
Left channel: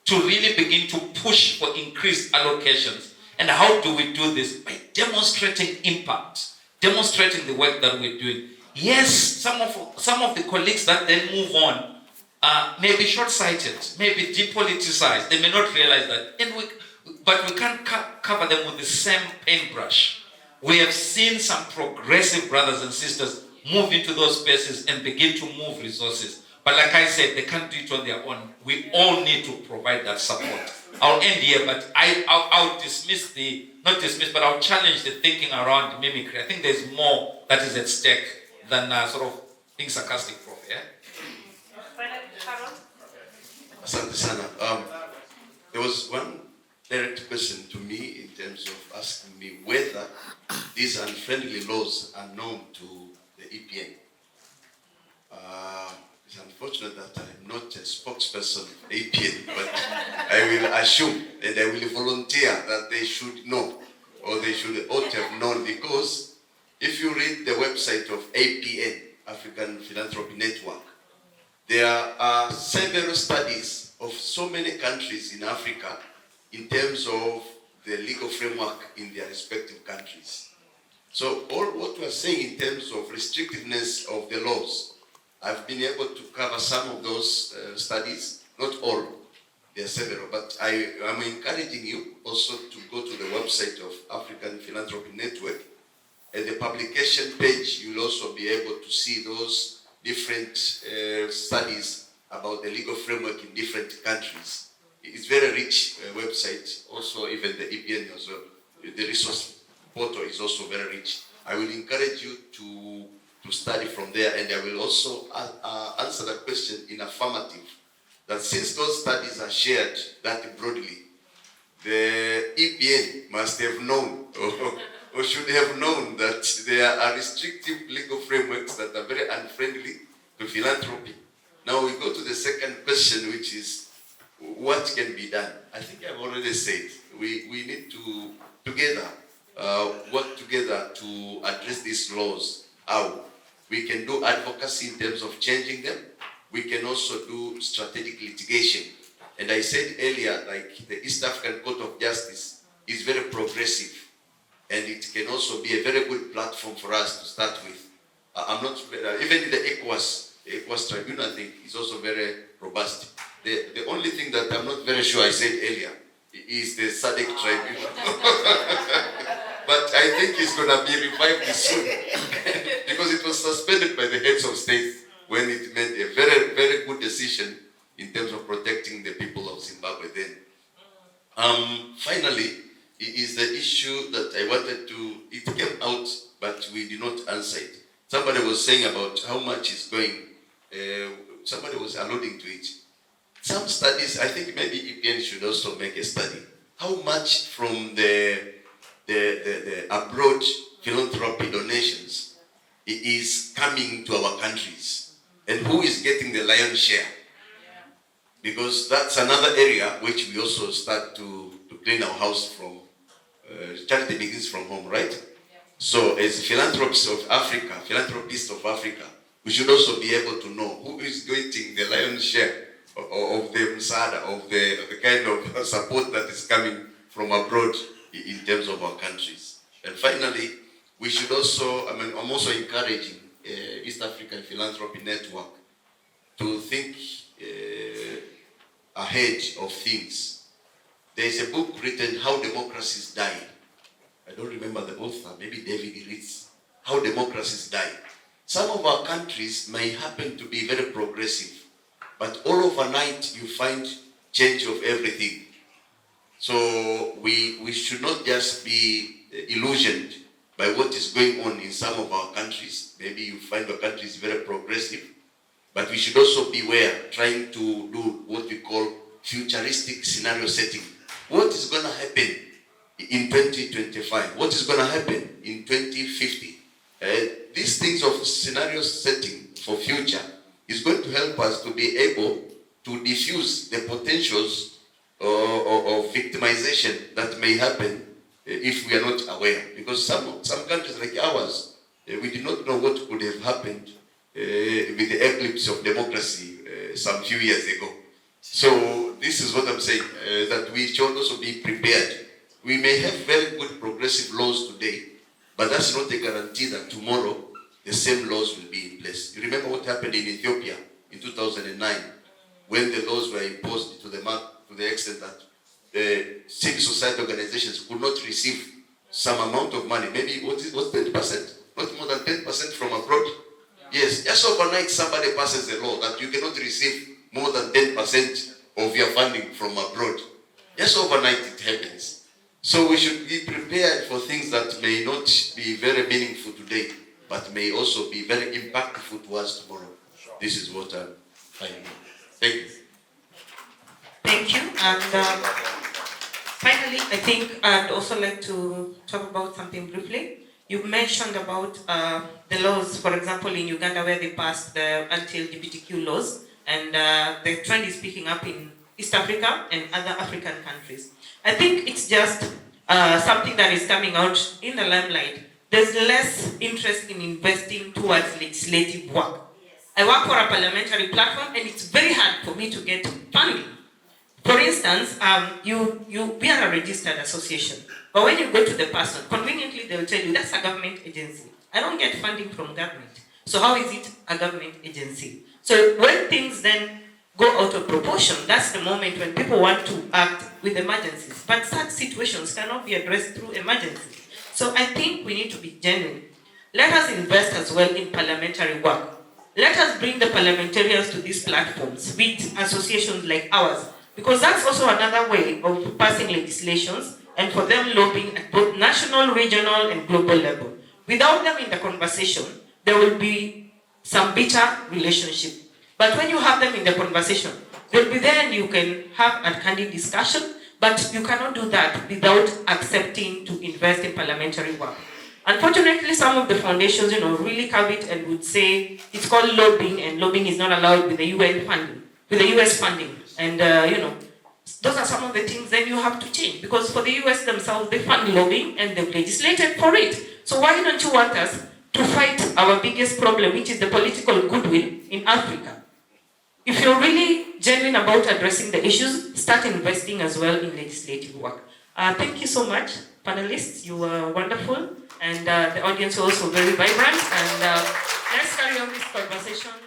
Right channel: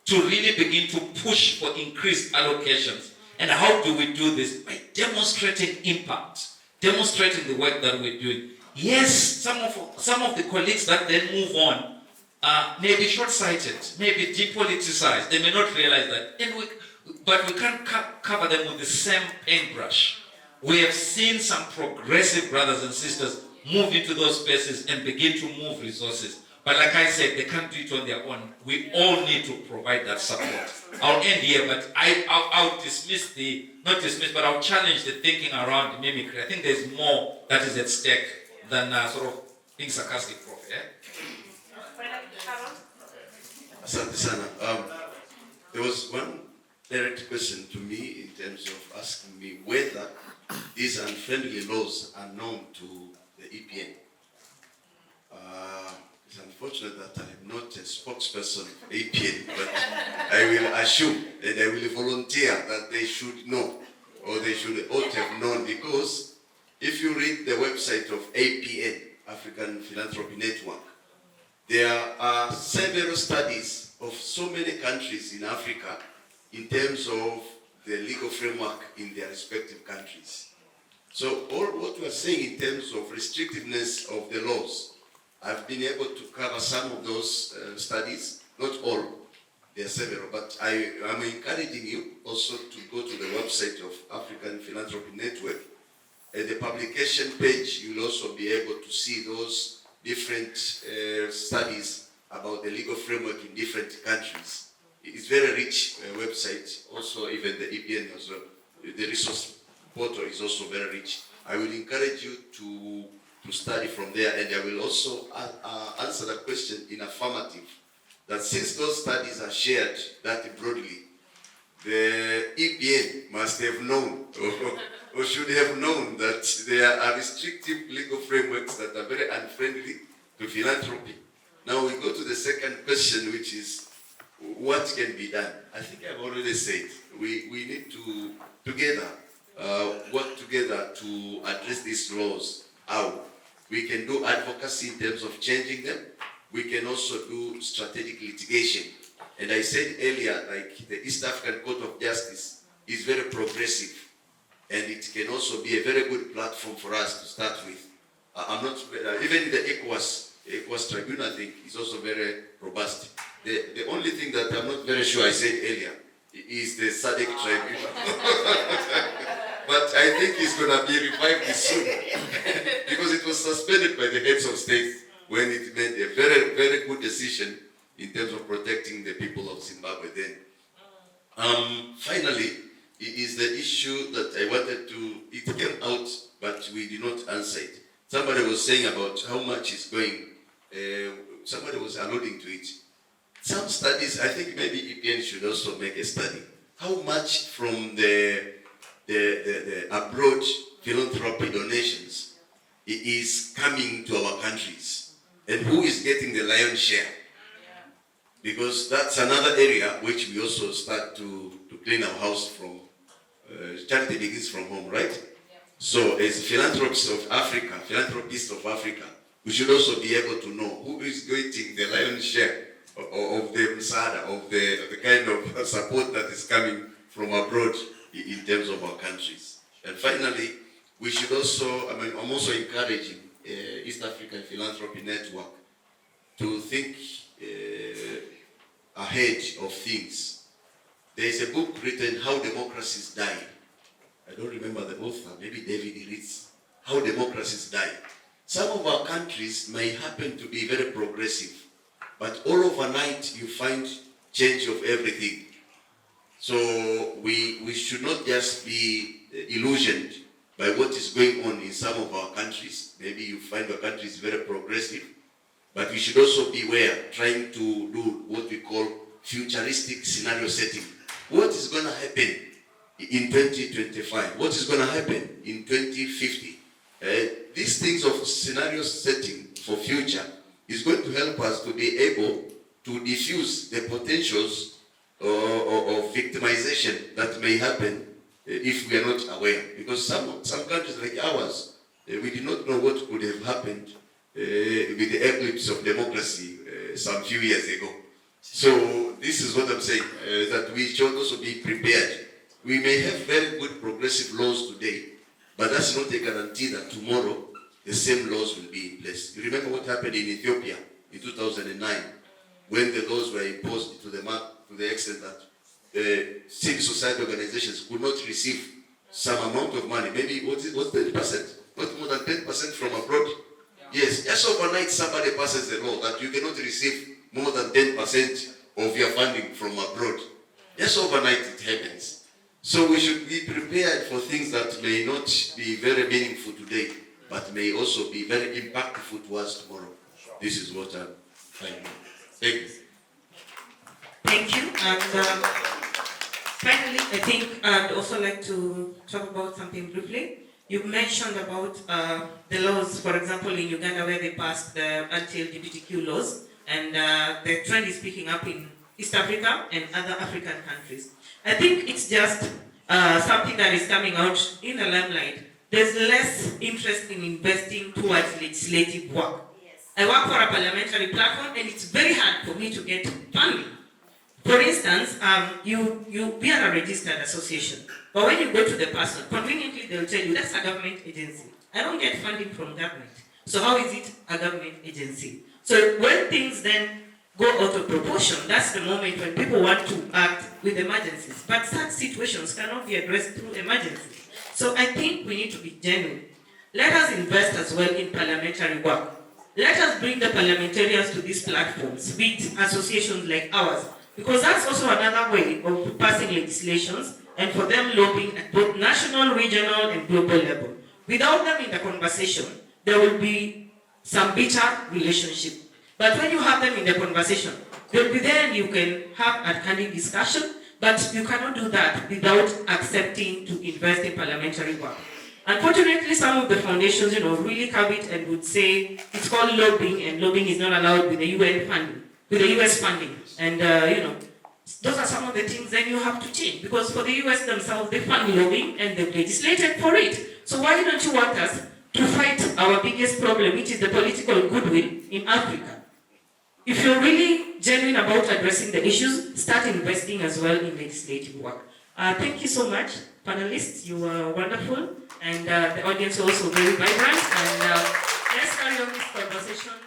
to really begin to push for increased allocations. And how do we do this? By demonstrating impact, demonstrating the work that we're doing. Yes, some of the colleagues that then move on may be short-sighted, may be depoliticized. They may not realize that. But we can't cover them with the same paintbrush. We have seen some progressive brothers and sisters move into those spaces and begin to move resources. But like I said, they can't do it on their own. We all need to provide that support. I'll end here, but I'll I'll challenge the thinking around mimicry. I think there's more that is at stake than sort of being sarcastic, Prof. Yeah? Asante sana. There was one direct question to me in terms of asking me whether these unfriendly laws are known to the EPN. It's unfortunate that I'm not a spokesperson of EPN, but I will assume and I will volunteer that they should know, or they should ought to have known, because if you read the website of APN, African Philanthropy Network, there are several studies of so many countries in Africa in terms of the legal framework in their respective countries. So all what we are saying in terms of restrictiveness of the laws, I've been able to cover some of those studies, not all, there are several, but I am encouraging you also to go to the website of African Philanthropy Network. At the publication page, you'll also be able to see those different studies about the legal framework in different countries. It's very rich website, also even the EPN as well. The resource portal is also very rich. I will encourage you to study from there, and I will also answer the question in affirmative, that since those studies are shared that broadly, the EPN must have known or should have known that there are restrictive legal frameworks that are very unfriendly to philanthropy. Now we go to the second question, which is what can be done? I think I've already said we need to together work together to address these laws. How? We can do advocacy in terms of changing them. We can also do strategic litigation. And I said earlier, like the East African Court of Justice is very progressive, and it can also be a very good platform for us to start with. I'm not even the ECOWAS tribunal, I think, is also very robust. The only thing that I'm not very sure I said earlier is the SADC tribunal. But I think it's going to be revived soon because it was suspended by the heads of state when it made a very, very good decision in terms of protecting the people of Zimbabwe then. Finally, it is the issue that I wanted to, it came out, but we did not answer it. Somebody was saying about how much is going, somebody was alluding to it. Some studies, I think maybe EPN should also make a study. How much from the abroad philanthropy donations is coming to our countries? And who is getting the lion's share? Because that's another area which we also start to clean our house from. Charity begins from home, right? Yeah. So as philanthropists of Africa, we should also be able to know who is getting the lion's share of the msaada, of the kind of support that is coming from abroad in terms of our countries. And finally, we should also, I'm also encouraging East African Philanthropy Network to think ahead of things. There is a book written, How Democracies Died. I don't remember the author, maybe David Ritz. How Democracies Died. Some of our countries may happen to be very progressive, but all overnight you find change of everything. So we should not just be illusioned by what is going on in some of our countries. Maybe you find the country is very progressive, but we should also beware trying to do what we call futuristic scenario setting. What is going to happen in 2025? What is going to happen in 2050? These things of scenario setting for future is going to help us to be able to diffuse the potentials of victimization that may happen if we are not aware. Because some countries like ours, we did not know what could have happened with the eclipse of democracy some few years ago. So this is what I'm saying, that we should also be prepared. We may have very good progressive laws today, but that's not a guarantee that tomorrow the same laws will be in place. You remember what happened in Ethiopia in 2009 when the laws were imposed to the extent that civil society organizations could not receive some amount of money, maybe what was 10%, not more than 10% from abroad. Yes, just overnight somebody passes the law that you cannot receive more than 10% of your funding from abroad. Just overnight it happens. So we should be prepared for things that may not be very meaningful today, but may also be very impactful to us tomorrow. This is what I'm finding. Thank you. Thank you. And finally, I think I'd also like to talk about something briefly. You mentioned about the laws, for example, in Uganda where they passed the anti-LGBTQ laws, and the trend is picking up in East Africa and other African countries. I think it's just something that is coming out in the limelight. There's less interest in investing towards legislative work. Yes. I work for a parliamentary platform, and it's very hard for me to get funding. For instance, we are a registered association, but when you go to the person, conveniently they will tell you that's a government agency. I don't get funding from government. So how is it a government agency? So when things then go out of proportion, that's the moment when people want to act with emergencies. But such situations cannot be addressed through emergency. So I think we need to be genuine. Let us invest as well in parliamentary work. Let us bring the parliamentarians to these platforms with associations like ours, because that's also another way of passing legislations and for them lobbying at both national, regional, and global level. Without them in the conversation, there will be some bitter relationship. But when you have them in the conversation, they'll be there and you can have a candid discussion. But you cannot do that without accepting to invest in parliamentary work. Unfortunately, some of the foundations, really have it and would say it's called lobbying, and lobbying is not allowed with the UN funding, with the US funding. And those are some of the things then you have to change, because for the US themselves, they fund lobbying and they've legislated for it. So why don't you want us to fight our biggest problem, which is the political goodwill in Africa? If you're really genuine about addressing the issues, start investing as well in legislative work. Thank you so much, panelists. You were wonderful, and the audience was also very vibrant. And let's carry on this conversation.